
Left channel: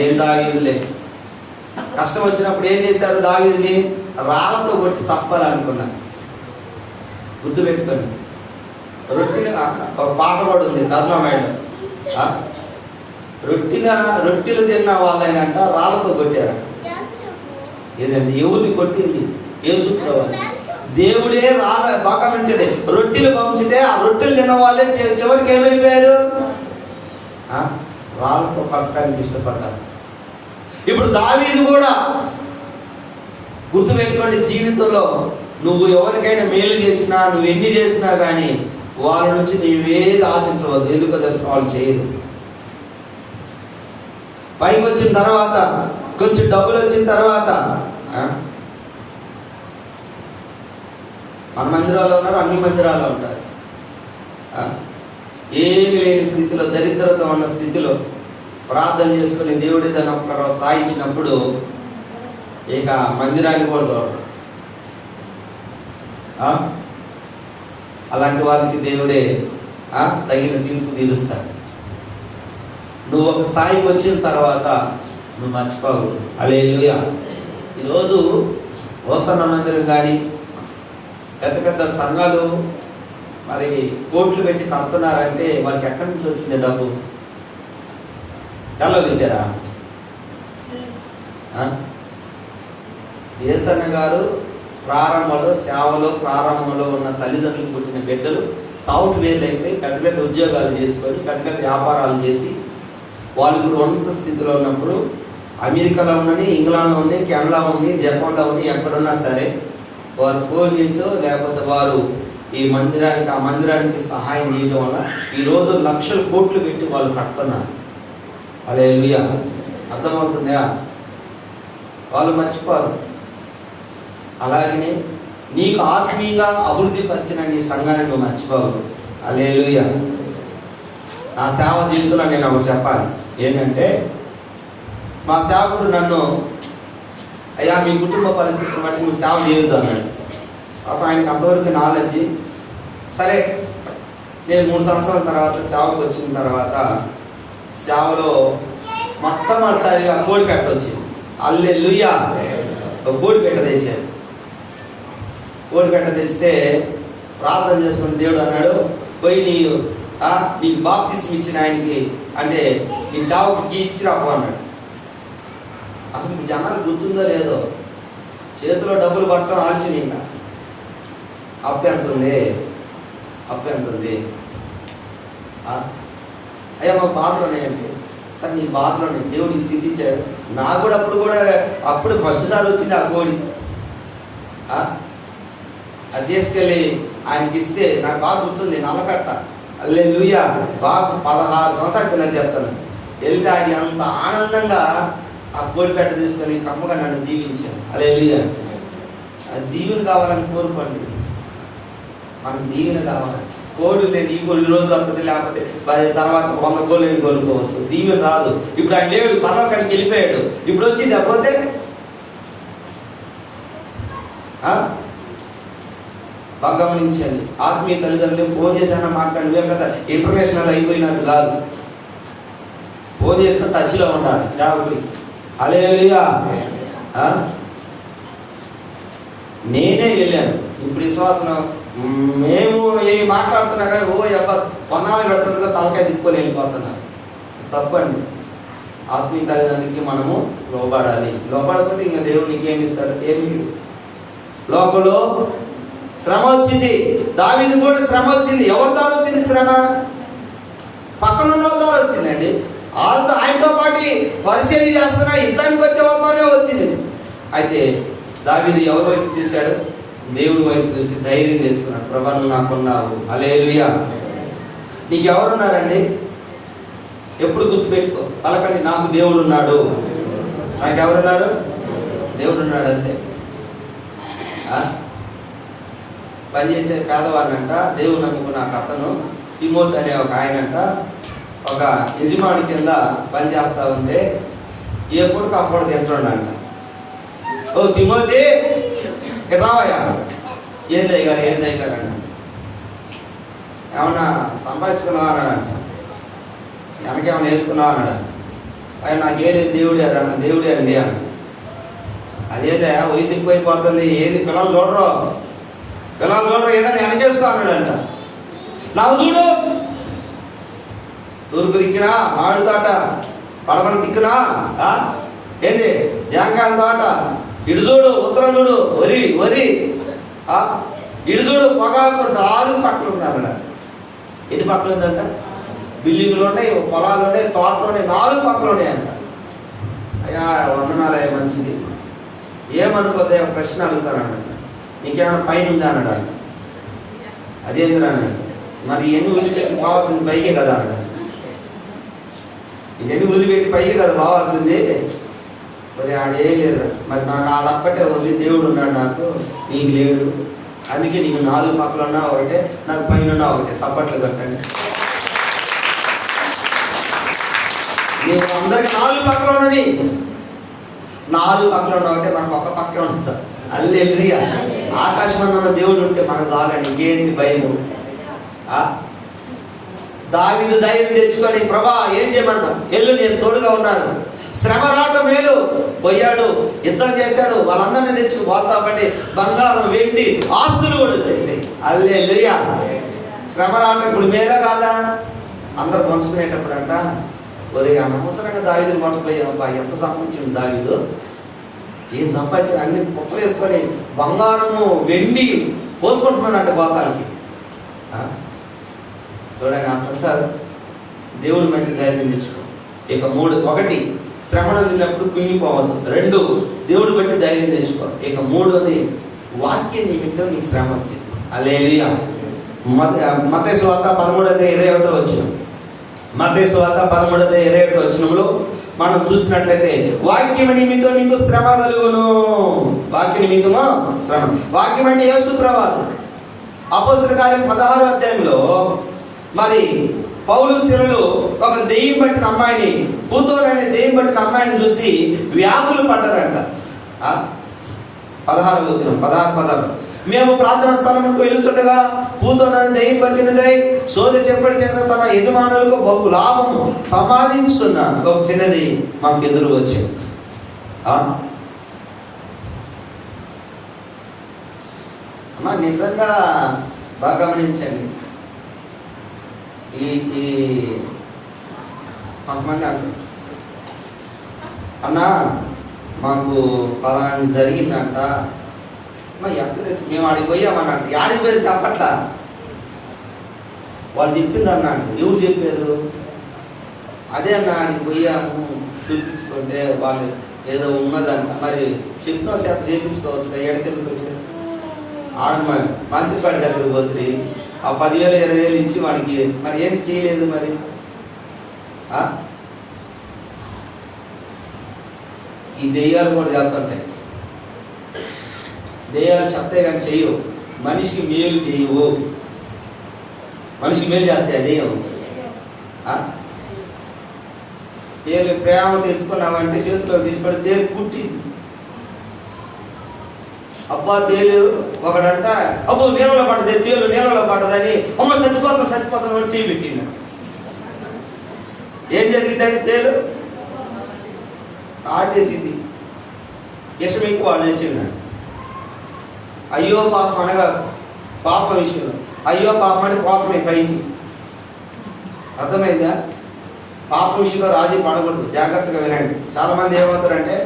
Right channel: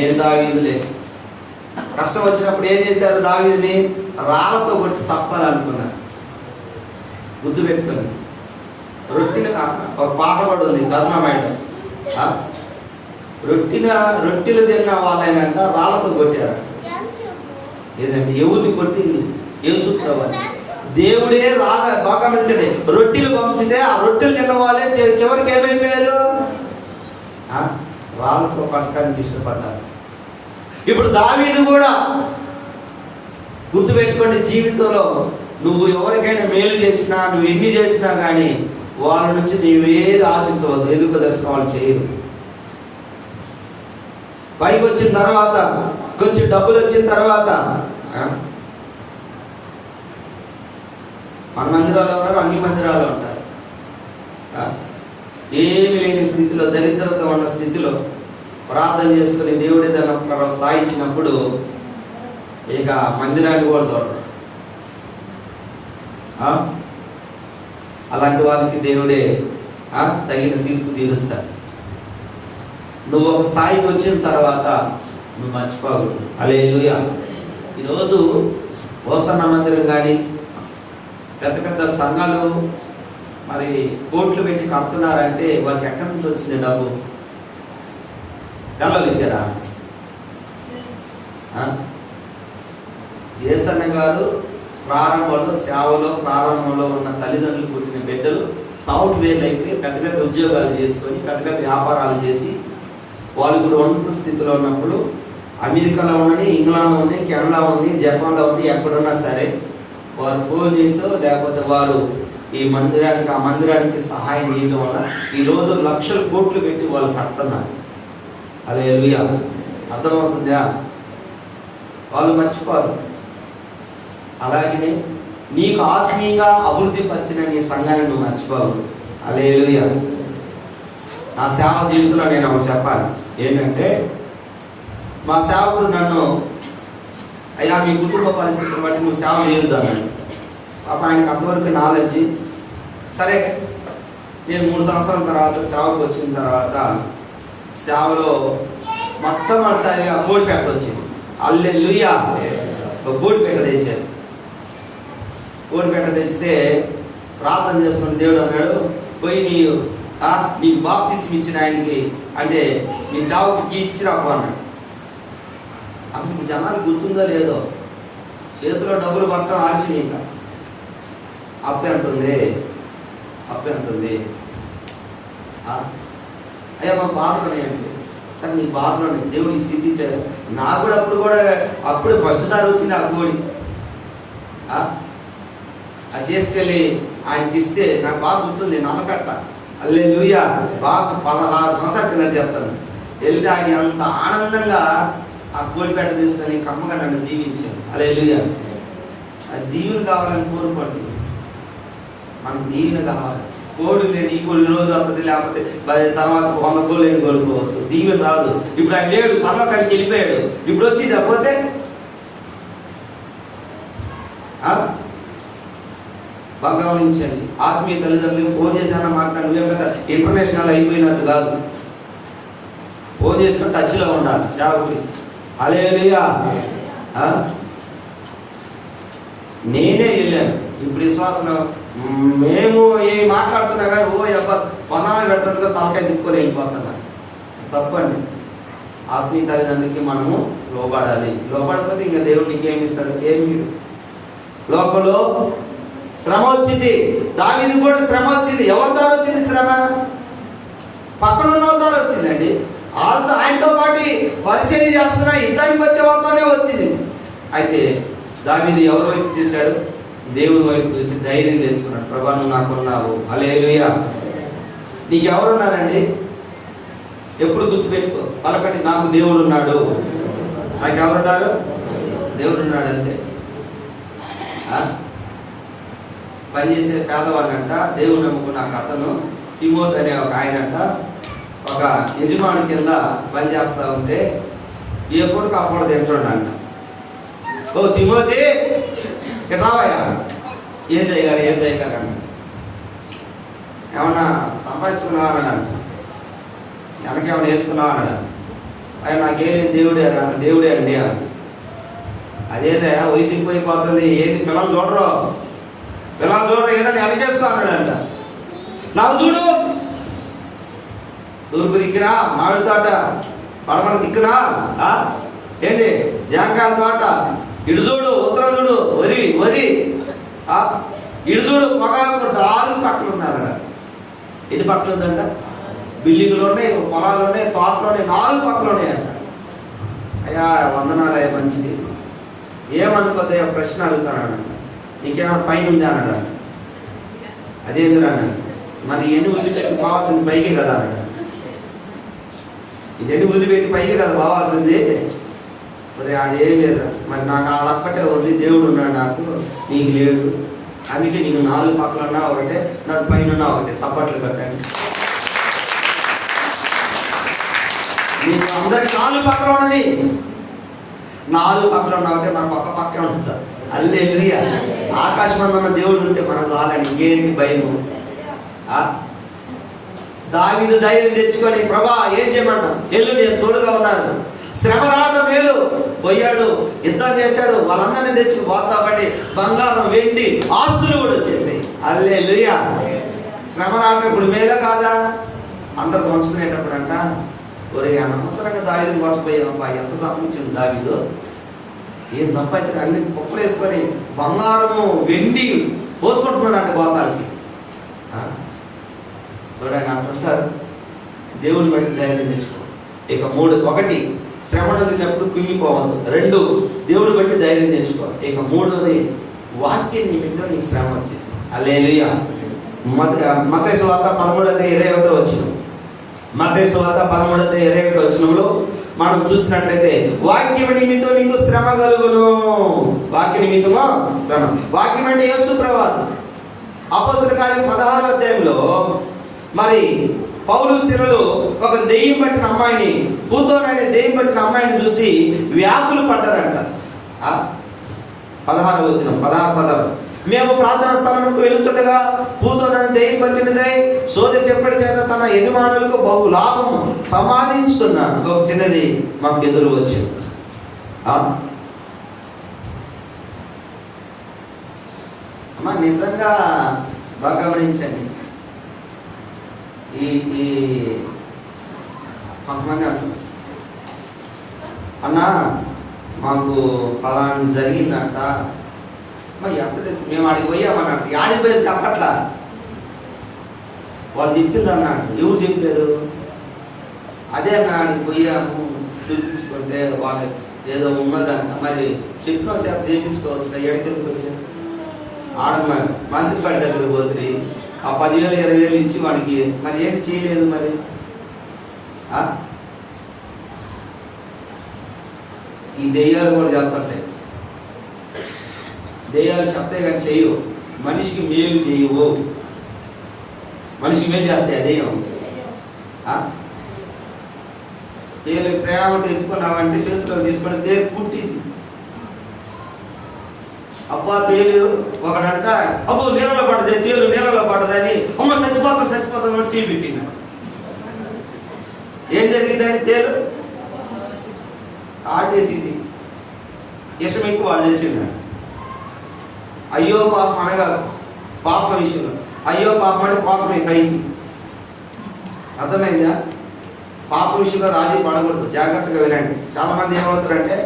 ఏం దావీదులే. కష్టం వచ్చినప్పుడు ఏం చేశారు? దావీదుని రాళ్ళతో కొట్టి చంపాలనుకున్నారు. గుర్తుపెట్టుకొని రొట్టెలు, ఒక పాట కూడా ఉంది ధర్మమేడం, రొట్టెలు తిన్న వాళ్ళైనంట రాళ్ళతో కొట్టారు. ఏదంటే ఎవరిని కొట్టింది? యేసుప్రభువుని. దేవుడే బాగా గమనించండి, రొట్టెలు పంచితే ఆ రొట్టెలు తిన్న వాళ్ళే చివరికి ఏమైపోయారు? రాళ్ళతో పట్టడానికి ఇష్టపడ్డారు. ఇప్పుడు దావీదు కూడా గుర్తుపెట్టుకోండి, జీవితంలో నువ్వు ఎవరికైనా మేలు చేసినా, నువ్వు ఎన్ని చేసినా కానీ వాళ్ళ నుంచి నువ్వేది ఆశించవద్దు. ఎందుకు దర్శన వాళ్ళు చేయరు. పైకి వచ్చిన తర్వాత, కొంచెం డబ్బులు వచ్చిన తర్వాత మన మందిరాల్లో ఉన్నారు, అన్ని మందిరాల్లో ఉంటారు. ఏమి లేని స్థితిలో, దరిద్రత ఉన్న స్థితిలో ప్రార్థన చేసుకుని దేవుడే దాన్ని ఒక స్థాయి ఇచ్చినప్పుడు ఇక మందిరాన్ని కూడా చూడరు. అలాంటి వాళ్ళకి దేవుడే తగిన తీర్పు తీరుస్తాడు. నువ్వు ఒక స్థాయికి వచ్చిన తర్వాత నువ్వు మర్చిపోకూడదు. హల్లెలూయా. ఈరోజు హోసన్న మందిరం కానీ పెద్ద పెద్ద సంఘాలు మరి కోట్లు పెట్టి కడుతున్నారంటే వారికి ఎక్కడి నుంచి వచ్చింది డబ్బు? తెల్లలు ఇచ్చారా? యేసన్న గారు ప్రారంభంలో ఉన్న తల్లిదండ్రులు పుట్టిన బిడ్డలు సాఫ్ట్వేర్లు అయిపోయి పెద్ద పెద్ద ఉద్యోగాలు చేసుకొని పెద్ద పెద్ద వ్యాపారాలు చేసి వాళ్ళు కూడా ఉన్నత స్థితిలో ఉన్నప్పుడు అమెరికాలో ఉన్నది, ఇంగ్లాండ్లో ఉంది, కెనడాలో ఉంది, జపాన్లో ఉంది, ఎక్కడున్నా సరే వారు ఫోన్ చేసో లేకపోతే వారు ఈ మందిరానికి ఆ మందిరానికి సహాయం చేయడం వల్ల ఈరోజు లక్షల కోట్లు పెట్టి వాళ్ళు కడుతున్నారు. హల్లెలూయా. అర్థమవుతుందా? వాళ్ళు మర్చిపోరు. అలాగనే నీకు ఆత్మీయంగా అభివృద్ధి పరిచిన నీ సంఘాన్ని నువ్వు మర్చిపోవు. హల్లెలూయా. నా సేవ జీవితంలో నేను ఒకటి చెప్పాలి. ఏంటంటే మా సేవకుడు నన్ను, అయ్యా మీ కుటుంబ పరిస్థితిని బట్టి నువ్వు సేవ చేయొద్దు అన్నాడు. పాప ఆయనకి అంతవరకు నాలెడ్జి. సరే, నేను 3 సంవత్సరాల తర్వాత సేవకు వచ్చిన తర్వాత సేవలో మొట్టమొదటిసారిగా కోడి పెట్ట వచ్చింది. హల్లెలూయా. ఒక కోడి పెట్ట తెచ్చాను. కోడి పెట్ట తెస్తే ప్రార్థన చేసుకుని దేవుడు అన్నాడు, పోయి నీకు బాప్తిస్మం ఇచ్చిన ఆయనకి, అంటే నీ సేవకుడికి ఇచ్చిరాకు అన్నాడు. అసలు జనాలు గుర్తుందో లేదో, చేతిలో డబ్బులు పట్టడం ఆలస్యం. ఇంకా అప్పు ఎంత ఉంది, అప్పు ఎంత ఉంది? అయ్యా మా బాధలోనే అంటే, సరే నీ బాధలోనే దేవుడికి స్థితి ఇచ్చాడు. నాకు కూడా అప్పుడు ఫస్ట్ సారి వచ్చింది ఆ కోడి. అది తీసుకెళ్ళి ఆయనకి ఇస్తే నాకు బాగా గుర్తుంది. నల్లకట్ట. హల్లెలూయా. బాగా 16 సంవత్సరాల కింద చెప్తాను. వెళ్తే ఆయన అంత ఆనందంగా ఆ కోడి పెట్ట తీసుకొని కమ్మగా నన్ను దీవించాను. హల్లెలూయా. దీవెన కావాలని కోరుకోండి. మనకు దీవెన కావాలి. కోడి లేదు, ఈ కోడి రోజు వస్తుంది, లేకపోతే తర్వాత 100 కోళ్ళని కోరుకోవచ్చు. దీవెన రాదు. ఇప్పుడు ఆయన లేడు, పరలోకానికి వెళ్ళిపోయాడు. ఇప్పుడు వచ్చింది అపోతే బాగా గమనించండి. ఆత్మీయ తల్లిదండ్రులు ఫోన్ చేశాన మాట్లాడి నువ్వేం కదా ఇంటర్నేషనల్ అయిపోయినట్టు కాదు. ఫోన్ చేసుకుని టచ్లో ఉండాలి సేవకుడి. హల్లెలూయా. నేనే వెళ్ళాను. ఇప్పుడు విశ్వాసం మేము ఏమి మాట్లాడుతున్నా కానీ వందనాలు పెడుతుంటే తలకాయ తిప్పుకొని వెళ్ళిపోతున్నారు. తప్పండి. ఆత్మీయ తల్లిదండ్రులకి మనము లోబడాలి. లోబడకపోతే ఇంకా దేవుడు నీకేమి ఇస్తాడు? ఏమి. లోకంలో శ్రమ వచ్చింది. దావీదు కూడా శ్రమ వచ్చింది. ఎవరి ద్వారా వచ్చింది శ్రమ? పక్కన ఉన్న వాళ్ళ ద్వారా వచ్చిందండి. ఆయనతో పాటు పరిచయం చేస్తున్న యుద్ధానికి వచ్చే వాళ్ళతోనే వచ్చింది. అయితే దావీదు ఎవరి వైపు చూశాడు? దేవుని వైపు చూసి ధైర్యం తెచ్చుకున్నాడు. ప్రభా నువ్వు నాకున్నావు. హల్లెలూయా. నీకు ఎవరున్నారండి? ఎప్పుడు గుర్తుపెట్టుకో. పలకండి, నాకు దేవుడు ఉన్నాడు. నాకు ఎవరున్నాడు? దేవుడు ఉన్నాడు. అంతే. పనిచేసే పేదవాడినంట, దేవుడు నమ్ముకున్న అతను తిమోతి అనే ఒక ఆయనంట ఒక యజమాని కింద పనిచేస్తూ ఉంటే ఏ కొడుకు అప్పుడు తింటుండంట. ఓ తిమోతి రావయ్యా. ఏం దయ్యారు అంట. ఏమన్నా సంపాదించుకున్నావా అన్నాడంట. వెనకేమన్నా వేసుకున్నావా అన్నాడు. ఆయన నాకేం లేదు, దేవుడే అండి అని. అదేదా వయసుకి పోయిపోతుంది, ఏది పిల్లలు చూడరు ఏదైనా వెనక చేసుకో అన్నాడంట. నాకు చూడు, తూర్పు దిక్కునా మామిడి తోట, పడమల దిక్కునా ఏంటి జాంకాయ తోట, ఇటు చూడు ఉత్తరం చూడు వరి ఇటు చూడు పొగాకు 4 పక్కలు ఉన్నారట. ఎన్ని పక్కలు ఉందంట? బిల్డింగ్లు ఉన్నాయి, పొలాలు ఉన్నాయి, తోటలు ఉన్నాయి, 4 పక్కలు ఉన్నాయంట. అయ్యా వందనాలే మంచిది. ఏమనుకోతే ప్రశ్న అడుగుతానంట. నీకేమైనా పైన ఉందా అన్నాడు. అదేంద్రా అన్నాడు. మరి ఎన్ని వదిలిపెట్టి పోవాల్సింది పైకే కదా అన్నాడు. ఇవన్నీ వదిలిపెట్టి పైకే కదా పోవాల్సింది. మరి ఆడేం లేదు. మరి నాకు ఆడొక్కటే ఉంది, దేవుడు ఉన్నాడు నాకు, నీకు లేడు. అందుకే నీకు 4 పక్కలు ఉన్నా ఒకటే, నాకు పైన ఉన్నా ఒకటే. సప్పట్లు కట్టండి. నీకు అందరికి 4 పక్కలు ఉన్నది. 4 పక్కలు ఉన్నా ఒకటే, మనకు ఒక పక్కే ఉంటుంది సార్. హల్లెలూయా. ఆకాశం ఉన్న దేవుడు ఉంటే మన చాలండి, ఇంకేంటి భయము. దావీదు ధైర్యం తెచ్చుకొని ప్రభా ఏం చేయమంటా, ఎల్లు నేను తోడుగా ఉన్నాను. శ్రమ రావడం మేలు. పోయాడు, యుద్ధం చేశాడు, వాళ్ళందరినీ తెచ్చుకు పోతా బట్టి బంగారం వెండి ఆస్తులు కూడా వచ్చేసాయి. హల్లెలూయా. శ్రమ రావడం ఇప్పుడు మేలే కాదా? అందరు పంచుకునేటప్పుడు అంట, ఒరే అనవసరంగా దావీదుని కొట్టపోయాం, ఎంత సంపాదించింది దావీదు, ఏం సంపాదించిన అన్ని కుప్పలు వేసుకొని బంగారము వెండి పోసుకుంటున్నారంట గోతాలకి. చూడండి అంటుంటారు. దేవుని బట్టి ధైర్యం తెచ్చుకో. ఇక 3, 1 శ్రమను వదిలినప్పుడు కుంగిపోవద్దు. 2 దేవుని బట్టి ధైర్యం తెచ్చుకో. ఇక 3వది వాక్య నిమిత్తం నీకు శ్రమ వచ్చింది. హల్లెలూయా. మత్తయి సువార్త 13:21 వచ్చింది. మత్తయి సువార్త 13:21 వచనంలో మనం చూసినట్లయితే వాక్యం నిమిత్తం నీకు శ్రమ కలుగును. వాక్య నిమిత్తము శ్రమ. వాక్యం అంటే యేసు ప్రభువు. అపోస్తలుల కార్యం 16వ అధ్యాయంలో మరి పౌలు శీలలు ఒక దెయ్యం పట్టిన అమ్మాయిని, పూతోను అనే దెయ్యం పట్టిన అమ్మాయిని చూసి వ్యాకులు పడ్డారంట. 16వ వచనం, 16 మేము ప్రార్థనా స్థలమునకు వెళ్ళుచుండగా పూతోనని దెయ్యం పట్టినదై సోదె చెప్పడి చేత తన యజమానులకు బహు లాభం సంపాదించుతున్న ఒక చిన్నది మాకు ఎదురు వచ్చి. అమ్మా నిజంగా బాగా గమనించండి. ఈ కొంతమంది అంటారు, అన్నా మాకు పలానా జరిగిందంట. మరి ఎప్పుడు తెలుసు? మేము ఆడికి పోయామన్నట్టు. ఆడికి పోయి చెప్పట్లా, వాళ్ళు చెప్పింది అన్నాడు. ఎవరు చెప్పారు? అదే అన్న ఆడికి పోయాము చూపించుకుంటే వాళ్ళు ఏదో ఉన్నదంట. మరి చెప్పిన చేత చేయించుకోవచ్చు. ఎక్కడికి వచ్చారు? మంత్రిపాడి దగ్గరకు పోతుంది. ఆ 10,000 20,000 ఇచ్చి వాడికి మరి ఏంటి చేయలేదు. మరి ఈ దెయ్యాలు కూడా చెప్తుంటాయి. దెయ్యాలు చెప్తాయి కానీ చేయవు. మనిషికి మేలు చేయవు. మనిషికి మేలు చేస్తాయి దెయ్యం. తేలు ప్రేమతో ఎత్తుకున్నామంటే చేతిలో తీసుకొని తేలు పుట్టింది. అబ్బా తేలు ఒకడంట, అబ్బో నీళ్ళలో పడ్డది, తేలు నీళ్ళలో పడ్డదని, అమ్మ చచ్చిపోతాను కూడా చేయి పెట్టింది. ఏం జరిగిందండి? తేలు ఆటేసింది. ఇష్టం ఎక్కువ వాళ్ళు తెచ్చిందండి. అయ్యో పాపం అనగా పాప విషయంలో అయ్యో పాపం అంటే పాపమే పైకి. అర్థమైందా? పాప విషయంలో రాజీ పడకూడదు. జాగ్రత్తగా వినండి. చాలామంది ఏమవుతారంటే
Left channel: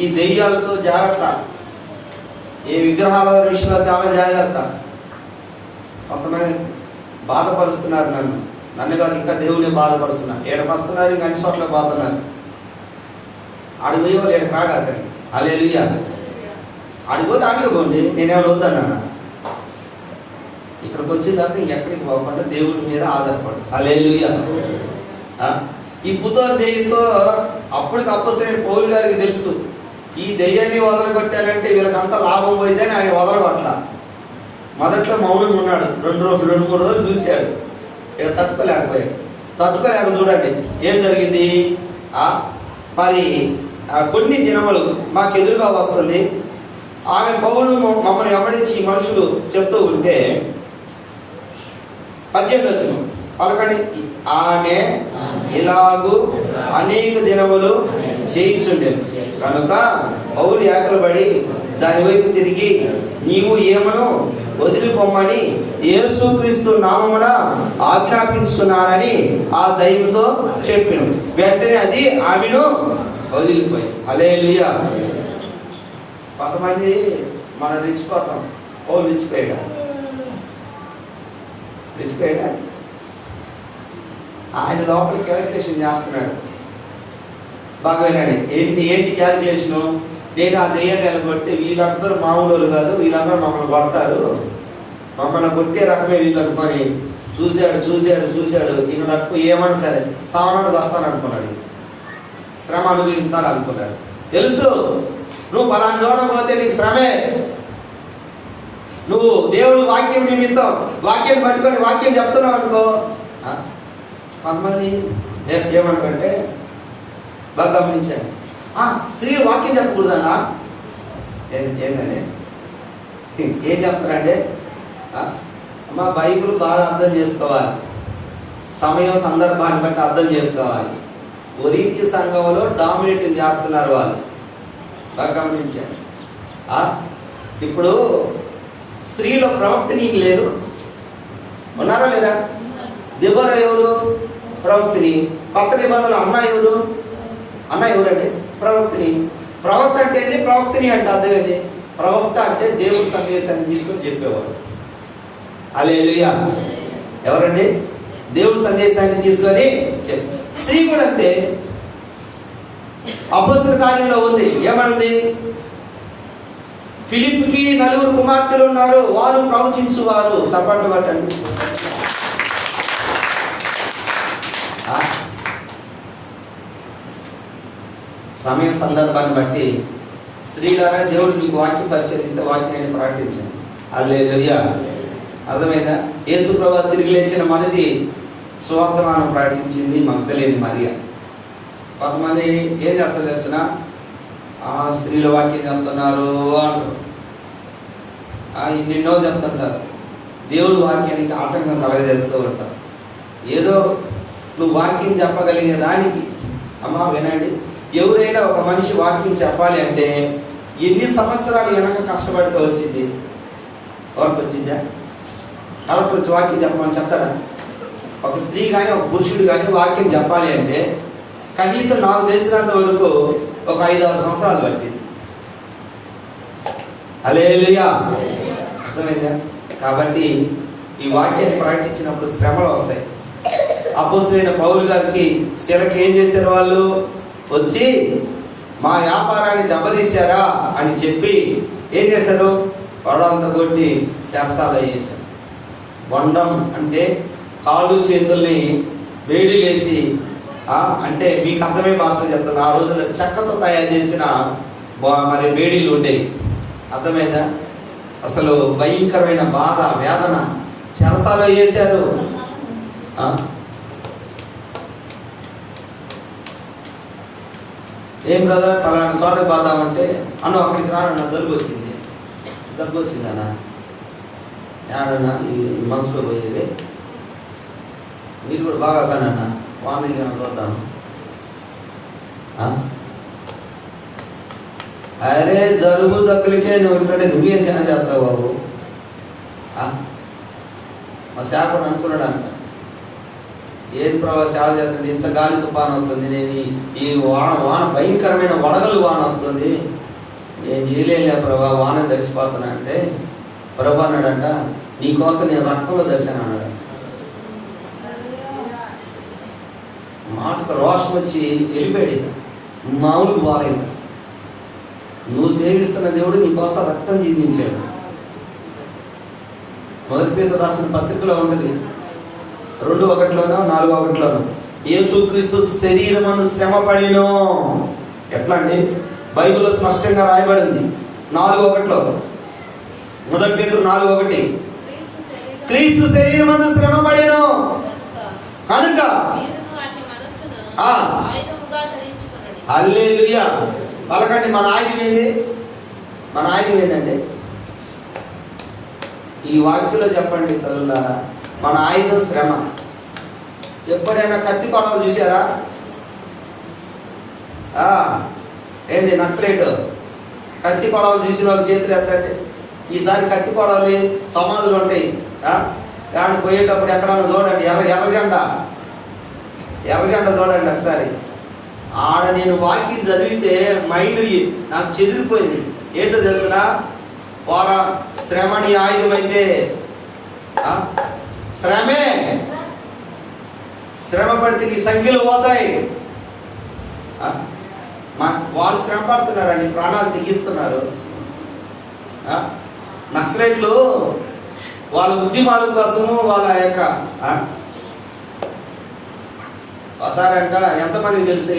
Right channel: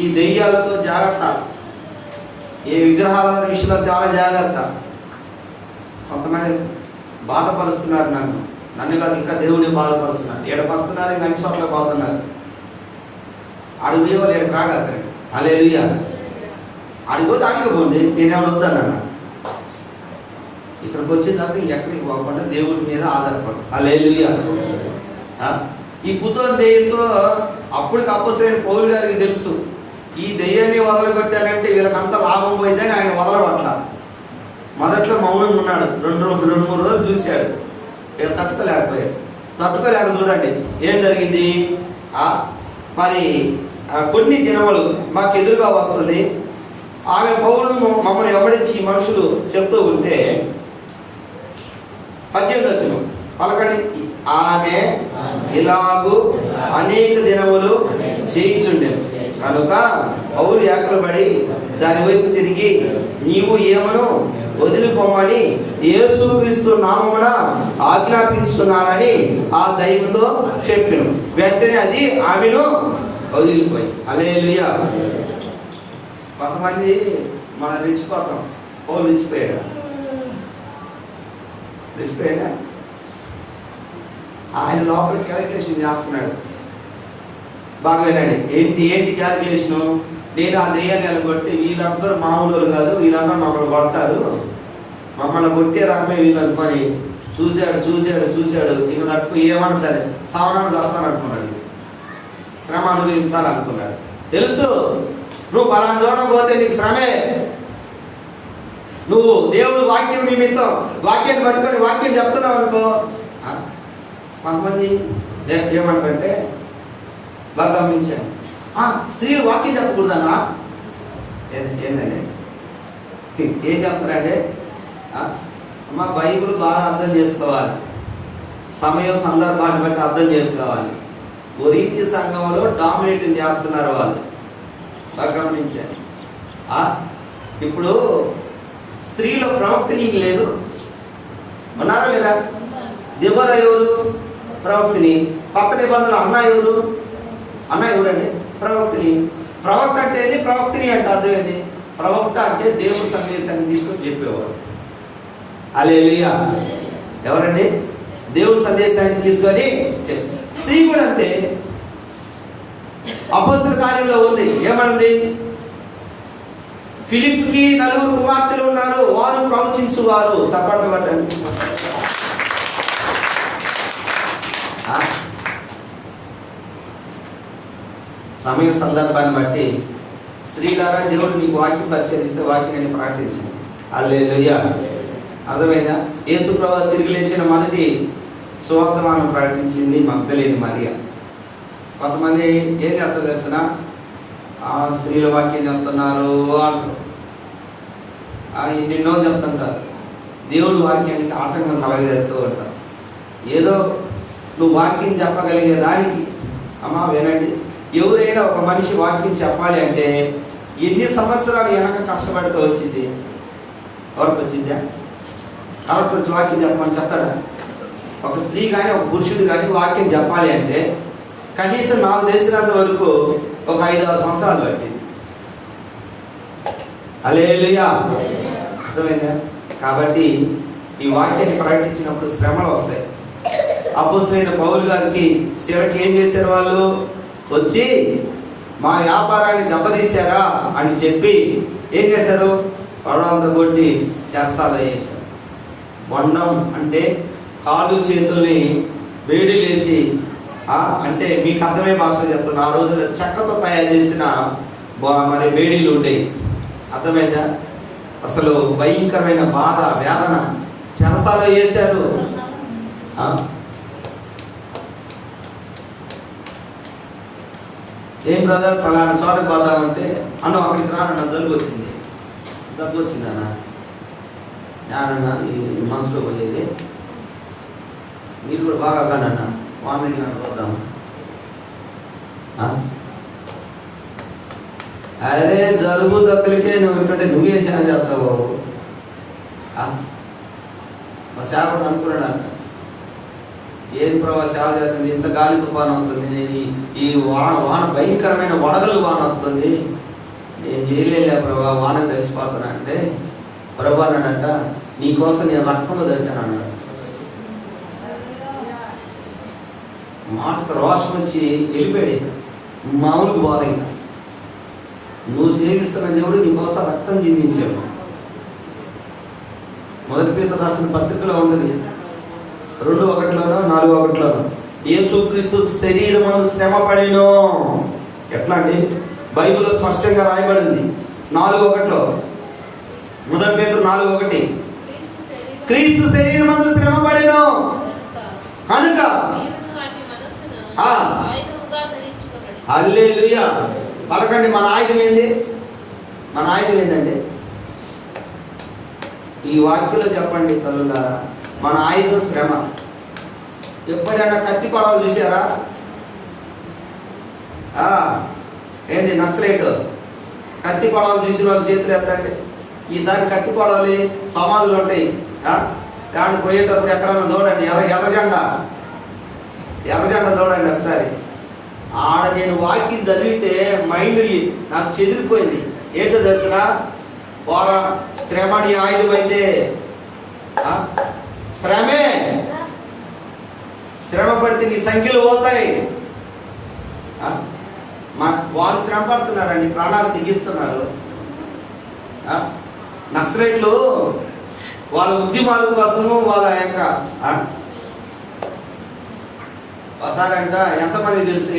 ఈ దెయ్యాలతో జాగ్రత్త, ఏ విగ్రహాల విషయంలో చాలా జాగ్రత్త. కొంతమంది బాధపరుస్తున్నారు నన్ను కాదు, ఇంకా దేవుని బాధపరుస్తున్నారు. ఏడపస్తున్నారు, ఇంకా అన్ని చోట్ల పోతున్నారు. ఆడికి పోయే వాళ్ళు ఏడు కాగండి. హల్లెలూయా. ఆడిపోతే ఆడిపోండి, నేనేమో వద్దన్నా. ఇక్కడికి వచ్చిన తర్వాత ఇంకెక్కడికి పోకుండా దేవుడి మీద ఆధారపడు. హల్లెలూయా. ఈ పుతోని దెయ్యంతో అప్పటికప్పుడు పౌలు గారికి తెలుసు, ఈ దెయ్యాన్ని వదలగొట్టానంటే వీళ్ళకంత లాభం పోయిందని ఆయన వదలగొట్ల. మొదట్లో మౌనంగా ఉన్నాడు. 2-3 రోజులు చూశాడు. ఇక తట్టుకోలేక చూడండి ఏం జరిగింది. మరి కొన్ని దినములు మాకు ఎదురుగా వస్తుంది. ఆమె పౌరును మమ్మల్ని వెంబడించి మనుషులు చెప్తూ ఉంటే 18వ వచనం పలకండి. ఆమె ఇలాగూ అనేక దినములు చేయించుండేది కనుక పౌలు ఏకలబడి దాని వైపు తిరిగి, నీవు ఏమను వదిలిపోమ్మని యేసుక్రీస్తు నామమున ఆజ్ఞాపించుతున్నానని ఆ దైవంతో చెప్పాను. వెంటనే అది ఆమెను వదిలిపోయి. హల్లెలూయా. కొంతమంది మనం రెచ్చిపోతాం. పౌలు రెచ్చిపోయాడా? ఆయన లోపల క్యాలిక్యులేషన్ చేస్తున్నాడు. బాగా వినండి. ఏంటి క్యాలిక్యులేషను? నేను ఆ దెయ్యాన్ని కొట్టి వీళ్ళందరూ మామూలు కాదు, వీళ్ళందరూ మమ్మల్ని కొడతారు, మమ్మల్ని కొట్టే రకమే వీళ్ళు అనుకొని చూశాడు. ఇక నాకు ఏమన్నా సరే సమానం చేస్తాను అనుకున్నాడు. శ్రమ అనుభవించాలనుకున్నాడు. తెలుసు నువ్వు పలానా చూడకపోతే నీకు శ్రమే. నువ్వు దేవుడు వాక్యం నిమిత్తం వాక్యం పట్టుకొని వాక్యం చెప్తున్నావు అనుకో. కొంతమంది ఏమనుకుంటే బాగా గమనించండి, స్త్రీలు వాక్యం చెప్పకూడదన్నా. ఏందండి ఏం చెప్తారంటే, అమ్మా బైబిల్ బాగా అర్థం చేసుకోవాలి, సమయం సందర్భాన్ని బట్టి అర్థం చేసుకోవాలి. ఓ రీతి సంఘంలో డామినేటింగ్ చేస్తున్నారు వాళ్ళు. బాగా గమనించండి. ఇప్పుడు స్త్రీలో ప్రవక్త నీకు లేదు, ఉన్నారా లేదా? దెబోరా ఎవరు? ప్రవక్తిని. కొత్త నిబంధనలు అన్న ఎవరండి? ప్రవక్తిని. ప్రవక్త అంటే ఏంది? ప్రవక్తిని అంటే అర్థం ఏంది? ప్రవక్త అంటే దేవుడి సందేశాన్ని తీసుకొని చెప్పేవాడు. హల్లెలూయా. ఎవరండి? దేవుడి సందేశాన్ని తీసుకొని చెప్పి. స్త్రీ కూడా అంతే. అపోస్తలుల కార్యంలో ఉంది, ఏమన్నది? ఫిలిప్కి 4 కుమార్తెలు ఉన్నారు, వారు ప్రవచించువారు. చప్పట్లు కొట్టండి. సమయ సందర్భాన్ని బట్టి స్త్రీ ద్వారా దేవుడు మీకు వాక్యం పరిశీలిస్తే వాక్యాన్ని ప్రకటించండి. హల్లెలూయా. అర్థమైందా? యేసు ప్రభువు తిరిగి లేచిన మొదటి సువార్తమానం ప్రకటించింది మగ్దలేని మరియ. కొంతమంది ఏం చేస్తారు తెలిసిన, స్త్రీల వాక్యం చెప్తున్నారు అంటారు, ఎన్నెన్నో చెప్తుంటారు, దేవుడు వాక్యానికి ఆటంకం కలగజేస్తూ ఉంటారు. ఏదో నువ్వు వాక్యం చెప్పగలిగే దానికి అమ్మా వినండి, ఎవరైనా ఒక మనిషి వాక్యం చెప్పాలి అంటే ఎన్ని సంవత్సరాలు వెనక కష్టపడితే వచ్చింది? ఎవరికి వచ్చిందా? ఎవరికి వచ్చి వాక్యం చెప్పమని చెప్తాడా? ఒక స్త్రీ కానీ ఒక పురుషుడు కానీ వాక్యం చెప్పాలి అంటే కనీసం నాకు తెలిసినంత వరకు ఒక 5-6 సంవత్సరాలు పట్టింది. హల్లెలూయా, అర్థమైందా? కాబట్టి ఈ వాక్యాన్ని ప్రకటించినప్పుడు శ్రమలు వస్తాయి. అపోస్తలుడైన పౌలు గారికి శిలకి ఏం చేశారు? వాళ్ళు వచ్చి మా వ్యాపారాన్ని దెబ్బతీశారా అని చెప్పి ఏం చేశారు? వాళ్ళంతా కొట్టి చెరసాల చేశారు. బొండం అంటే కాళ్ళు చేతుల్ని వేడి వేసి, అంటే మీకు అర్థమే భాషలో చెప్తాను, ఆ రోజున చెక్కతో తయారు చేసిన మరి వేడీలు ఉండేవి. అర్థమైందా? అసలు భయంకరమైన బాధ వేదన చెరసాలో వేశారు. ఏం బ్రదర్ పలానా చోట పోదామంటే అన్న అక్కడికి రానన్న జలుబు వచ్చింది. దగ్గు వచ్చిందన్న, ఏడన్నా ఈ మనసులో పోయేది, మీరు కూడా బాగా కానన్న వాందకి చూద్దాము. అరే జలుబు దగ్గరికే నువ్వు ఇప్పుడంటే దువ్వేసిన చేస్తావు బాబు. మా సేవకుడు అనుకున్నాడు అంట, ఏది ప్రభావ సేవ చేస్తుంది, ఇంత గాలి తుఫాను అవుతుంది, నేను ఈ వాన భయంకరమైన వడగలు వాన వస్తుంది, నేను చేయలేలే ప్రభా, వాన తెలిసిపోతున్నా అంటే ప్రభు అన్నాడంట, నీకోసం నేను రక్తంలో తెలిసాను అన్నాడు. మాటకు రోషం వచ్చి వెళ్ళిపోయాడు. మామూలుగా బాలేదు. నువ్వు సేవిస్తున్న దేవుడు నీకోసం రక్తం జీవించాడు. మొదటి పేతురు రాసిన పత్రికలో ఉంటుంది 2:1 4:1 యేసుక్రీస్తు శరీరమందు శ్రమ పడినో. ఎట్లా అండి? బైబిల్లో స్పష్టంగా రాయబడింది 4:1 మొదటి పేతురు 4:1 క్రీస్తు శరీరమందు శ్రమ పడినో కనుక. హల్లెలూయా, పలకండి. మన ఆయుధం ఏంది? మన ఆయుధం ఏంటండి? ఈ వాక్యంలో చెప్పండి తల్లులారా, మన ఆయుధం శ్రమ. ఎప్పుడైనా కత్తి కొడవలు చూసారా? ఏంది నక్సలైట్ కత్తి కొడవలు చూసిన వాళ్ళు చేతులు ఎత్తండి. ఈసారి కత్తి కొడవలి సమాధులు ఉంటాయి. దాన్ని పోయేటప్పుడు ఎక్కడైనా చూడండి, ఎర్ర జెండా చూడండి ఒకసారి. ఆడ నేను వాక్యం చదివితే మైండ్ నాకు చెదిరిపోయింది. ఏంటో తెలిసిన, వారా శ్రమని ఆయుధం అయితే శ్రమే. శ్రమ పడితే నీ సంఖ్యలు పోతాయి. వాళ్ళు శ్రమ పడుతున్నారండి, ప్రాణాలు తెగిస్తున్నారు. నక్సలైట్లు వాళ్ళ ఉద్యమాల కోసము వాళ్ళ యొక్క ఒకసారంట ఎంతమంది తెలుసు,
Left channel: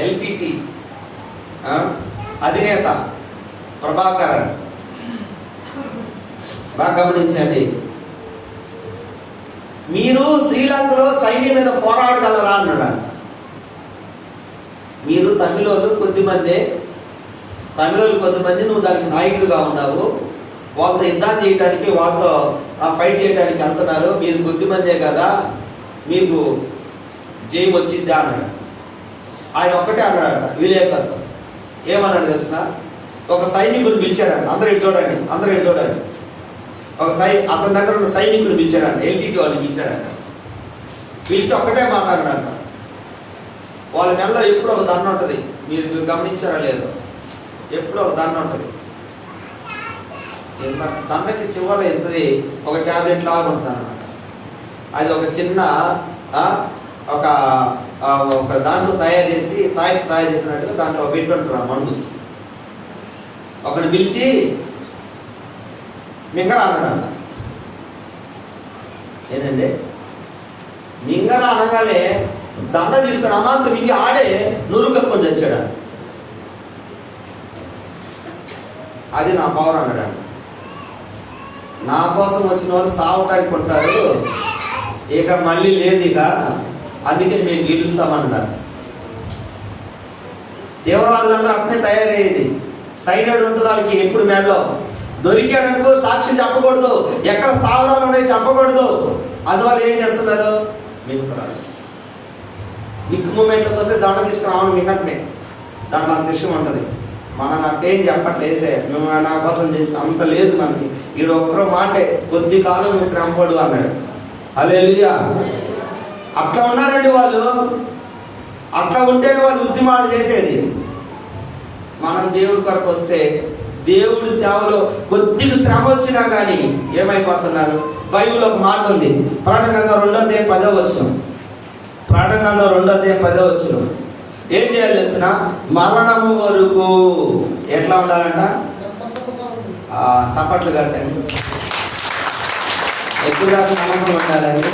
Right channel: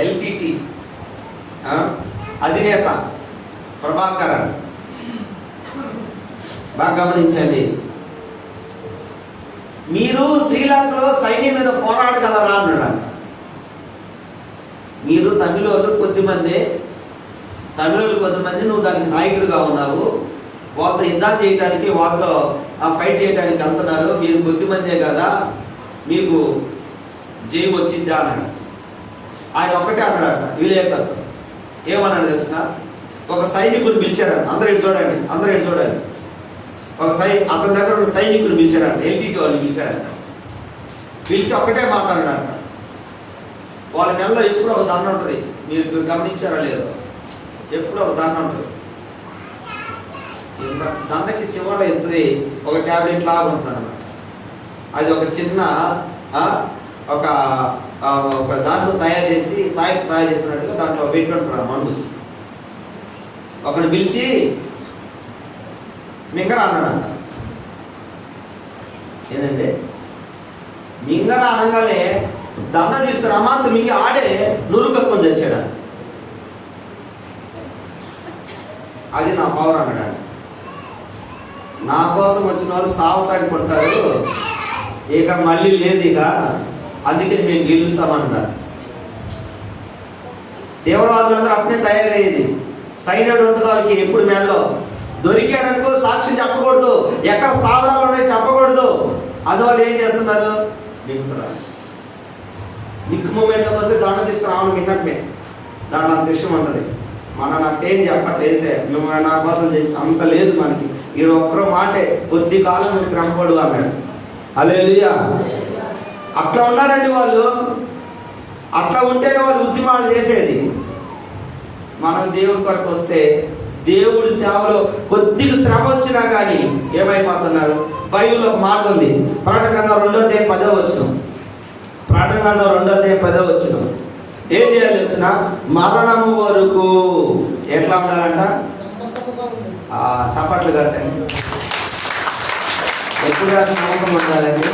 ఎల్టీటీ అధినేత ప్రభాకరన్. బాగా గమనించండి, మీరు శ్రీలంకలో సైన్యం మీద పోరాడగలరా అన్నాడు. మీరు తమిళోళ్ళు కొద్దిమంది, నువ్వు దానికి నాయకుడిగా ఉన్నావు, వాళ్ళతో యుద్ధం చేయడానికి, వాళ్ళతో ఫైట్ చేయడానికి వెళ్తున్నారు, మీరు కొద్దిమందే కదా, మీకు జయం వచ్చిందా అన్నాడు. ఆయన ఒక్కటే అన్నాడట విలేకరుతో. ఏమన్నాడు తెలిసిన, ఒక సైనికుడు పిలిచాడు. అందరూ ఇటు చూడండి. అతని దగ్గర ఉన్న సైనికుడు పిలిచాడు, ఎల్టీటీ వాళ్ళు పిలిచాడు. పిలిచి ఒక్కటే మాట్లాడాడు. వాళ్ళ మెడలో ఎప్పుడు ఒక దండ ఉంటుంది, మీరు గమనించారా లేదో, ఎప్పుడు ఒక దండ ఉంటుంది. దండకి చివర ఎత్తుది ఒక ట్యాబ్లెట్ లాగా ఉంటుంది అన్నమాట. అది ఒక చిన్న ఒక దాంట్లో తయారు చేసినట్టుగా దాంట్లో పెట్టుకుంటారు మందు. ఒకటి పిలిచి మింగరా అన్నాడంట. ఏంటండి? మింగరా అనగానే దండ తీసుకుని అమాంత మింగి ఆడే నురుగు కప్పుకొని తెచ్చాడు. అది నా పవర్ అన్నాడు. నా కోసం వచ్చిన వాళ్ళు సావటానికి ఉంటారు, ఇక మళ్ళీ లేదు, ఇక అందుకే మేము గెలుస్తామన్నారు. దేవరాజులందరూ అప్పుడే తయారయ్యేది. సైడెడ్ ఉంటుంది వాళ్ళకి ఎప్పుడు మేలో. దొరికాడనుకో సాక్షి చెప్పకూడదు, ఎక్కడ స్థావరాలు ఉన్నాయి చెప్పకూడదు. అందువల్ల ఏం చేస్తున్నారు, నిక్కు మూమెంట్లోకి వస్తే దండ తీసుకురావడం విన్నట్టే. దాంట్లో అంత విషయం ఉంటుంది. నాకేం చెప్పట్లేసే మేము నా కోసం చేసి అంత లేదు మనకి. ఈడు ఒక్కరో మాటే, కొద్ది కాలం నువ్వు శ్రమపడు అన్నాడు. హల్లెలూయా. అట్లా ఉన్నారండి వాళ్ళు. అట్లా ఉంటేనే వాళ్ళు ఉద్యమాలు చేసేది. మనం దేవుడి కొరకు వస్తే దేవుడి సేవలో కొద్దిగా శ్రమ వచ్చినా కానీ ఏమైపోతున్నారు. బైబిల్లో ఒక మాట ఉంది, ప్రకటన గ్రంథం 2:10. ప్రకటన గ్రంథం 2:10. ఏం చేయాలి తెలిసిన, మరణము వరకు ఎట్లా ఉండాలంట, చప్పట్లు కట్టండి. ఎప్పుడుగా నమ్మకం ఉండాలండి,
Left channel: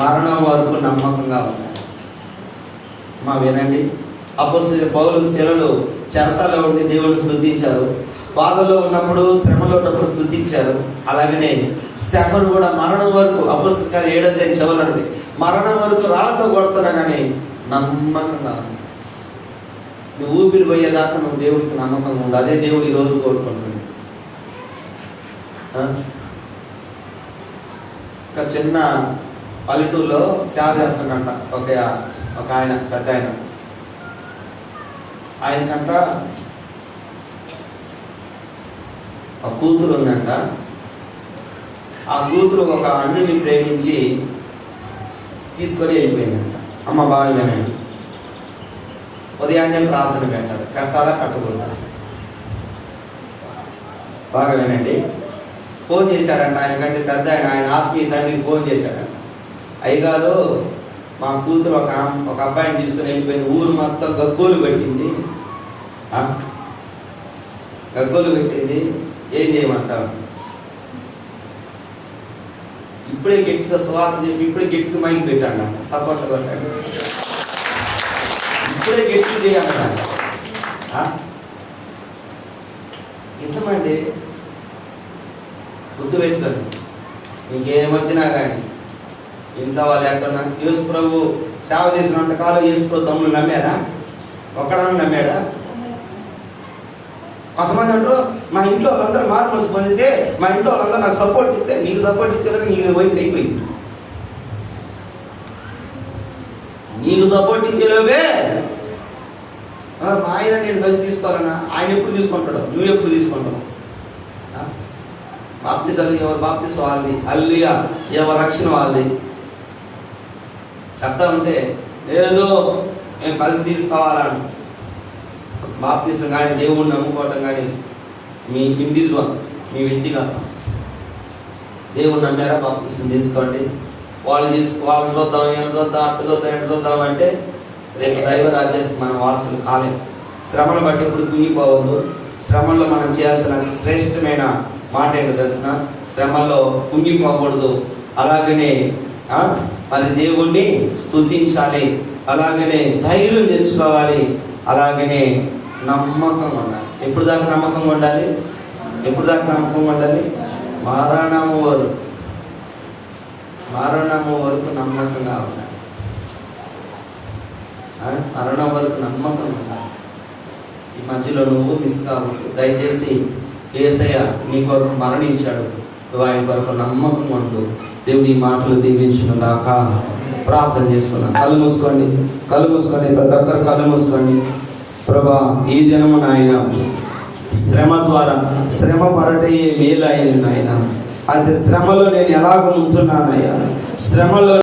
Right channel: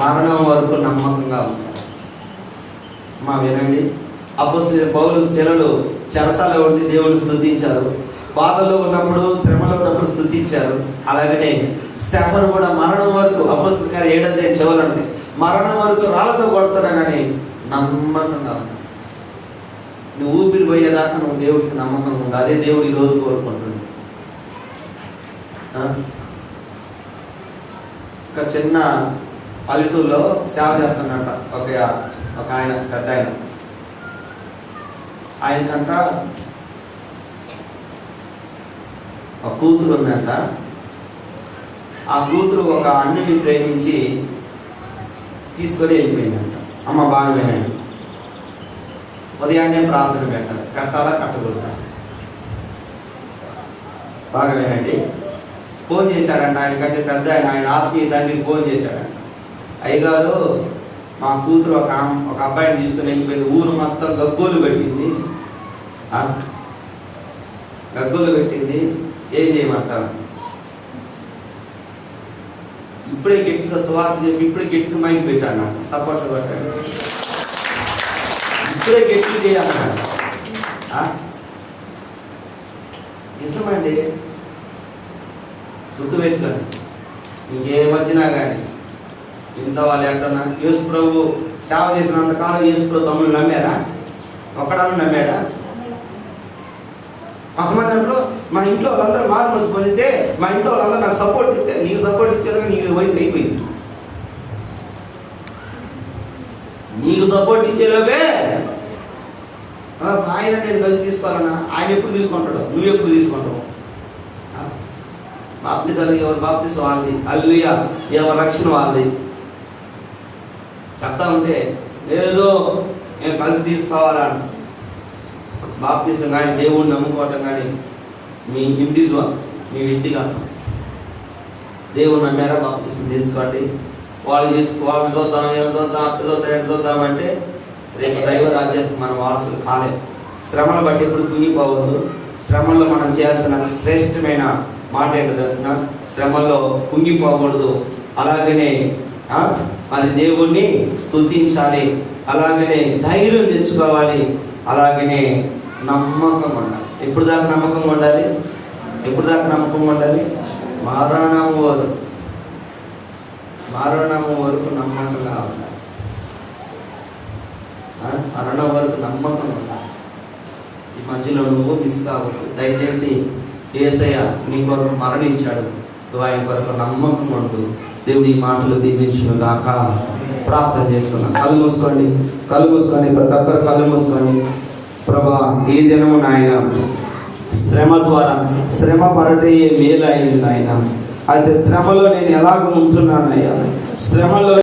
మరణం వరకు నమ్మకంగా ఉండాలి. వినండి, అపోస్తలుడైన పౌలు శిలలు చెరసాలలో ఉండి దేవుని స్తుతించారు. బాధలో ఉన్నప్పుడు, శ్రమలో ఉన్నప్పుడు స్తుతించారు. అలాగనే స్టెఫను కూడా మరణం వరకు, అపోస్తలుల కార్యాలు 7 చదవండి, మరణం వరకు రాళ్ళతో కొడతారా కానీ నమ్మకంగా నువ్వు ఊపిరి పోయేదాకా నువ్వు దేవుడికి నమ్మకంగా ఉండు. అదే దేవుడు ఈరోజు కోరుకుంటున్నాడు. ఒక చిన్న పల్లెటూరులో సేవ చేస్తాడంట ఒక ఆయన, పెద్ద ఆయనకంట ఒక కూతురు ఉందంట. ఆ కూతురు ఒక అన్నిని ప్రేమించి తీసుకొని వెళ్ళిపోయిందంట. అమ్మ బాగా వినండి, ఉదయాన్నే ప్రార్థన పెట్టాలా కట్టకూడదా? బాగా వినండి. ఫోన్ చేశాడంట, ఆయనకంటే పెద్ద ఆయన ఆత్మీయ తండ్రికి ఫోన్ చేశాడంట. అయ్యగారు, మా కూతురు ఒక అబ్బాయిని తీసుకుని వెళ్ళిపోయింది, ఊరు మొత్తం గగ్గోలు పెట్టింది, ఏం చేయమంటావు? ఇప్పుడే గట్టిగా స్వార్థ చెప్పి ఇప్పుడే గట్టిగా మైకి పెట్టాను, సపోర్ట్ కొట్టాడు, ఇప్పుడే గట్టి చేయాలన్నాడు. నిజమండి, గుర్తుపెట్టుకోండి. ఇంకేమొచ్చినా కానీ ఇంట్లో వాళ్ళు ఎక్కడన్నా యేసు ప్రభు సేవ చేసినంత కాలం యేసు ప్రభు తమ్ముళ్ళు నమ్మారా? ఒక్కడన్నా నమ్మాడా? కొంతమంది అంటారు, మా ఇంట్లో వాళ్ళందరూ మార్మల్స్ పొందితే, మా ఇంట్లో వాళ్ళందరూ నాకు సపోర్ట్ ఇస్తే, నీకు సపోర్ట్ ఇచ్చేదాకా నీకు వయసు అయిపోయింది. నీకు సపోర్ట్ ఇచ్చేలోపే ఆయన నేను కలిసి తీసుకోవాలన్నా, ఆయన ఎప్పుడు తీసుకుంటాడు, నువ్వు ఎప్పుడు తీసుకుంటావు? బాప్తిసాలు ఎవరు బాప్తిస్ వాళ్ళది, హల్లెలూయా, ఎవరి రక్షణ వాళ్ళది. చెప్తా ఉంటే ఏదో మేము కలిసి తీసుకోవాలని. బాప్తిసం కానీ దేవుణ్ణి నమ్ముకోవటం కానీ మీ ఇండివిజువల్, మీ వ్యక్తిగతం. దేవుడు నమ్మారా, బాప్తిసం తీసుకోండి. వాళ్ళని చూద్దాం, వీళ్ళని చూద్దాం, అట్టు చూద్దాం, ఎటు చూద్దాం అంటే రేపు దైవ రాజ్యానికి మనం వారసులు కాలేదు. శ్రమను బట్టి ఇప్పుడు కుంగిపోవద్దు. శ్రమల్లో మనం చేయాల్సిన శ్రేష్టమైన మాట ఏంటో తెలిసిన, శ్రమల్లో కుంగిపోకూడదు. అలాగనే మరి దేవుణ్ణి స్తుతించాలి, అలాగనే ధైర్యం తెచ్చుకోవాలి, అలాగనే నమ్మకంగా ఉండాలి. ఎప్పుడు దాకా నమ్మకంగా ఉండాలి? మరణము వరకు నమ్మకంగా ఉండాలి. మరణం వరకు నమ్మకంగా ఉండాలి. ఈ మధ్యలో నువ్వు మిస్ కావద్దు. దయచేసి యేసయ్య నీ కొరకు మరణించాడు, నువ్వు ఆయన కొరకు నమ్మకంగా ఉండు. దేవుడి ఈ మాటలు దీవించును గాక. ప్రార్థన చేసుకున్నాను. కళ్ళు మూసుకోండి, ప్రతి ఒక్కరు కళ్ళు మూసుకోండి. ప్రభా, ఈ దినము నాయన శ్రమ ద్వారా, శ్రమ పడటే మేలు అయింది నాయన. అయితే శ్రమలో నేను ఎలాగ ఉంటున్నానయ్యా, శ్రమలో